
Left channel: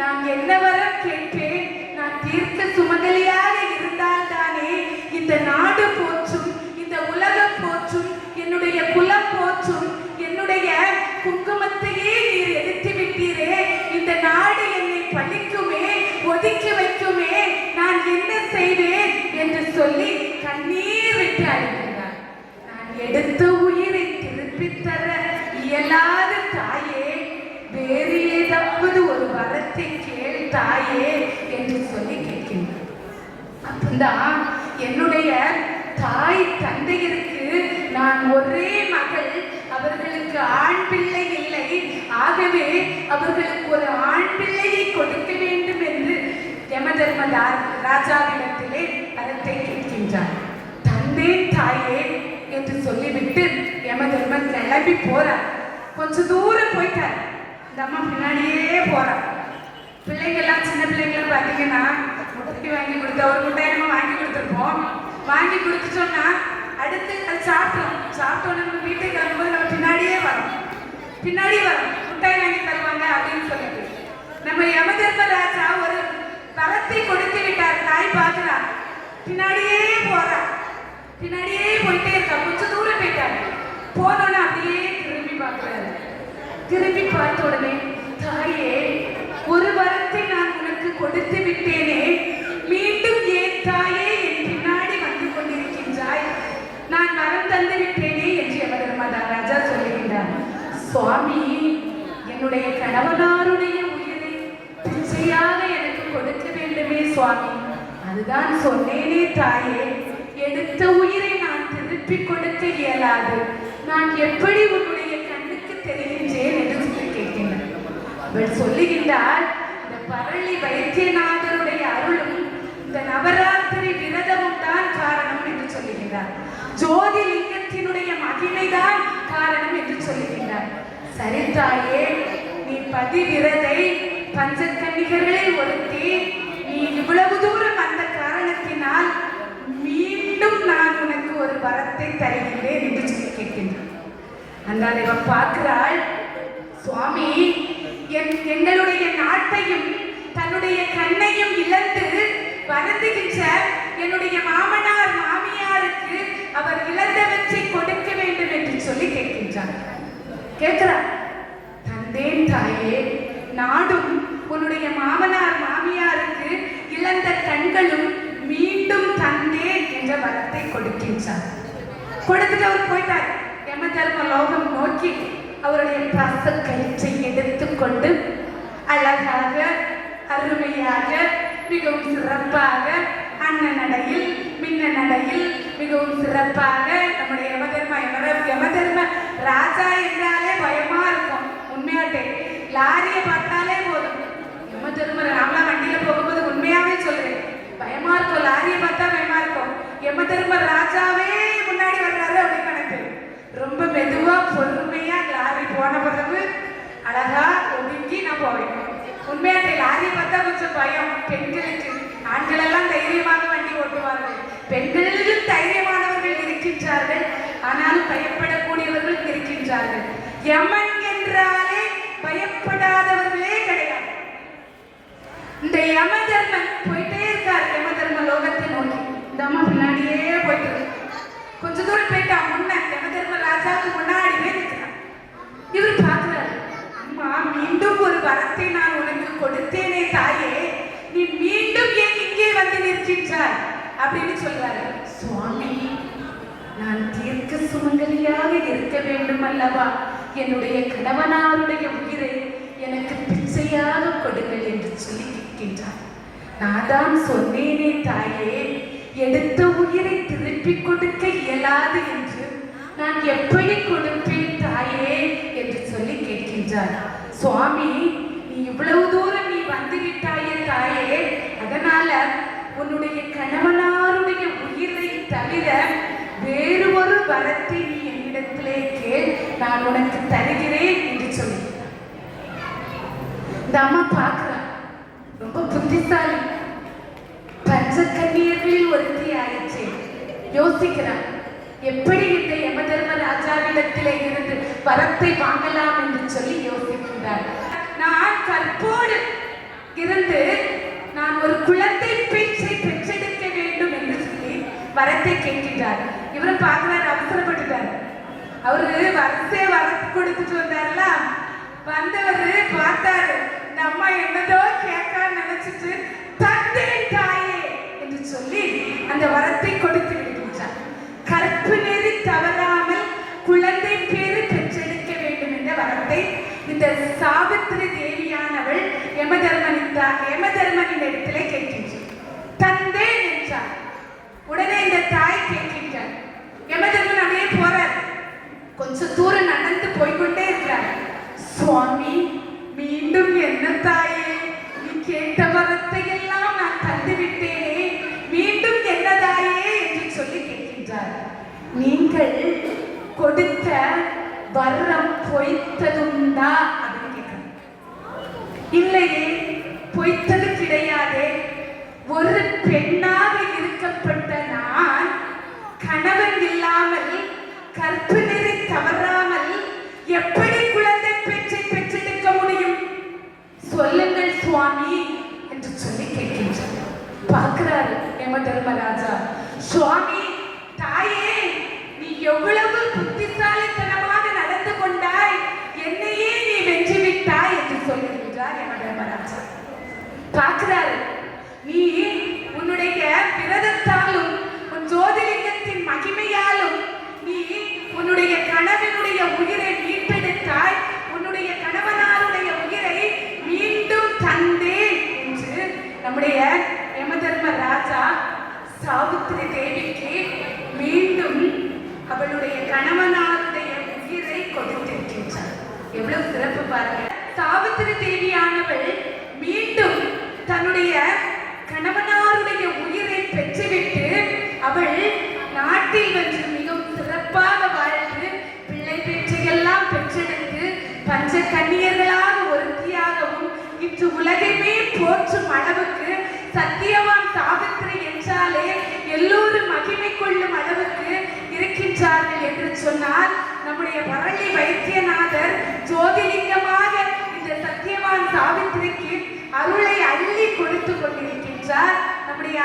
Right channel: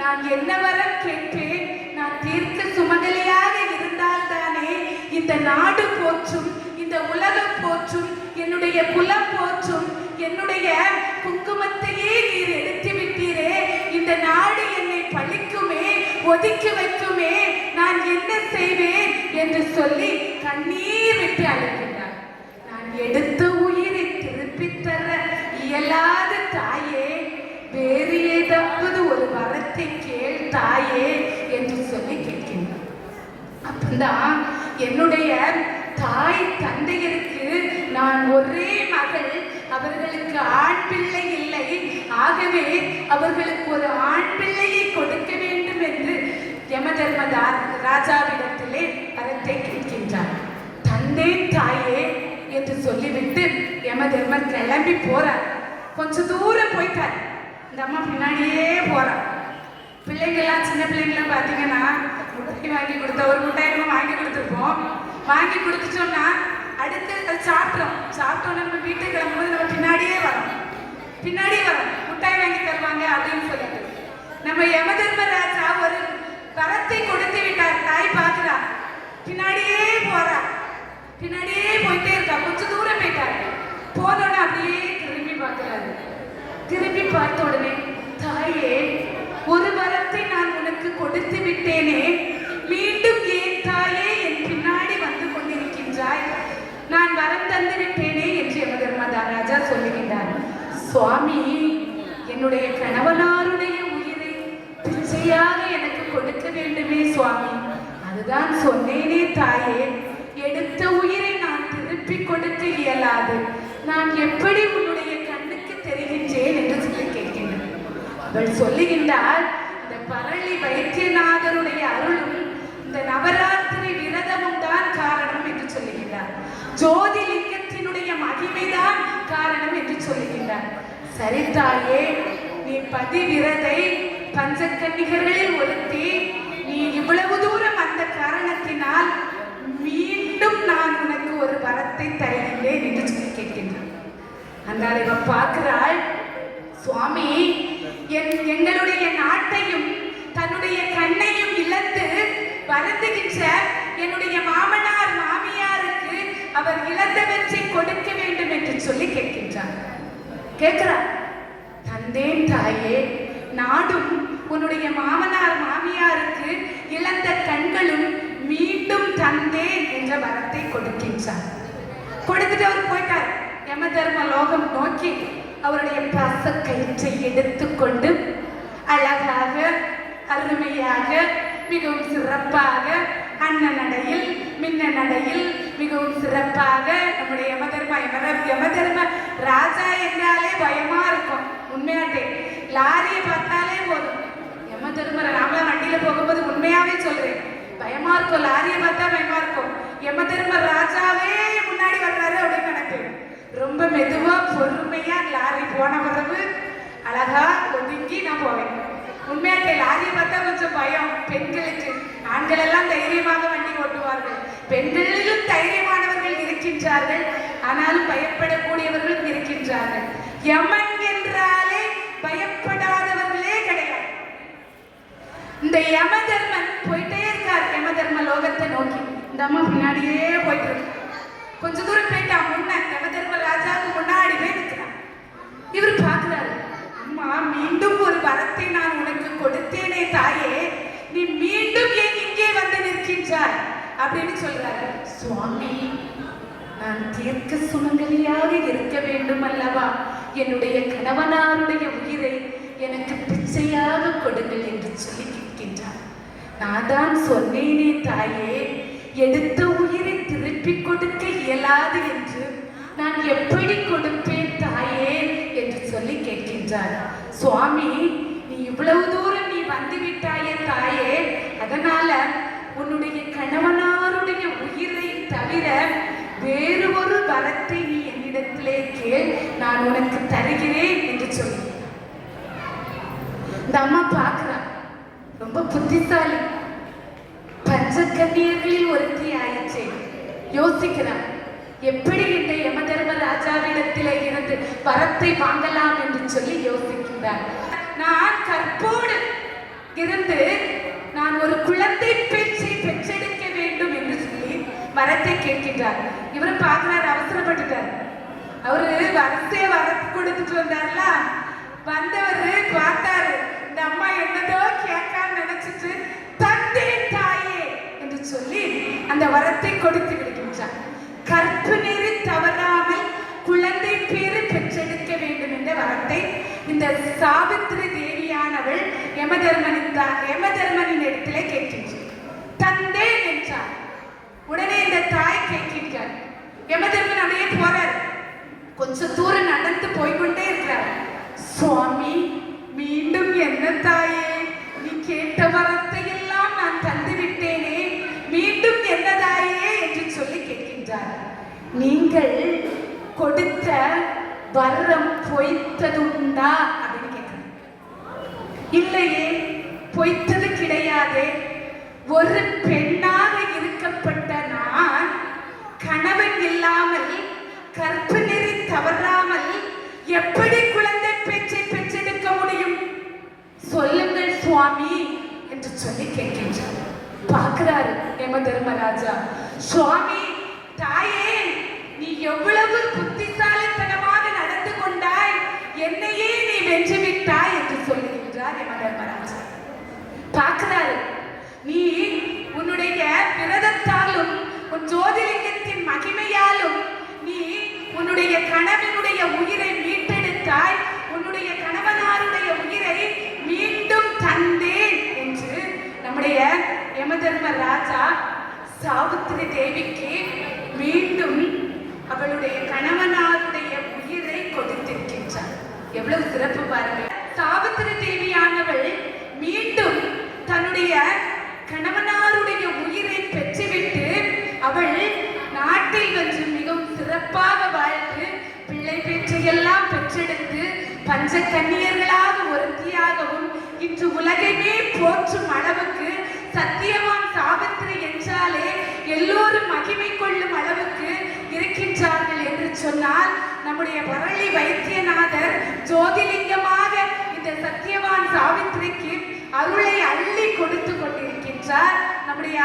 நான் என்ன வரம் கேட்பேன்? நான் தீர்க்க சுமங்கலியாக இருந்தால் தானே இந்த நாடு போற்றும், இந்த உலகம் போற்றும், என்னுடைய குலம் போற்றும், என்னுடைய குங்குமத்தையே நீர் எடுத்து விட்டீரே, இந்த நாடு என்னை பழிக்குமே, ஒதுக்கி வைக்குமே, நான் என்ன செய்வேன் என்று சொல்லி கண்ணீர் விட்டு அழுகின்றார். நான் எடுத்த உயிரை திருப்பி தர இயலாத தாயே, வேறு ஏதாவது ஒரு வரத்தை கேள் தாயே என்று சொல்லி கேட்கின்றார். அப்பதான் என்னுடைய தாய் தந்தையருக்கு நான் ஒரே மகள், அவர்களுக்கு ஆண் பிள்ளை இல்லை, ஆகவே அவர்களுக்கு ஒரு ஆண் பிள்ளையை கொடுக்க வேண்டும் என்று யமதர்ம ராஜாவிடத்திலே வரத்தை கேட்கின்றார். தந்தேன் தாயே என்று சொல்லிவிட்டு யமதர்மன் கிளம்பி போறார். கொஞ்ச தூரம் போயிட்டார். இந்த அம்மா பின்னாடியே போறார். பிள்ளைங்கெல்லாம், சின்ன பிள்ளைங்களாம் பார்த்தீங்கன்னா முட்டை வாங்கி கொடுத்த ஒரு முட்டாய் நம்ம வாங்கி கொடுத்துருப்போம். வாங்கி கொடுத்துட்டோம்னா அடுத்து சாப்பிட்டோம் நம்ம வீட்டுக்கு கிளம்பும்போது நம்ம பின்னாடியே வரோம் முட்டாய் வாங்கி தருவாங்க அப்படின்னு சொல்லிட்டு. நம்ம யமதர்ம ராஜா ஒரு வரத்தை கொடுத்து விட்டார். தாய் பார்க்கிறா, பின்னாடியே போயிட்டே இருக்கா. கொஞ்ச தூரம் போயிட்டாரு. போனோன்னு அப்படியே திரும்பி பார்த்த உடனே, தாயே, ஒரு வரத்தை நான் உனக்கு கொடுத்து விட்டேனே, மீண்டும் ஏன் தாயே என் பின்னாடி வந்து கொண்டிருக்கின்றாய்? நான் வரம் தந்து விட்டேனே என்று யமதர்ம ராஜா சொல்லுகின்றார். சுவாமி, என்னுடைய கணவனாருடைய உயிரை பிச்சையாக எனக்கு கொடுக்க வேண்டுமே சுவாமி. அதுதான் சொன்னேனே தாயே, எடுத்த உயிரை நான் திருப்பி கொடுக்க இயலாது. நான் எப்படி உன்னுடைய கண்ணுக்கு தெரிகின்றேன் என்று சொல்லி கேட்கின்றேன். அவள் சொல்லுகின்றார், இந்த பரளி வைத்தியநாதருடைய அருளும் இந்த நவராத்திரி விரதமும் தான் காரணம் என்று சொல்லுகின்றார். ஜோதிலிங்கத்தினுடைய மகிமைதான் காரணம் என்று சொல்லுகின்றார். சரி தாயே, நீ பதிவிரதை, பஞ்சக்கன்னிகளில் ஒருத்தி, நீ இவ்வளவு தூரம் வந்த காரணத்தினால் மீண்டும் நான் உனக்கு ஒரு வரத்தை தருகின்றேன் என்று சொல்லி கேட்கின்றான். அதனால் இவன் பார்க்கிறாள், சுவாமி, எங்களுடைய நாட்டையும் தன்னுடைய கண்ணையும் இழந்து வருந்துகின்ற என்னுடைய மாமனார் மாமியாருக்கு அவர் இழந்தவற்றை கொடுக்க வேண்டும் என்று சொல்லி கேட்கின்றார். கேட்கிறார், தந்தேன் தாயே, நாடும் உன்னுடைய மாமனார் மாமியாருக்கு இழந்த கண்களும் மீண்டும் தந்தேன் என்ற வரத்தை கொடுக்கின்றார். கொடுத்துட்டு அவர் போயிட்டார். யமதர்ம லோகம் நோக்கி அவருடைய பாச கயிற்றை எடுத்துக்கொண்டு அழகாக, அருமையாக, மிகவும் சிறப்பாக, அன்ன நடையில், மின்ன நடையில் மிகவும் சிறப்பாக நம்முடைய யமதர்ம ராஜா என்றாலே பயமா இருக்கும். உண்மையாட்டே லாரியை பார்த்தாலே போதும். யமதர்ம நாமலாம் வண்டியில போகும்போது உண்மையாவே சொல்றேன், பயமா இருக்கும். லாரியை பார்த்தா பயமா இருக்கும். யமதர்ம ராஜாவே முன்னாடி வர்றாரு அப்படின்னு நினைக்கிறேன். ரொம்ப மெதுவா பொறுமையா லாரி போன பிறகு அழகா ஒதுங்கி நான் போவேன். உண்மையாட்டே லாரியை பார்த்தா கொஞ்சம் பயம் பெண்களுக்கு. ஆண்கள் எல்லாம் தைரியமாக வண்டி ஓட்டுவார்கள். பெண்களிலும் தைரியமானவர்கள் இருக்கின்றார்கள், ஆனால் பயப்படக்கூடியவர்கள் இருக்கின்றார்கள். யமன் என்றாலே பயப்படாதவர்களே கிடையாது. இந்த யமதர்மன் போயிட்டே இருக்கார் யமதர்ம லோகத்தை நோக்கி. இந்த அம்மா பின்னாடியே போயிட்டு கொஞ்ச தூரம் போயிட்டா. யமதர்ம ராஜாவுக்கு முன்னாடி போய் நிற்கிறார். இவர் பார்க்கிறாரு, அம்மா, மீண்டும் ஒரு வரத்தை நான் உனக்கு கொடுத்தேனே தாயே, நீ மீண்டும் ஏன் இங்கே வந்து நிற்கின்றாய் அப்படின்னு சொல்றாரு. சுவாமி, நான் தீர்க்க சுமங்கலியாக இருக்க வேண்டும் அல்லவா? என்னுடைய கணவனாருடைய உயிரை எனக்கு பிச்சையாக கொடுங்கள் என்று சொல்லி கேட்கின்றார். நான் தான் சொன்னேனே தாயே, எடுத்த உயிரை திருப்பி கொடுக்க இயலாது என்று. நான் எப்படி கொடுப்பேன் தாயே என்று சொல்லி கேட்கின்றார். சுவாமி, நீ இவ்வளவு தூரம் நீ வந்து விட்டாயே தாயே, அதனால உன்னுடைய கணவனாருடைய உயிரை தவிர வேறு ஒரு வரத்தை நீ என்னிடத்திலே கேள், நான் உனக்கு தருகிறேன் என்று சொல்லி. இந்த அம்மா பார்க்கிறா, ரொம்ப புத்திசாலி, பஞ்சக்கன்னியர்களில் ஒருத்தி ஆயிற்று. யோசிக்கிறார், எப்படி இந்த யமதர்ம ராஜாவிடத்திலே இருந்து வரத்தை வாங்கலாம் என்று சொல்லி யோசிக்கின்றார். நான் கற்போ இருந்து நான் ஒரு குழந்தை பேச்சை பெற்றெடுக்க வேண்டும் என்று சொல்லி வரத்தை கேட்கின்றார். இவரும் பார்க்கிறார், அவசரப்பட்டுட்டார். அவரு வரிசையை வரத்து கொடுத்துட்டு வந்தார்ல, வந்தவர் பார்த்தாரு, இந்த அம்மா என்னதோ கேட்கான்னு நினைச்சிட்டு தந்தேன் தாயே என்று சொல்லி அந்த வரத்தை கொடுத்து விடுகின்றார். கற்பு நெறி தவறாமல் குழந்தை பேரு பெற்றெடுக்க வேண்டும் என்ற வரத்தை இந்த சாவித்திரி தேவியானவள் யமதர்மனின் இடத்திலே கேட்கின்றார். தந்தேன் என்றார். உடனே இந்த தாய் கேட்கின்றார். யமதர்மன் அப்படியே போறார். கொஞ்சம் தூரம் நடந்து போய்கொண்டே இருக்கிறார். சுவாமி, மீண்டும் என்ன தாயே, நீ கேட்ட வரத்தை எல்லாம் நான் தந்து விட்டேனே, மீண்டும் என்ன தாயே என்று சொல்லி கேட்கின்றார். நீங்கள் கொடுத்த வரம் பொய்த்ததுண்டா அப்படின்னு கேட்கிறேன். இல்லையே, பொய்த்தது கிடையாது. ஒரு பெண்ணாக இருக்கப்பட்ட நான் கணவன் இல்லாமல் கற்பு நெறி தவறாமல் எப்படி குழந்தை பேச்சை பெற்றெடுக்க முடியும்? சொல்லுங்கள் சுவாமி என்று சொல்லி கேட்கின்றார். பார்க்கிறார் யமதர்மராஜா. சுவாமி, தாயே, நீ எவ்வளவு புத்திசாலித்தனமாக நடந்து கொண்டாய், என்னையே நீ வென்று விட்டாய் என்று சொல்லுகின்றார் யமதர்மராஜா. பார்க்கிறாரு, நீ உன்னுடைய விரதத்தாலும் உன் ஜோதிலிங்கத்தின் மகிமையாலும் நீ உன்னுடைய கணவனுடைய உயிரை மீட்டெடுத்தாய், உன்னுடைய கணவனாருடைய உயிரை மீண்டும் தந்தேன் என்று நம்முடைய யமதர்மராஜா சாவித்திரி தேவிக்கு மீண்டும் அவளுடைய கணவனாருடைய உயிரை கொடுத்திருக்கின்றார். எவ்வளவு சிறப்பு பாருங்க. சாவித்திரி தேவியானவள் மீண்டும் தன்னுடைய கணவனாருடைய உயிரை பெற்றுவிட்டு அவள் நாட்டில் வந்து மிகவும் சிறப்பாக வாழ்ந்து பிள்ளை பேற்றையெல்லாம் பெற்றெடுத்து பஞ்ச கன்னியர்களாக ஒருத்தியாகவும் இன்று உலகையே போற்றும் அளவுக்கு சத்தியவான் சாவித்திரி என்றாலே எல்லோரும் மகிமை கொள்ளும் அளவுக்கு இருக்கின்றார்கள் என்று சொன்னால் நம்முடைய பரளி வைத்தியநாதர் ஜோதிலிங்கமாக இந்த சத்தியவான் சாவித்திரிக்கு அருளை அள்ளி கொடுத்து கொண்டிருக்கின்றார். நம்முடைய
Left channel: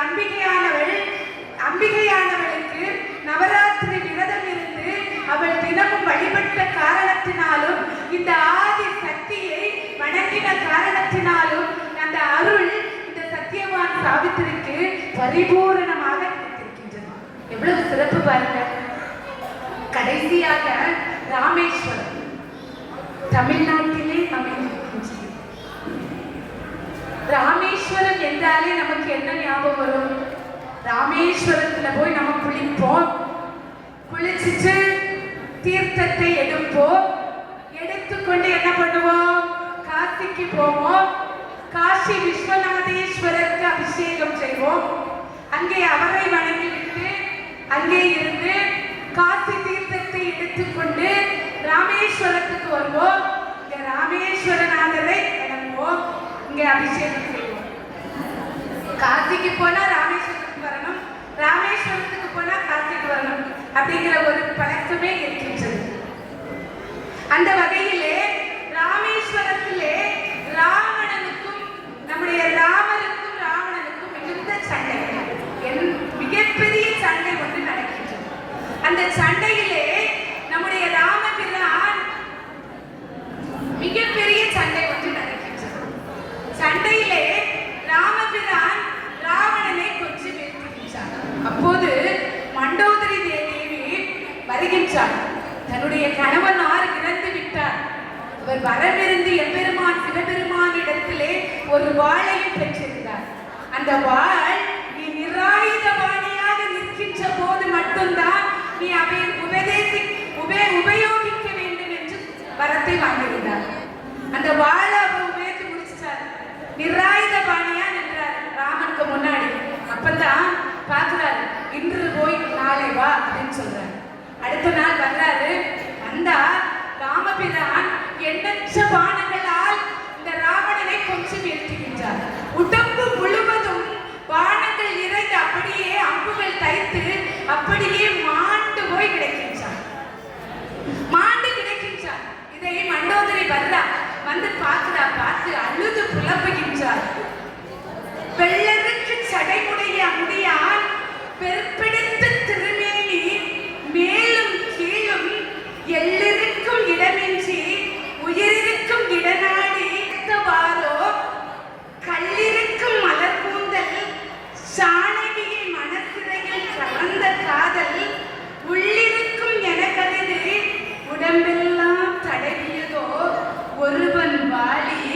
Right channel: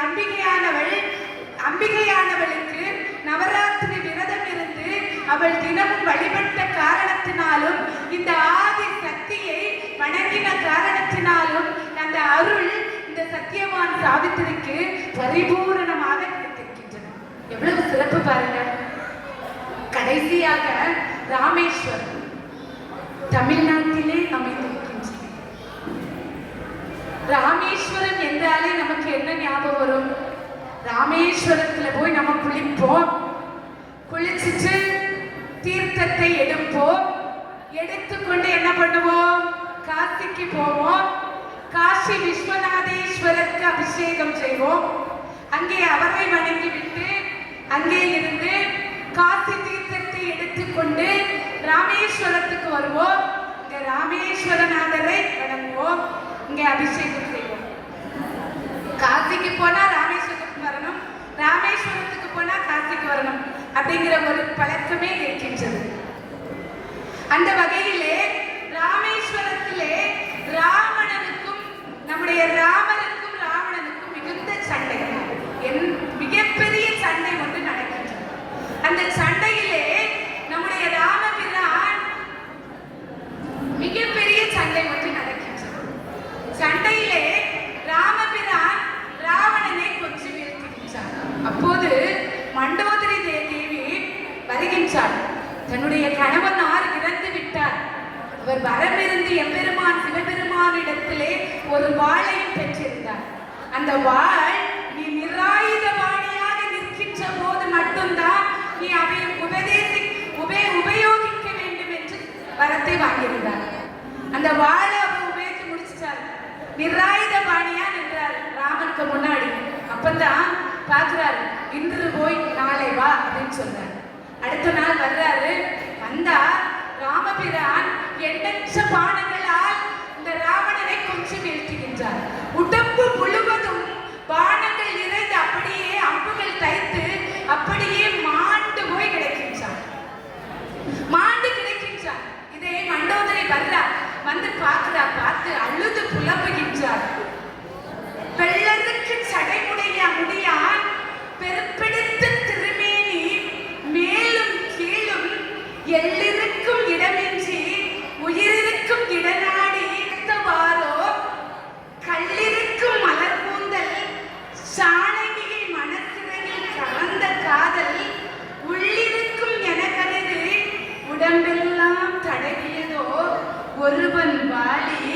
அம்பிகையானவளுக்கு நவராத்திரி விரதம் இருந்து அவள் தினமும் வழிபட்ட காரணத்தினாலும் இந்த ஆதி சக்தியை வணங்கின காரணத்தினாலும் அந்த அருள் இந்த சத்தியவான் சாவித்திரிக்கு பரிபூரணமாக கிடைத்திருக்கின்றது. எவ்வளவு சிறப்பு பாருங்க. கடைசியாக ராமேஸ்வரம் தமிழ்நாட்டிலே அமைந்திருக்கின்றது. ராமேஸ்வரம் என்றாலே நமக்கு என்ன ஞாபகம் வரும்? ராமேஸ்வரத்துல போய் நம்ம குளிப்போம், குளிச்சுட்டு தீர்த்தத்தை எடுப்போம், எடுத்துக்கொண்டு என்ன பண்ணுவோம்? காசிக்கு போவோம், காசி விஸ்வநாதேஸ்வரருக்கு அபிஷேகம் செய்வோம், அங்கே அவரை வணங்கிவிட்டு அங்கே இருந்து காசி தீர்த்தத்தை எடுத்துக்கொண்டு ராமேஸ்வரத்துக்கு வருவோம். இங்க ராமேஸ்வரநாதரை வணங்குவோம், இங்கே அபிஷேகம் செய்வோம். காசிக்கு போனா ராமேஸ்வரத்துக்கு வரணும், ராமேஸ்வரத்துக்கு போனா காசிக்கு வரணும் அப்படிங்கிற ஒரு பழக்கமே இருக்கின்றது. அந்த வகையிலே ராமேஸ்வரத்திலே ராவணனுக்கும் நம்முடைய ராமருக்கும் ராவணனுக்கும் மிகுந்த சண்டை, மிகப்பெரிய சண்டை ஒன்று நடக்கின்றது. அந்த சண்டையிலே நம்முடைய ராமபிரான் மிகப்பெரிய சண்டை ஒன்று நடக்கின்றது. சண்டையிலே ராமபிரான் ராவணனை கொன்று வீழ்த்துகின்றார். அப்போது மண்டோதரி தேவி வருகின்றார். தன்னுடைய கணவனார் இறந்து விட்டார். அவர் வரமிருந்து எம்பெருமான் சிவபெருமானிடத்திலே ஒரு வாளையும் பெற்றிருந்தார். அந்த வாள் நீ நிராயுதபாணியாக நிற்கின்ற போது மட்டும்தான் நீ அதை உபயோகிக்க வேண்டும் என்று வரத்தை வாங்கியிருந்தார். அந்த வாளை அவர் உபயோகித்து முடிச்சிட்டார். நிராயுதபாணியா நின்றார் ராமனுக்கு முன்னாடி. அப்பதான் பார்க்கிறாரு, இன்று போய் நாளை வா அப்படின்னு சொல்றாரு. அடுத்த நாள் வர்றாரு. வந்தா ராமபிரான் எண்ணற்ற பானங்களால் இந்த ராவணனை கொன்று வீழ்த்துகின்றார். உடம்பு முழுவதும் பானங்கள் இறங்கி அப்படியே அம்புகள் தைத்து அப்படியே மாண்டு போய் கிடைக்கின்றார். இதை மண்டோதரி வர்றா, வந்து பார்க்கிறா. பார்த்து அழுது புலம்புகின்றார். வெள்ளருக்கு சடைமுடைய முடியான் பெருப்பிடித்த திருமேனி மேலும் கீழும் எள்ளிருக்கும் இடமின்றி உயிரிருக்கும் இடநாடி வாரோ கல்லிருக்கும் மலர் கூந்தல் சாணகியை மனசிறையில் கலந்த காதல் உள்ளிருக்கும் என கருது உடம்பெல்லாம் தடவியதோ ஒருவன் வாலி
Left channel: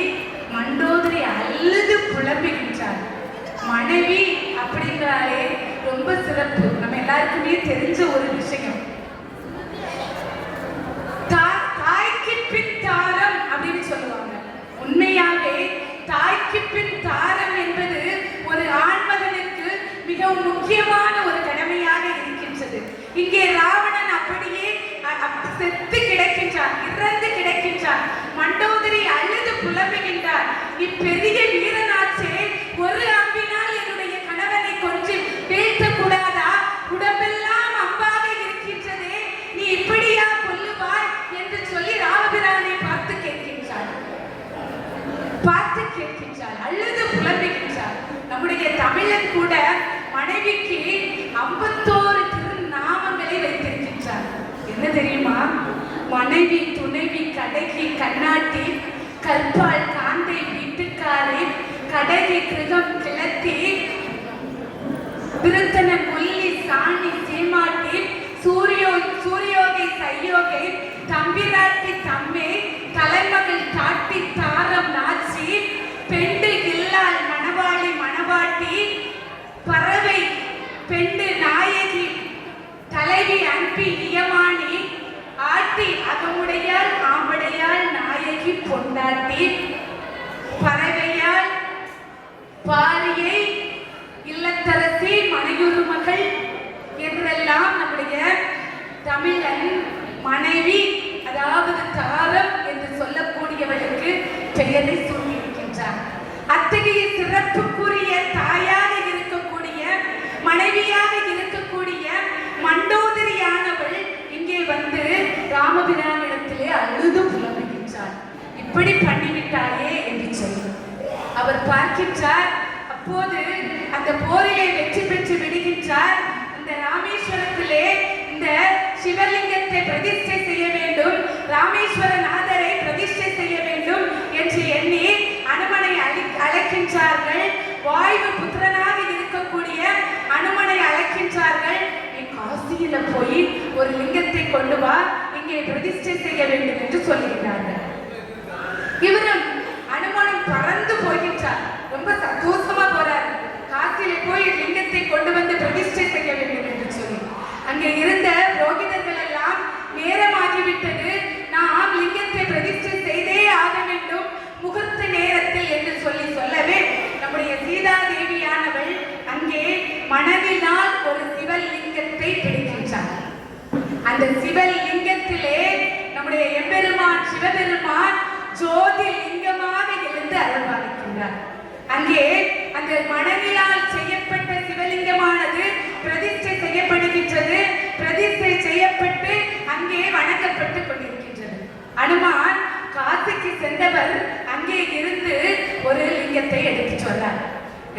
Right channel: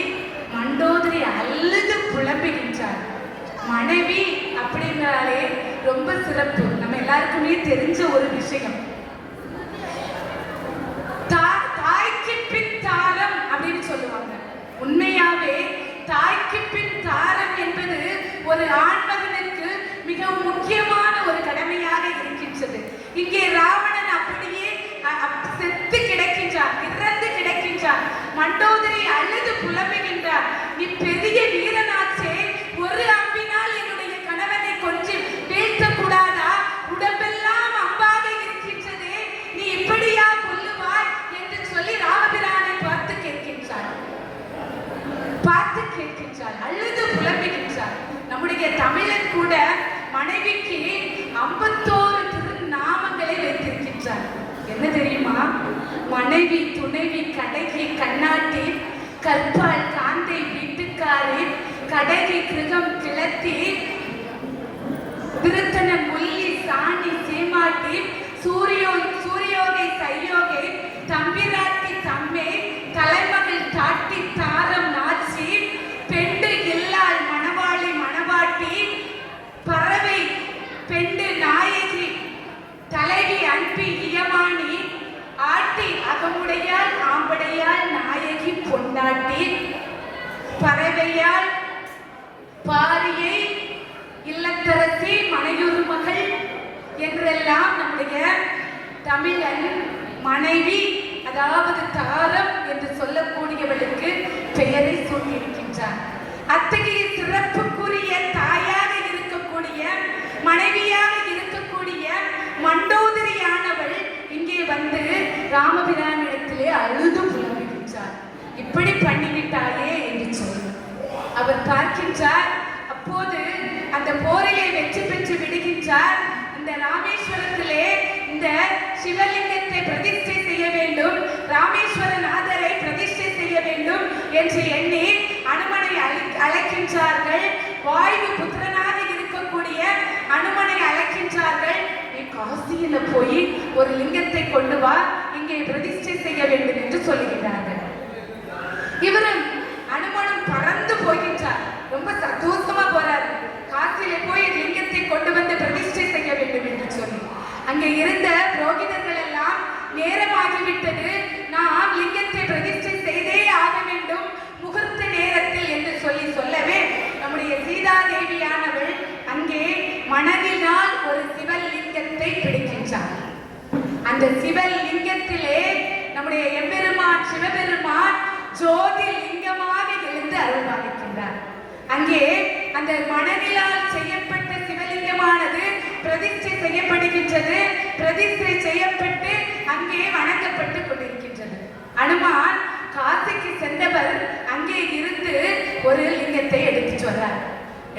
மண்டோதரி அழுது புலம்புகின்றார். மனைவி அப்படிங்கிறாலே ரொம்ப சிறப்பு, நம்ம எல்லாருக்குமே தெரிஞ்ச ஒரு விஷயம். தாய்க்கு பின் தாரம் அப்படின்னு சொல்லுவாங்க. உண்மையாவே தாய்க்கு பின் தாரம் என்பது ஒரு ஆண்மகனுக்கு மிகவும் முக்கியமான ஒரு கடமையாக இருக்கின்றது. இங்கே ராவணன் அப்படியே செத்து கிடக்கின்றார், இறந்து கிடக்கின்றார். மண்டோதரி அழுது புலம்புகின்றார். நீ பெரிய வீரனாச்சே, ஒரு அம்பினால் என்னுடைய கணவனை கொஞ்சம் வீழ்த்த கூடாதா? உடம்பெல்லாம் அம்பாக இருக்கின்றதே, நீ இப்படியா கொல்லுவாய் என்று சொல்லி ராமபிரானை பார்த்து கேட்கின்றார். அழுது புலம்புகின்றார். நம்முடைய தமிழன் கூட மனைவிக்கு 51 திருநாமங்களை வைத்திருக்கின்றார். என்ன தெரியுமா? மனைவி, துணைவி, கடைகி, கண்ணாட்டி, கற்பால், காந்தை, வீட்டுக்காரி, கடகி, கிருகம், கிளத்தி, திருத்தன, முள்ளி, சாணி, சீமாட்டி, சூரியோகை, கையோகை, தம்பிராட்டி, தம்மே, தலைமகள், தாட்டி, தாரம், நாச்சி, பெண்டு, இல்லால், மணவாளி, மணவாட்டி, பறவை, பெண்டு, நாயகி, தலைவி, அன்பி, இயமானி, ஆட்டி, அகமுடையால், ஆம்படையால், நாயகி, பொண்டாட்டி, பறவையால், பாரியை, இல்லத்தரசி, மனையுறு மகள் என்றெல்லாம் நம்முடைய தமிழன் மனைவி, அதாவது தாரம் என்று சொல்லக்கூடியவளுக்கு பெயரை சூட்டியிருக்கின்றார். அத்தகைய சிறப்புக்குரிய தாயாக இருக்கக்கூடிய, மனைவியாக இருக்கக்கூடிய மண்டோதரியானவள் இங்கே வந்து ராமபிரானிடத்திலே அழுது புலம்புகின்றார். இப்படி பண்ணிவிட்டாயே என்று சொல்லி அவர் பார்க்கின்றார். அப்போது அந்த போரிலே வெற்றி பெற்று விடுகின்றார். இந்த ராமேஸ்வரத்திலே இந்த சிவலிங்கத்தை பிரதிஷ்டை செய்ய வேண்டும், ராமேஸ்வரநாதரை பிரதிஷ்டை செய்ய வேண்டும் என்று எண்ணி அனுமனை அழைக்கின்றார்கள். வாயு புத்திரனாக இருக்கக்கூடிய அனுமனை அழைக்கின்றார்கள். காசியில போய் ஒரு லிங்கத்தை கொண்டு வா, இங்கே பிரதிஷ்டை செய்ய வேண்டும் என்று சொல்லுகிறார்கள். இவரும் அனுமனும் பறந்து போகின்றார். ரொம்ப சந்தோஷமா போறார். காசியில போய் லிங்கத்தை கொண்டு வந்து பிரதிஷ்டை செய்ய வேண்டும் என்று சொல்லி அங்கே இருந்த புரோகிதர்கள் எல்லாம் நேரமாகிவிட்டது, நாம் லிங்கத்தை பிரதிஷ்டை செய்தே ஆக வேண்டும் முகூர்த்த நேரத்தில் என்று சொல்லவே நம்முடைய சீதாதேவியானவள் அங்கே மனதினால் ஒரு சிவலிங்கத்தை பிடிக்கின்றார். அந்த சிவலிங்கத்திலே நம்முடைய எம்பெருமான் சிவபெருமான் ஜோதி லிங்கமாக எழுந்து அருள்பாலிக்கின்றார். அங்கே அந்த மனதினால் செய்யப்பட்ட சிவலிங்கமானது பிரதிஷ்டை செய்யப்படுகின்றது. பிரதிஷ்டை செய்யப்பட்டு அங்கே வணங்கப்பட்டு கொண்டிருக்கின்றது. அனுமான் காசிக்கு சென்றவர் அங்கே இருந்து ஒரு லிங்கத்தை எடுத்துட்டு வர்றார்.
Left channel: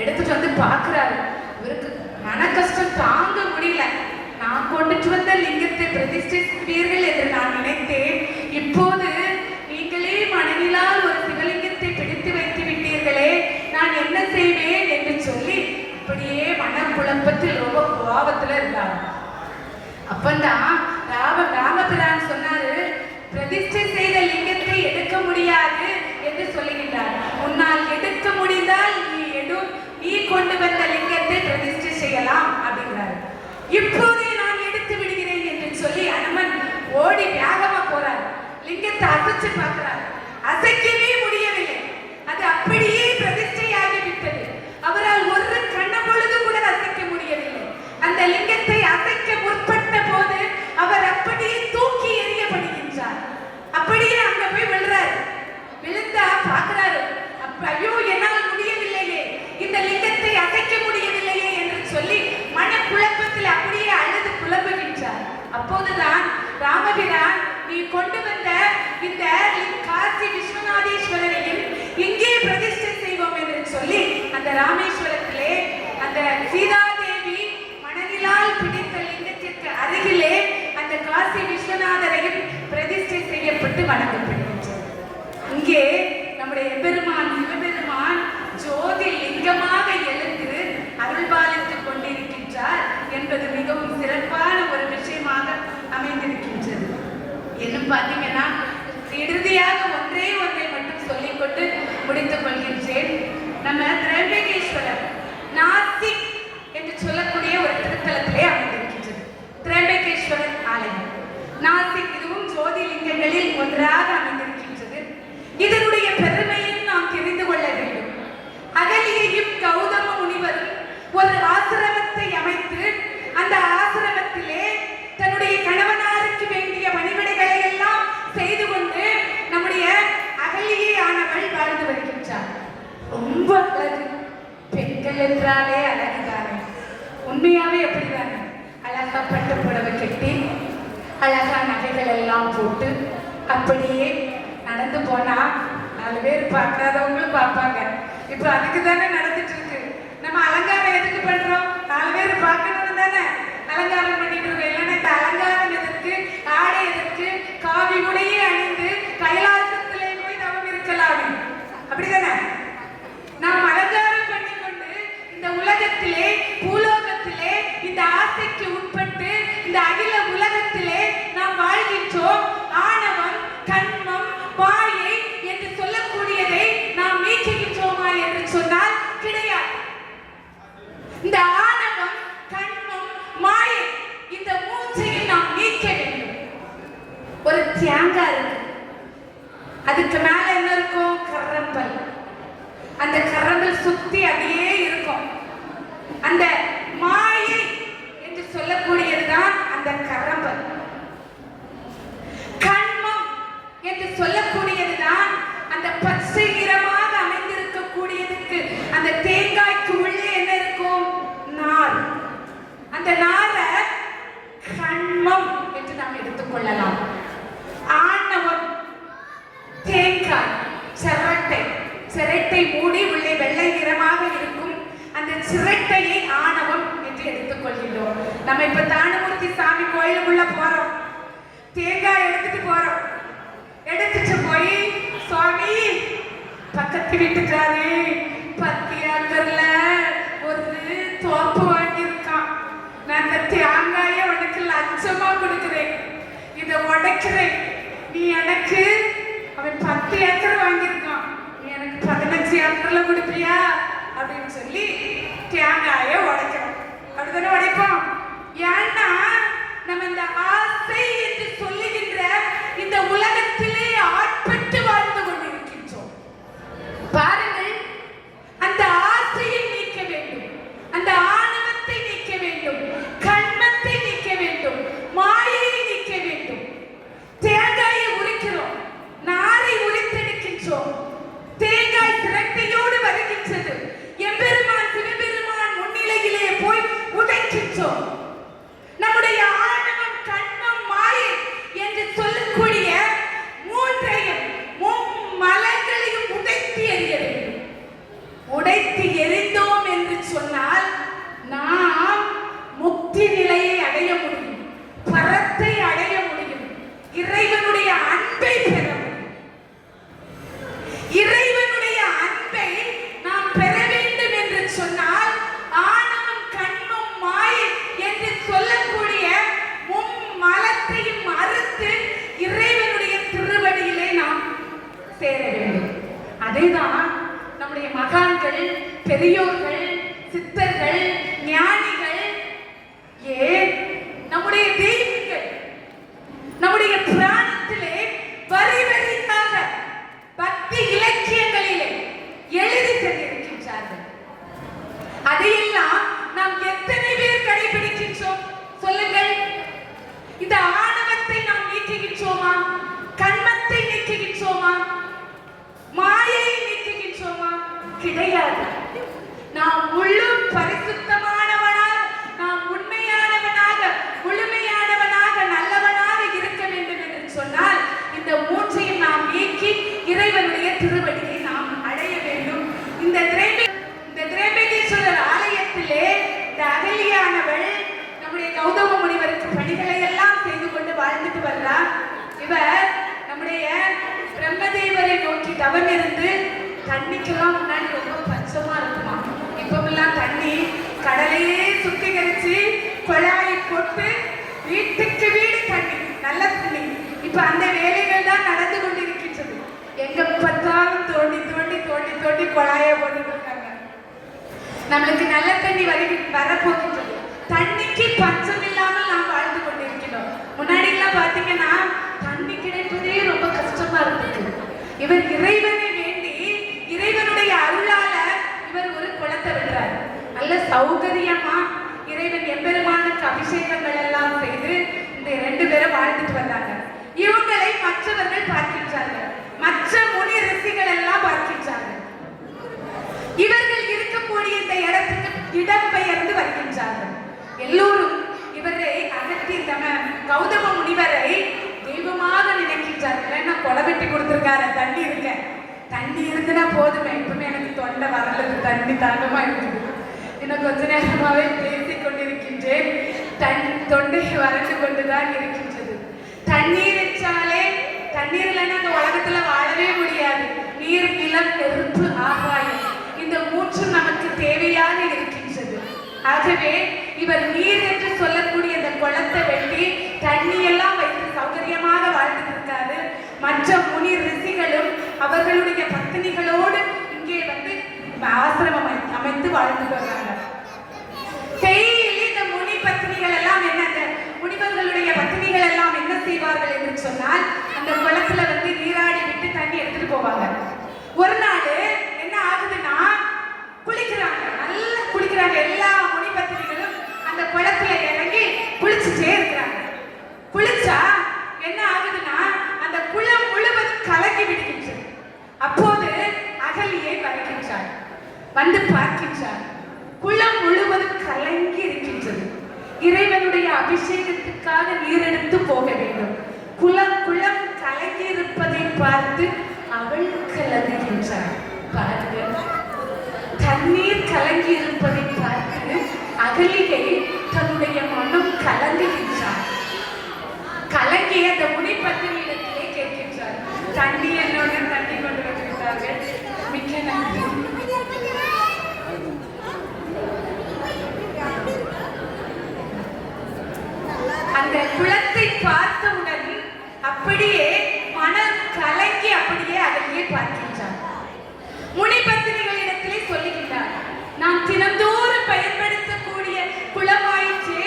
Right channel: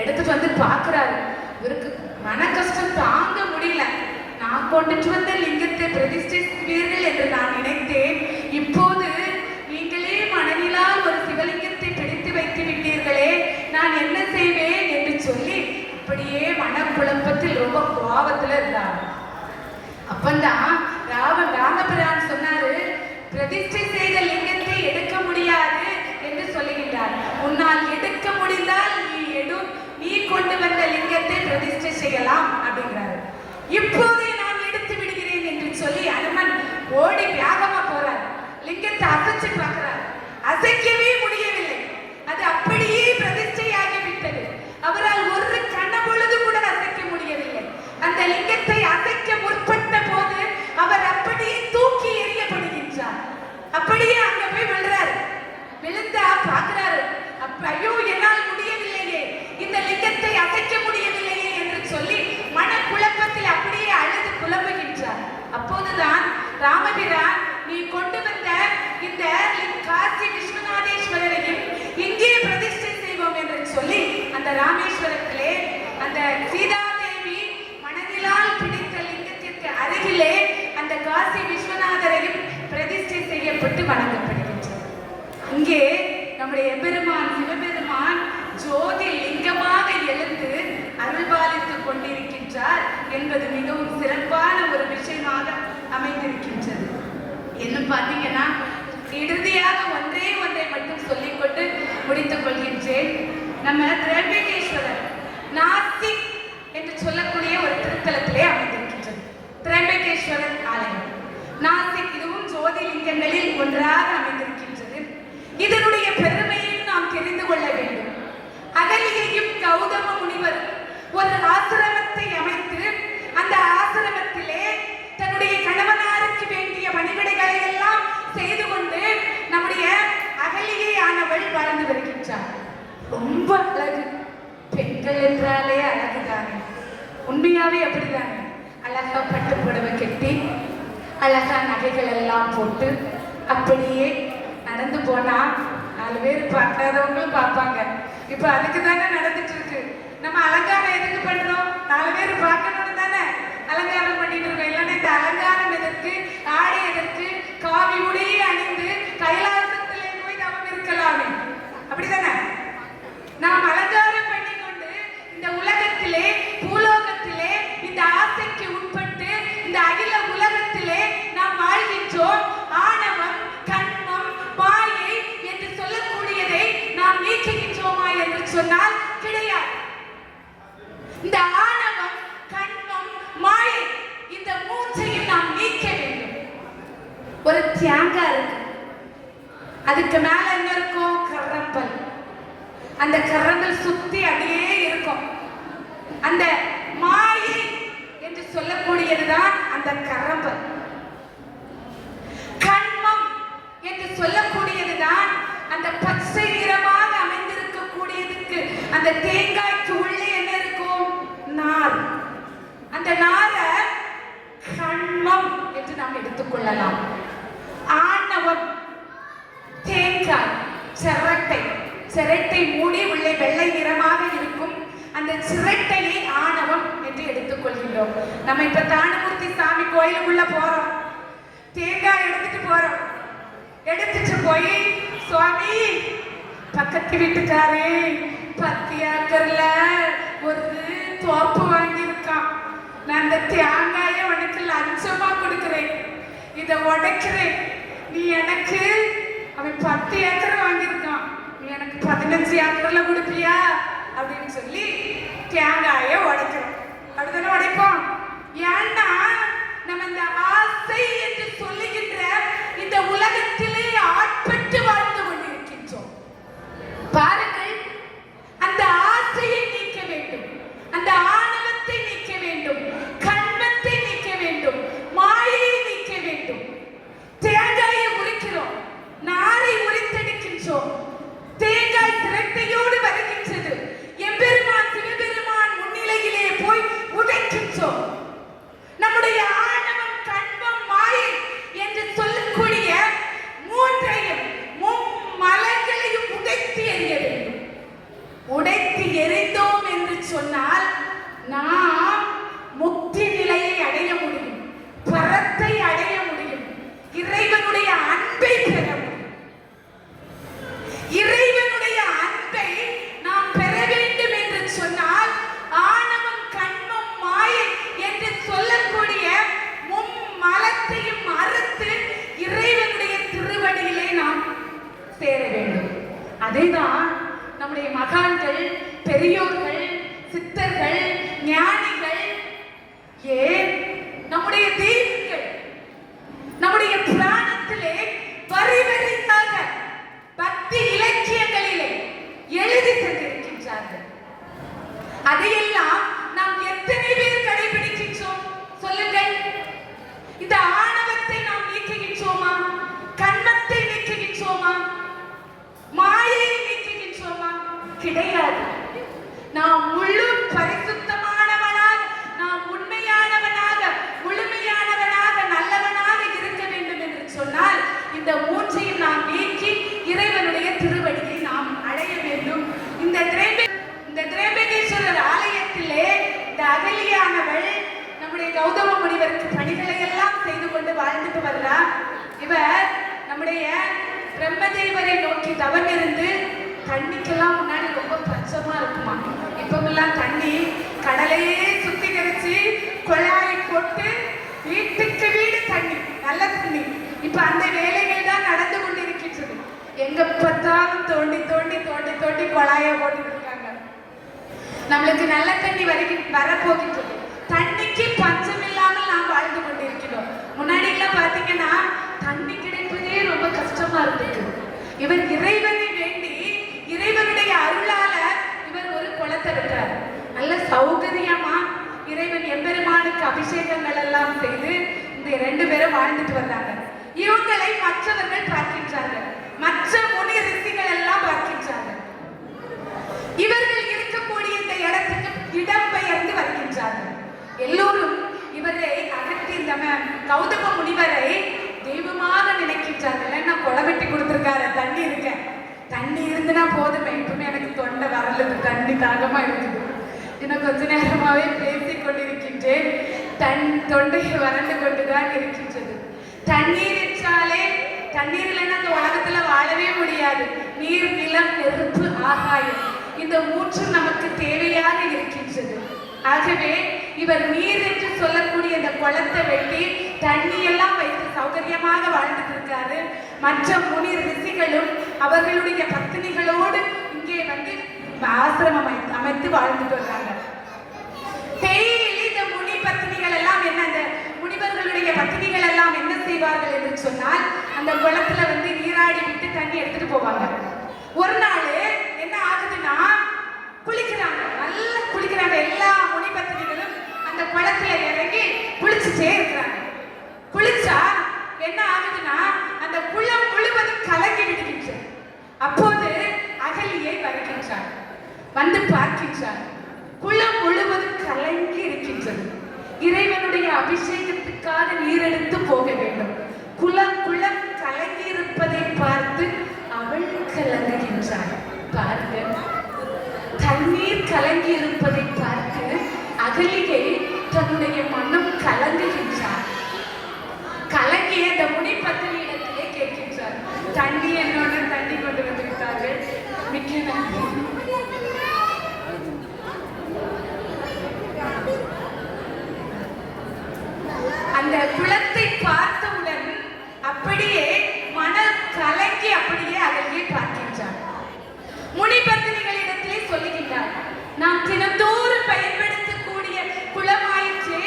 எடுத்துட்டு வந்து பார்க்கிறாரு. இவருக்கு மன கஷ்டம் தாங்க முடியல. நான் கொண்டுட்டு வந்த லிங்கத்தை பிரதிஷ்டை செய்வீர்கள் என்று நான் நினைத்தேன். இப்போது நீங்களே மனதிலால் ஒரு சிவலிங்கத்தை பிடித்து வைத்து விட்டீர்களே, நான் என்ன செய்வேன் என்று சொல்லி அப்படியே மனக்குழப்பத்தில் ரொம்ப கோபத்துல இருந்தார். அப்பந்தான் ராமபிரான் சொன்னாரு, பிரதிஷ்டை செய்த லிங்கத்தை எடுக்க முடியாது என்று சொல்லுகின்றார். உன்னால் எடுக்க முடிந்தால் நீ கொண்டு வந்த லிங்கத்தை பிரதிஷ்டை செய்யலாம் அப்படிங்கிறாரு. இப்போதே நான் எடுத்து விடுகிறேன் என்று சொல்லி அனுமன் ஓடி வேகமா போறார். லிங்கத்தை அசைச்சு பார்க்கிறார். அசைக்கவே முடியவில்லை. அது அப்படியே பிரதிஷ்டையாகி விட்டது. அவரால் ஒரு கண்ண பொழுது கூட அசைக்க முடியவில்லை. அந்த லிங்கத்தை அசைக்க முற்பட்ட போது அவர் அப்படியே தூக்கி எறியப்படுகின்றார். அப்படியே அங்க போய் விழுறாரு. விழுந்தா பார்க்கிறாரு. ஐயோ, என்னால் முடியவில்லையே, இந்த லிங்கத்தை அசைக்க முடியவில்லையே என்று சொல்லி மனக்குழப்பத்தில் அப்படியே அழுது புலம்புகின்றார். அப்போதுதான் ராமபிரான், நீ கொண்டு வந்த இந்த காசி விஸ்வநாதேஸ்வரர் செய்யப்பட்டு வணங்கப்படுகின்றது. இங்கே நம்முடைய எம்பெருமான் சிவபெருமான் ஜோதி லிங்கமாக எழுந்து அருள்பாலித்துக் கொண்டிருக்கின்றார் என்பது மிகவும் சிறப்பான ஒரு விஷயமாக அமைந்திருக்கின்றது. இன்னும் பார்த்தீங்கன்னா இறுதியாக ஒன்றை மட்டும் சொல்லிக்கொண்டு முடித்துக் கொள்கின்றேன். நம்ம திரம்பகேஸ்வரர் நாசிக் என்று சொல்லக்கூடிய ஒரு திருத்தலத்திலே அமைந்திருக்கின்றது. திரம்பகேஸ்வரர் ஆலயம் நாசிக், இதுவும் ஜோதிலிங்கங்களில் ஒன்றாக அமைந்திருக்கின்றது. இதனுடைய பெருமையும் நாம் தெரிந்து கொள்ள வேண்டும். அகலியையும் கௌதம முனிவரும் ஒரு ஆசிரமத்தை அமைத்து அந்த ஆசிரமத்திலே தன்னுடைய கணவனாருக்கு வேண்டிய பணிவிடைகளை எல்லாம் செய்து கொண்டு நம்முடைய அகலியை ஆனவள் வாழ்ந்து வருகின்றார். ரொம்ப அழகு. பெண்கள் என்றாலே அழகுதானே, உண்மையாவே அப்படிதானே. அழகா பட்டு புடவை கட்டி அழகா நகைகள் எல்லாம் போட்டு அப்படியே நடந்து போனா 4 பேர் பார்க்காதவங்களும் பார்ப்பாங்க. இப்ப அதுக்கு தானே நடந்துட்டு இருக்கு. நம்ம அலங்காரம் எதுக்கு பண்றோம்? 4 பேர் பார்க்கணும்னு தானே அலங்காரம் பண்ணிட்டு இருக்கோம். இல்லைன்னா இந்த அலங்காரம் எதற்கு, ஆடை எதற்கு, காவி உடையே அணிந்து கைலாசத்திலே போய் நாம் இருக்கலாமே, அப்படிதானே? நாம் அலங்காரம் பண்ணி கொண்டு இந்த உலகத்திலே, பூலோகத்திலே, இந்த ஆசைக்கு உட்பட்டு இந்த அகில உலகத்திலே நாம் வாழ்கின்றோம். ஆணவம், கண்மம், மாயை என்று சொல்லக்கூடியதை நாம் நீக்குகின்றோமா என்று சொன்னால் கிடையாது. இந்த ஆணவம், கண்மம், மாயை இந்த மூச்சையும் நாம் நீக்க வேண்டும். ஒரு தியாங்காய் இருக்கு, அதுக்கு மேல என்ன இருக்கும்? கரம்பல். அந்த கரம்பல் சுத்தி அப்படியே இருக்கும். அந்த மாயை என்று சொல்லக்கூடியதுதான் அந்த கரம்பல். கண்மம் என்று சொல்லக்கூடியதுதான் அந்த பச்சை நிறமாக அமைந்திருக்கக்கூடியதுக்கு அந்த தேங்காய்க்கு உள்ளே என்ன இருக்கும்? நார். அந்த நாரை கண்மம் என்று நாம் எடுத்துக்கொள்ளலாம். ஆணவம், தேங்காய், சிரட்டை மூடி உள்ளே வெள்ளை நிறமாக இருக்கும் அந்த சிரட்டையை ஆணவம் என்று எடுத்துக் கொள்கின்றோம். நம்ம இப்ப தானுமூர்த்தி சாமி கோயிலுக்குள்ள போறோம், தேங்காய் எடுத்துட்டு போறோம். எடுத்துட்டு போய் சுவாமி, பக்கத்து வீட்டுக்காரே பத்தியாக்கர்ல ஒரு தோப்பு வாங்கியிருக்கான், நான் அந்த தேங்காயை உனக்கு லஞ்சமா கொடுக்கிறேன், இதை உடைக்கிறேன், நீ எனக்கு, அவன் 10 ஏக்கர் வாங்கியிருக்கான், நீ எனக்கு 15 ஏக்கர்ல கொடுப்பியா அப்படின்னு சொல்லி தேங்காயை உடைக்கிறோம். அப்படித்தானே உடைப்போம். ஏன்னா நம்ம இந்த ஆசை என்று சொல்லுகின்ற இந்த உலகத்திலே ஆட்பட்டு வாழ்ந்து கொண்டிருக்கின்றோம். பாருங்கள், அந்த ஆசையை நீக்க வேண்டும், அந்த ஆணவத்தை நீக்க வேண்டும், கண்மத்தை நீக்க வேண்டும், மாயையை நீக்க வேண்டும். தேங்காயை உரிக்கிறோம், நாரை உரித்தெடுக்கின்றோம், தேங்காய் சிரட்டையோடு வருகின்றது. எம்பெருமான் சிவபெருமான் முன்னிலையிலே போய் உடைக்கின்றோம். நம்முடைய ஆணவம், கண்மம், மாயை என்று சொல்லக்கூடிய மூன்றையும் மலங்களையும் உடைத்து எறிய வேண்டும். உடைத்து எறிந்தோம் என்று சொன்னால் நாம் முக்தி நிலையை அடைய முடியும், பரத்தை அடைய முடியும், இறைவனுடைய அன்பை பெற முடியும். இறைவனுடைய அன்பை நாம் பெற வேண்டும் என்று சொன்னால் ஆணவம், கண்மம், மாயை என்று சொல்லக்கூடிய மலத்தையும் மறுத்து இறைவனுடைய திருவடியிலே நாம் சேர வேண்டும். அதேதான் நம்முடைய மகான்கள், பெரியோர்கள், சித்தர்கள், ஞானிகள், ஏன் நம்முடைய தெய்வங்கள் நம்முடைய புராணத்திலே வரி வரியாக பக்தி இலக்கியங்களிலே எழுதி சென்றிருக்கின்றார்கள். அதையெல்லாம் நாம் எத்தனை பேர் கடைபிடிக்கின்றோம் சொல்லுங்கள்? இந்த ஆணவத்தை நாம் நீக்குகின்றோமா? கண்மத்தை நீக்குகின்றோமா? மாயையை நீக்குகின்றோமா? கிடையாது. நாம் முழு பரிசுத்தமானவனாக, நாம் உண்மையானவனாக, முழுமையானவனாக, நல்லவனாக இருக்க வேண்டும் என்று சொன்னால் இந்த மூன்றையும் நாம் நீக்கி இறைவனுடைய திருவடியை நாம் அடைய வேண்டும். இந்த திரௌபதீஸ்வரர் ஆலயத்திலே இந்த அகலியானவள் நம்முடைய கௌதம முனிவருக்கு பணிகளை எல்லாம் செய்து கொண்டு வாழ்ந்துட்டு வர்றார். இவர் நம்முடைய அந்த வேலைகள் தான் நடந்து கொண்டிருக்கின்றது. எங்க பார்த்தாலும் தோண்டி தோண்டி தோண்டி தோண்டி குழாய போட்டுட்டு இருக்காங்க. நம்மளுக்கு நல்ல தண்ணி வரப்போகின்றது. தண்ணிக்கு பஞ்சம் இல்லாமல் நாம் வாழ்ந்து கொண்டிருக்கிறோம். முன்னாடி எல்லாம் பாத்தீங்கன்னா தண்ணி கிடைப்பதே ரொம்ப கஷ்டமா இருந்தது. இவர் இறைவனை வேண்டி இறைவனுடைய அருளால இவர் ஒரு குளத்தை விட்டார். நல்ல சௌகரியமா இறைவன் எம்பெருமானுக்கு அபிஷேகங்கள் எல்லாம் செய்து இந்த 2 பேரும் வாழ்ந்துட்டு வந்தாங்க. இவங்களை மற்றவர்கள் பார்க்கின்றார்கள். மற்ற முனி ரிஷிகள் எல்லாம் பார்க்கின்றார்கள். இவர்கள் இருக்கக்கூடிய இந்த இடத்துக்கு இடம் பெயர்ந்து வருகின்றார்கள். எல்லோரும் இவரை அகற்றி கௌதம முனிவரை தெய்வமாக நினைக்கின்றார்கள். நான் குளவெட்டி கொடுத்திருக்காரு, தண்ணி இருக்க, தண்ணி இருந்துனா போதுமே, எப்பவுமே எனக்கு தொண்டை வரல, தண்ணி தாகமா இருக்குது. இன்னும் கொஞ்ச நேரமாவே பேசிக் கொண்டிருக்கின்றேன். தொண்டை வறண்டு கொண்டுதான் இருக்கின்றது. தண்ணீர் வச்சாலே தண்ணீர் இல்லைன்னா அந்த உலகத்துல வாழவே முடியாது. நீர், நிலம், நெருப்பு, ஆகாயம், இந்த 3 நமக்கு தேவையாக இருக்கின்றது. ஆகவே இவர் நீர் என்று சொல்லக்கூடிய அந்த குளத்தை வெட்டி தண்ணி எல்லாம் வைத்து சௌகரியமாக வாழ்ந்துட்டு இருக்காரு. மற்ற முனி ரிஷிகளும் அவர்களுடைய பத்தினிகளோடு இங்கே வந்து ஆசிரமம் அமைத்து வாழ்ந்துட்டு வர்றாங்க. இந்த முனி பத்தினிகள் எல்லாம் என்ன, அந்த முனிவர்களுடைய பத்தினிகள் எல்லாம் என்ன செய்வார்கள் என்று சொன்னால், அந்த குளத்துல வந்து நீராடி விட்டு தண்ணி எடுத்துட்டு போவாங்க. ஒரு நாள் என்ன ஆகுதுன்னா, குளிக்கிறாங்க, நல்லா குளிக்கிறாங்க. எல்லா முனி பத்தினிகளும் அந்த குளத்துல இறங்கி குளிச்சுட்டே இருக்கிறாங்க. குளிச்சா என்ன ஆகுதுன்னா, அந்த குளம் முழுவதும் கலங்கி விடுகின்றது. அப்போது அகலியை வருகின்றார், வந்து பார்க்கின்றார். குளம் முழுவதும் கலங்கி இருக்கின்றது. இறைவனுடைய அபிஷேகத்துக்காக நீர் எடுத்து போக வேண்டும். குளம் கலங்கி இருப்பதை பார்த்து அவள் கலங்குகின்றார். பாருங்க, தண்ணீர் கலங்கி இருப்பதை பார்த்து அகலிகை தன்னுடைய மனம் கலங்குகின்றார். கலங்கிய அந்த முனி பத்தினியிடத்திலே கேட்கின்றார், தண்ணி என்னோட தண்ணி கொண்டு வந்திருக்கிறார்கள், மிக்க நன்றி. அந்த குளத்தை பார்த்தவுடன் அப்படியே மனம் கலங்கி அப்படியே அகலியை பார்க்கின்றார். முனிபத்தினிகளிடத்திலே சொல்லுகின்றார், நாம் தினந்தோறும் பயன்படுத்தக்கூடிய குளமாயிற்று,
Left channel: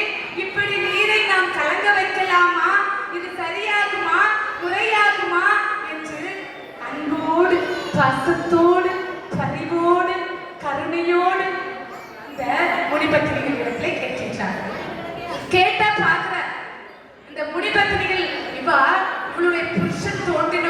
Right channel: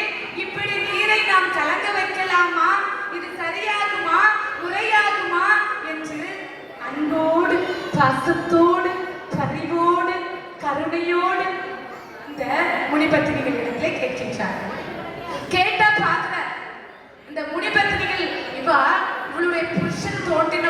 இப்படி நீரை நாம் கலங்க வைக்கலாமா? இது சரியாகுமா, முறையாகுமா என்று அன்போடு, பசத்தோடு, பரிவோடு, கருணையோடு இந்த முனிபத்தினிகளிடத்திலே கேட்கின்றார். கேட்டா பார்க்கிறார், இந்த முனிபத்தினிகள் இவளுடைய புருஷன் தோண்டின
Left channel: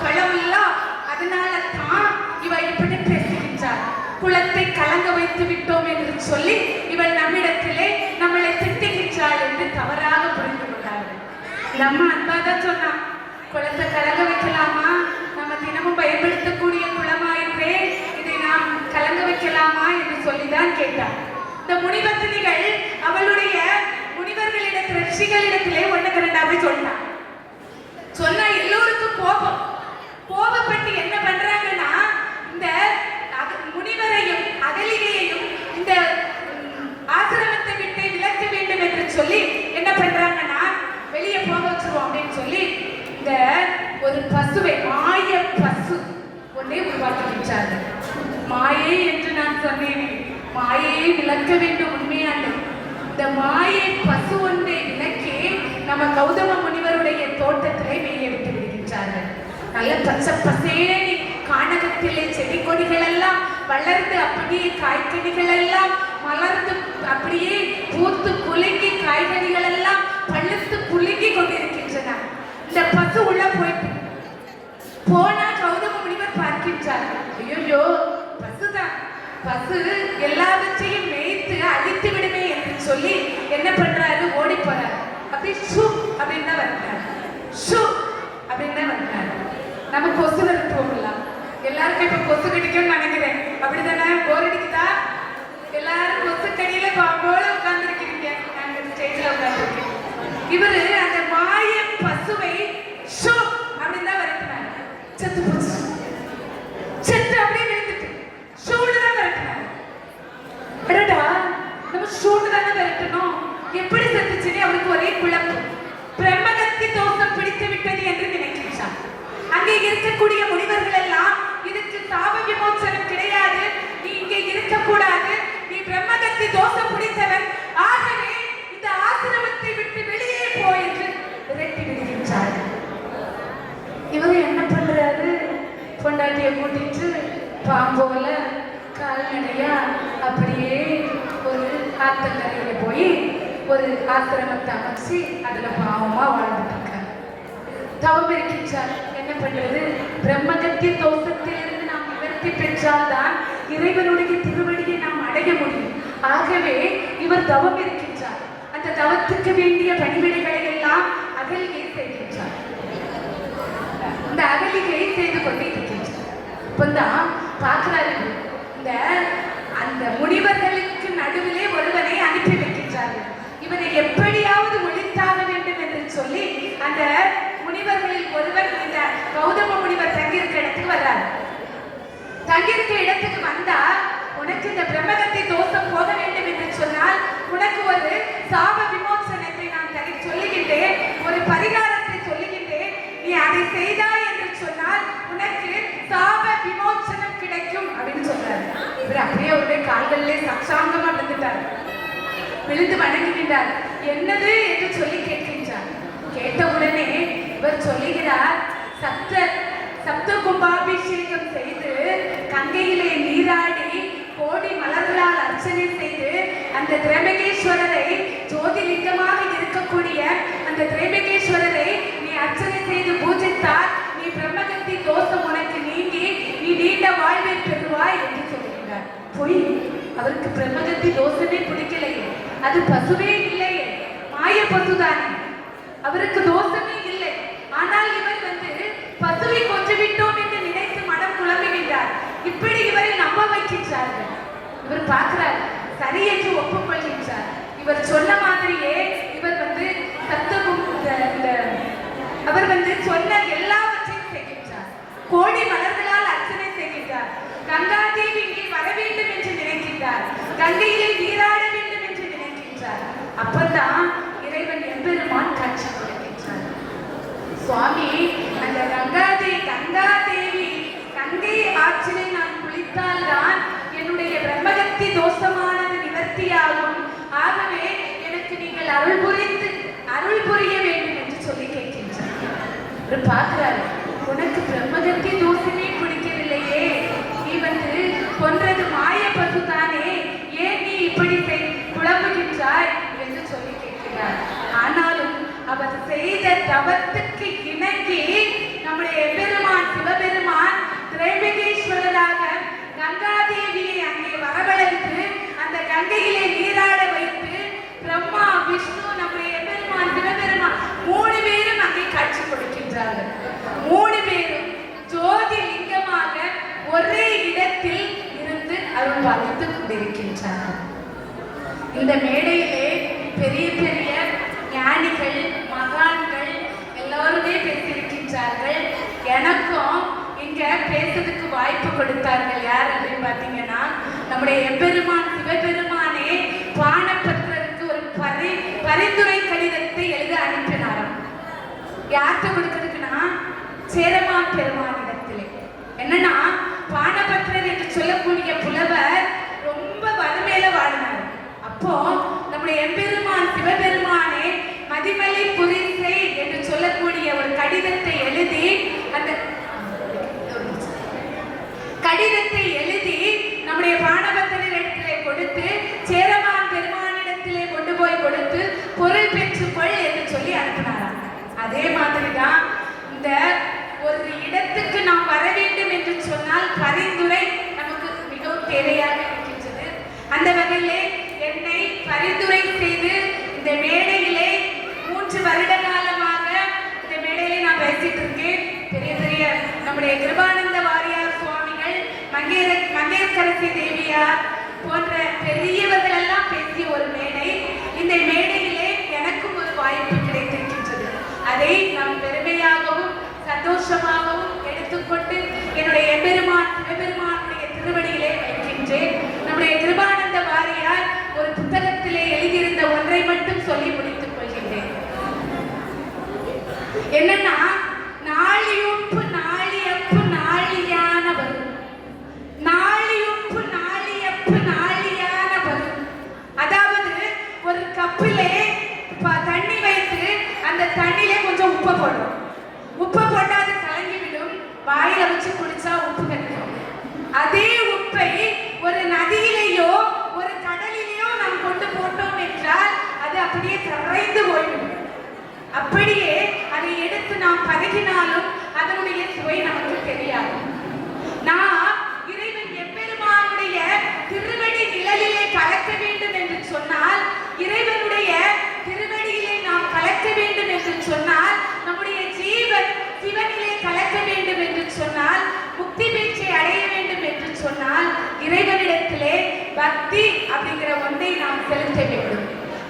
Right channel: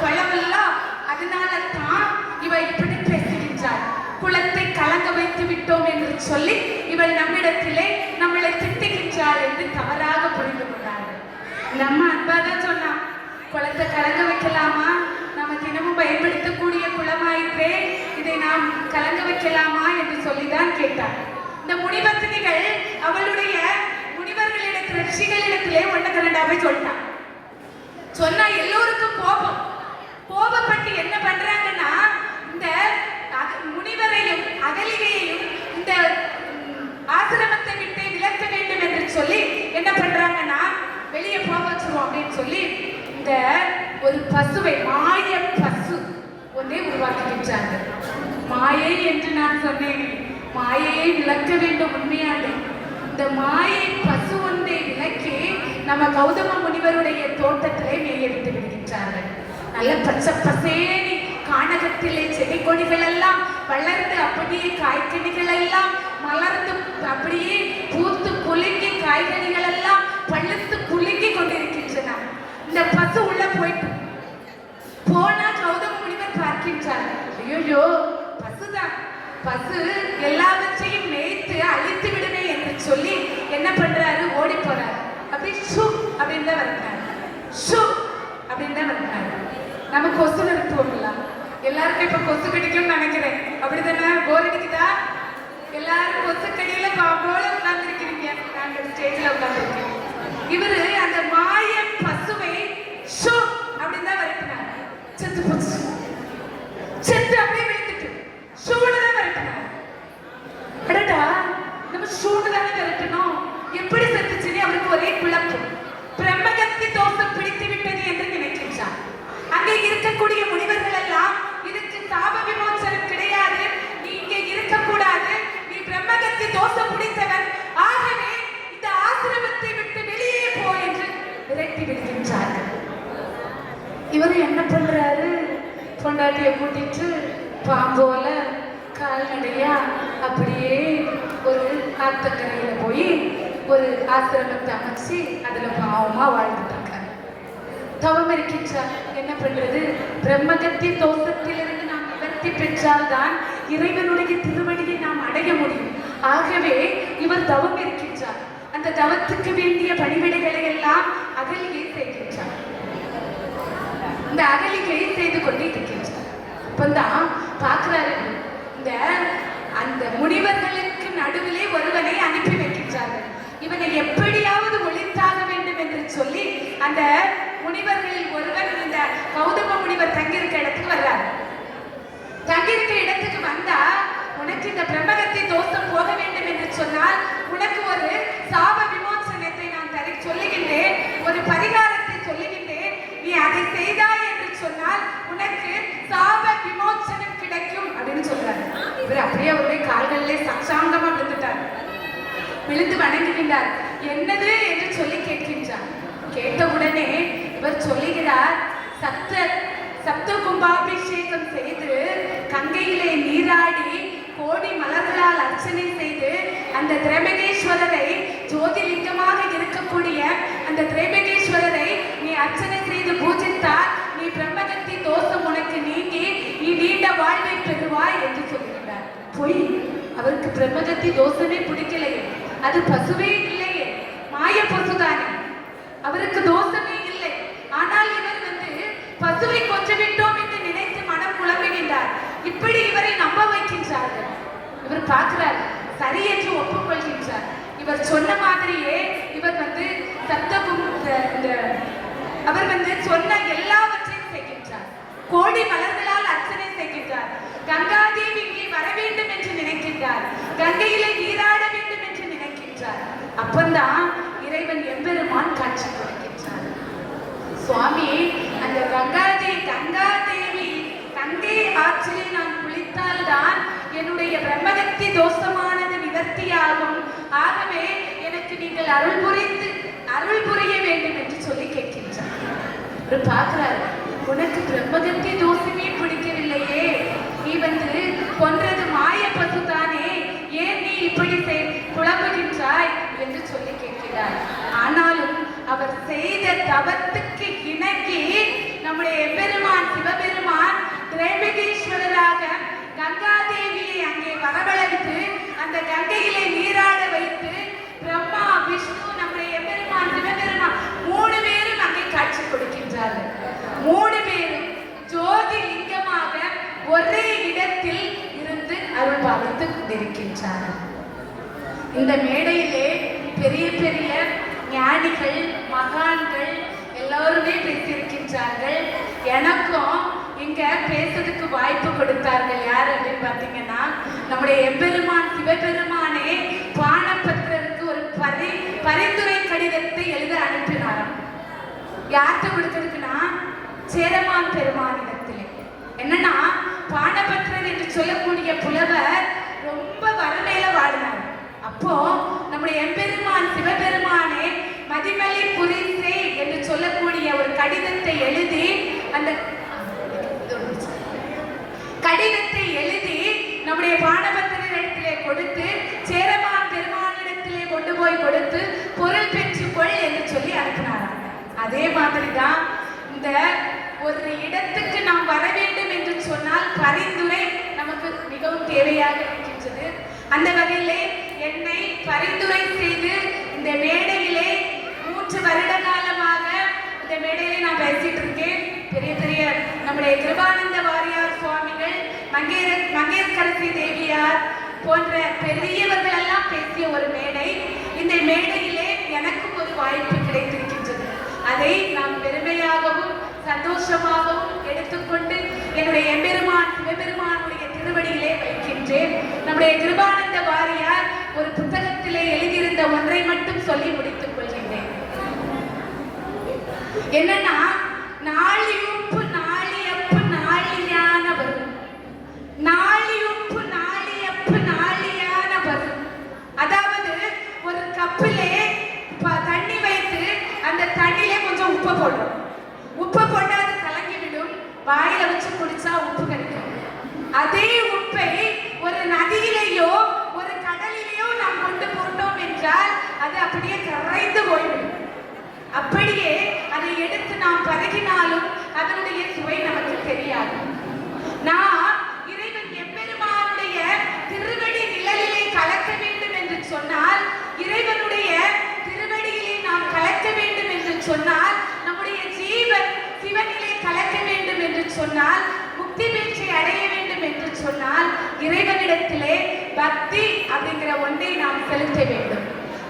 பழமெல்லாம், அதனால தான் இவ இப்படி பேசுகின்றார். குளத்தை கலங்க வைத்து விட்டோம் என்று சொல்லி இவள் நம்மிடத்திலே நம்மளை திட்டுகின்றாள் என்று தவறாக புரிந்து கொண்டார்கள். நம்ம அன்பாதான் சொன்னா, குளத்தை கலங்க வைக்கலாமா? நம்ம தினமும் பயன்படுத்தக்கூடிய குளமாயிற்றே, இதை நாம் கலங்க வைக்கலாமா என்று சொல்லிதான் கேட்டார். இந்த முனிபத்தினிகள் அவளுடைய முனிவர்களிடத்தில், ரிஷிகளிடத்திலே 1-2 சொன்னான். சொன்னா எல்லோருக்கும் கோபப்பட்டு என்ன பண்றாங்கன்னா, இந்த முனிவரையும் அகலிகையையும் இந்த ஆசிரமத்தை விட்டு விலக்க வேண்டும் என்று சொல்லி என்ன பண்றாங்கன்னா, வெளியே போக வச்சிருவோம் அப்படின்னு சொல்லி இந்த ஒரு பசுவை, மாய பசு ஒன்றே உருவாக்குகின்றார்கள். மாயை என்று நான் சொன்னேன், மாயையை விலக்க வேண்டும். உண்மையாக இந்த மாயை பசு ஒன்றை விலக்கி நம்ம கௌதம முனிவருடைய தோட்டத்திலே மேய விட்டு விடுகின்றார்கள். நல்ல பச்சை பசேனி கானகத்திலே செடி கொடிகள் எல்லாம் வளர்ந்து, அப்படியே காய்கனிகள் எல்லாம் மலர்ந்து, அப்படியே பூத்து குலுங்கி, காய்கனிகள் எல்லாம் பழுத்து குலுங்கி கொண்டிருக்கின்றன. இந்த பசு உள்ள போயிட்டு போனா கௌதம முனிவர் பார்க்கின்றார்கள். ஐயோ, பசுதான், பசு எல்லாவற்றையும் மேய்த்து அழித்து விடுமே என்று சொல்லி என்ன பண்றாரு, ஓடி போறாரு. அப்படி ஷூ அப்படின்னு தான் வந்தாரு, ஷூ அப்படின்னு தான் வந்தாரு. நம்ம கொசு நிறுத்துவோம்லாம், எல்லாருக்கும் இப்ப கொசு கடிக்கும்னு நினைக்கிறேன், அப்படித்தானே? போர் அடிக்குதா? எல்லாரும் கொசு கடியில போல உட்கார்ந்துருக்கிறீங்க, நாங்க ஸ்டேஜ்ல உட்கார்ந்துருக்கோம். இவரு அந்த மாய பசுவை ஷூ அப்படின்னு தான் வரட்டினார். செத்து போச்சு, செத்து அப்படியே விழுந்துட்டு ஷூல தான் வரட்டினார். எடடா, நம்ம ஷூல தானே வரட்டணும், எப்படி செத்துச்சுன்னு அவருக்கு ஒரே குழப்பம். பிரம்மகத்தி தோஷம் பிடித்து விட்டது என்று இவரு என்ன பண்றாரு? பொண்டாட்டியை கூட்டிட்டு பாம்போல கால்நடையா அப்படியே ஒரு ஆத்தங்கரையில போய் ஒரு ஆசிரமத்தை அமைச்சு அதுல பாவமா வாழ்ந்துட்டாங்க. தவம் இருக்கின்றார். என்ன பண்றது? பிரம்மகத்திய தோஷத்திலிருந்து நாம் நிவர்த்தி பெற்றால்தான் இறைவனுடைய திருவடியை நாம் அடைய முடியும். ஆகவே இவர் தவம் இருக்கின்றார். அந்த தவத்துக்கு வேண்டிய பணிவிடைகளை எல்லாம் அகலிகை செய்கின்றார். அந்த அகலிகையை செய்து கொண்டே இருக்கின்றார். அப்பந்தான் பார்க்கிறாரு, இந்த அந்த முனிவர்களுக்கு நடுவிலே ஒருவனை அனுப்பி வைக்கின்றார்கள். இவனை எப்படியாவது ஒழித்தாக வேண்டும் என்று சொல்லி அந்த முனிவர்களில் ஒருவர் இந்த கௌதம முனிவர் தங்கியிருக்க இடத்துக்கு வர்றார். தங்கியிருக்க இடத்துக்கு வந்தா, உனக்கு இந்த பிரம்மகத்தை தோஷம் போக வேண்டும் என்று சொன்னால் உனக்கு ஒரு சாப விமோசனத்தை நான் சொல்லுகின்றேன், ஒரு பரிகாரத்தை சொல்லுகின்றேன். நீ அதை செய்தாய் என்று சொன்னால் உனக்கு சாப விமோசனம் கிடைக்கும் அப்படின்னு சொல்றாரு. இவர் அப்படியே அவருடைய கால்களிலே சக்ஷாங்கமா விழுந்துட்டார். விழுந்து வணங்குகின்றார். என்னது என்று சொல்லி கேட்கின்றார். கேட்ட உடனே இவர் சொல்லுகிறார், சப்த கும்பாபிஷேகம் செய்து கங்கையிலே நீராடி கோடி மலர்களால் அர்ச்சனை செய்து அந்த திரம்பகேஸ்வரரை ஜோதிலிங்கமாக இருக்கக்கூடிய அந்த திரம்பகேஸ்வரரை நீ அர்ச்சனை செய்து பூஜித்தால் நீ பிரம்மகத்தி தோஷம் உனக்கு நீங்கி நீ நீண்ட வாழ்வை பெறுவாய் என்று சொல்கிறார். போய் அவருக்கு பிரம்மகத்தி தோஷமே பிடிக்கலையே, அது பசுவே இல்லையே, மாய பசுதானே, அவருக்கு தோஷமே இல்லை. ஆனால் இவர் பசுவை கொஞ்சம் விட்டோம் என்று நினைத்து மனம் குழம்புகின்றார். இப்படி இவரை நம்ப வைக்கின்றார்கள். இவர் பார்க்கிறார், சரி என்று ஒப்புக்கொள்கின்றார். இவர் சொன்ன மாதிரியே இவர் அவர் சொன்ன எல்லாவற்றையும் செய்கின்றார். கோடி மலர்களால் அர்ச்சனை செய்கின்றார். கங்கா தேவி இங்கே வர வேண்டும் என்று நினைக்கின்றார். கங்கையிலே நீராட வேண்டும் என்று நினைக்கின்றார். அப்பந்தான் இறைவன் எம்பெருமான் காட்சி கொடுக்கின்றார். சுவாமி, அந்த கங்கா தேவி கங்கை ஆற்றிலே நான் குளித்தால் தான் என்னுடைய பிரம்மகத்தி தோஷமானது நிவர்த்தியாகும். ஆகவே எனக்கு நீங்கள் அருள் புரிய வேண்டும் என்று சொல்லி கேட்கின்றார். பார்க்கிறார், உனக்கு பிரம்மகத்தி தோஷமே பிடிக்கவில்லையே, நீ கொன்றது மாய பசுதானே, ஏன் நீ இப்படி புலம்புகின்றாய் என்று சொல்லி கேட்கிறார். ஆனாலும் அவர் செய்த தவத்துக்கு இணங்கி நம்முடைய எம்பெருமான் சிவபெருமான் திரம்பகேஸ்வரராக கங்காதேவியை அங்கே வரவழைத்து அந்த கங்கையிலே நீராட வைத்து பிரம்மா விஷ்ணு நம்முடைய எம்பெருமான் சிவபெருமான் 3 பேரும் அங்கே காட்சி கொடுக்கின்றார்கள். 3 பேரும் ஜோதி லிங்கமாக ஒரே இடத்தில் இருந்து அருள் பாலித்துக் கொண்டிருக்கின்றார்கள். இந்த மேடையிலே பெரிய பெரிய ஞானிகள் மகான்கள் எல்லோருமே பேசியிருக்கின்றார்கள். எனக்கும் இங்க பேசுறதுக்கு வாய்ப்பு கொடுத்தார்கள். யார் அப்படின்னு பார்த்தீங்கன்னா, நம்முடைய எம்பெருமான் சிவபெருமானே பானபத்திரருக்கு ஒரு பரிந்துரை கடிதத்தை எழுத அனுப்பினாராம். யார்கிட்ட கொடுக்கிறதுக்குன்னா, சேரமான் பெருமானிடத்திலே. என்னன்னா, பானபத்திரர் என்று சொல்லக்கூடிய புலவர் ரொம்ப வறுமையில வாழ்ந்தார். அப்போ நம்முடைய எம்பெருமான் சிவபெருமானே மதிமலை புரிசை என்று சொல்லக்கூடிய ஒரு கடிதத்தை எழுதி அந்த கடிதத்தை எழுதி நம்முடைய பானபத்திரர் இடத்திலே கொடுத்து சேரமான் பெருமானிடத்திலே கொண்டு போய் கொடுத்து பொருள் பெற்றுக்கொள் என்று சொல்லி அனுப்பினார். அதே மாதிரிதான் இந்த ஒரு இடத்துக்கு நாம் வர வேண்டும் என்று சொன்னால் பரிந்துரை நமக்கு மிகவும் தேவையாக இருக்கின்றது. அந்த வகையிலே என்னை பரிந்துரை செய்து இந்த மேடையிலே 3 வருட காலமாக இந்த மேடையிலே நான் பேசிட்டு இருக்கேன். பெரிய பெரிய நம்முடைய கிருபானந்த வாரியார் சுவாமிகள், மங்கையர்க்கரசி தேவியார் போன்ற பெரியவர்கள் எல்லாம் பேசிய ஒரு மேடை. இந்த மேடையிலே எனக்கும் ஒரு வாய்ப்பு கிடைத்திருக்கின்றது. அதை நாம் பெருமையாகவும் சந்தோஷமாகவும் எடுத்துக்கொண்டு என்னுடைய எம்பெருமான் சிவபெருமானுடைய திருவடியிலே வைக்கின்றேன். நம்முடைய கிருபானந்த வாரியார் ஒரு புத்தகத்திலே எழுதியிருந்த ஒன்றை மட்டும் சொல்லி முடித்துக் கொள்கின்றேன். என்னன்னா, நாளியுப்பு நாளியப்பு நாளியான வரும், நாளியுப்பு நாளியப்பு நாளியான வரும். அதாவது ஒரு கப்பிலே தண்ணி வைத்து அந்த தண்ணியிலே கொஞ்சம் உப்பு போடும். உப்பு போட்டு அது கலந்து சொன்னால், முக்தி பேச்சை அடைய வேண்டும் என்று சொன்னால் இறைவனிடத்திலே பக்தி அப்படிங்கிற ஒன்றை நாம் செலுத்த வேண்டும்.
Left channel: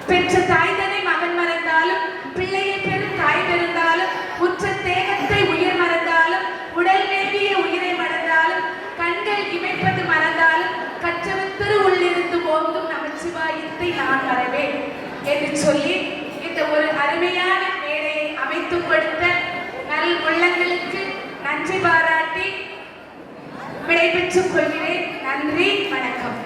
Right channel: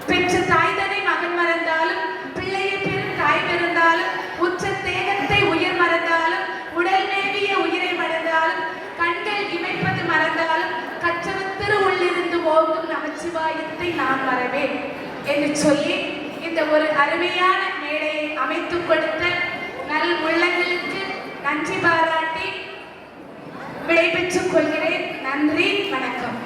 பெற்ற தாய் தன்னை மகன் மறந்தாலும், பிள்ளையை பெறும் தாய் மறந்தாலும், உற்ற தேகத்தை உயிர் மறந்தாலும், உடல் மேவிய உயிரை மறந்தாலும், கண்கள் இமைப்பது மறந்தாலும், கற்றவத்திரு உள்ளிருந்து ஓங்கும் நமச்சிவாயத்தை நான் மறவேன் என்று சொல்லி இந்த ஒரு அருமையான மேடையை அமைத்து கொடுத்த நல் உள்ளங்களுக்கு நன்றி பாராட்டி விடைபெற்றுக் கொள்கிறேன். நன்றி, வணக்கம்.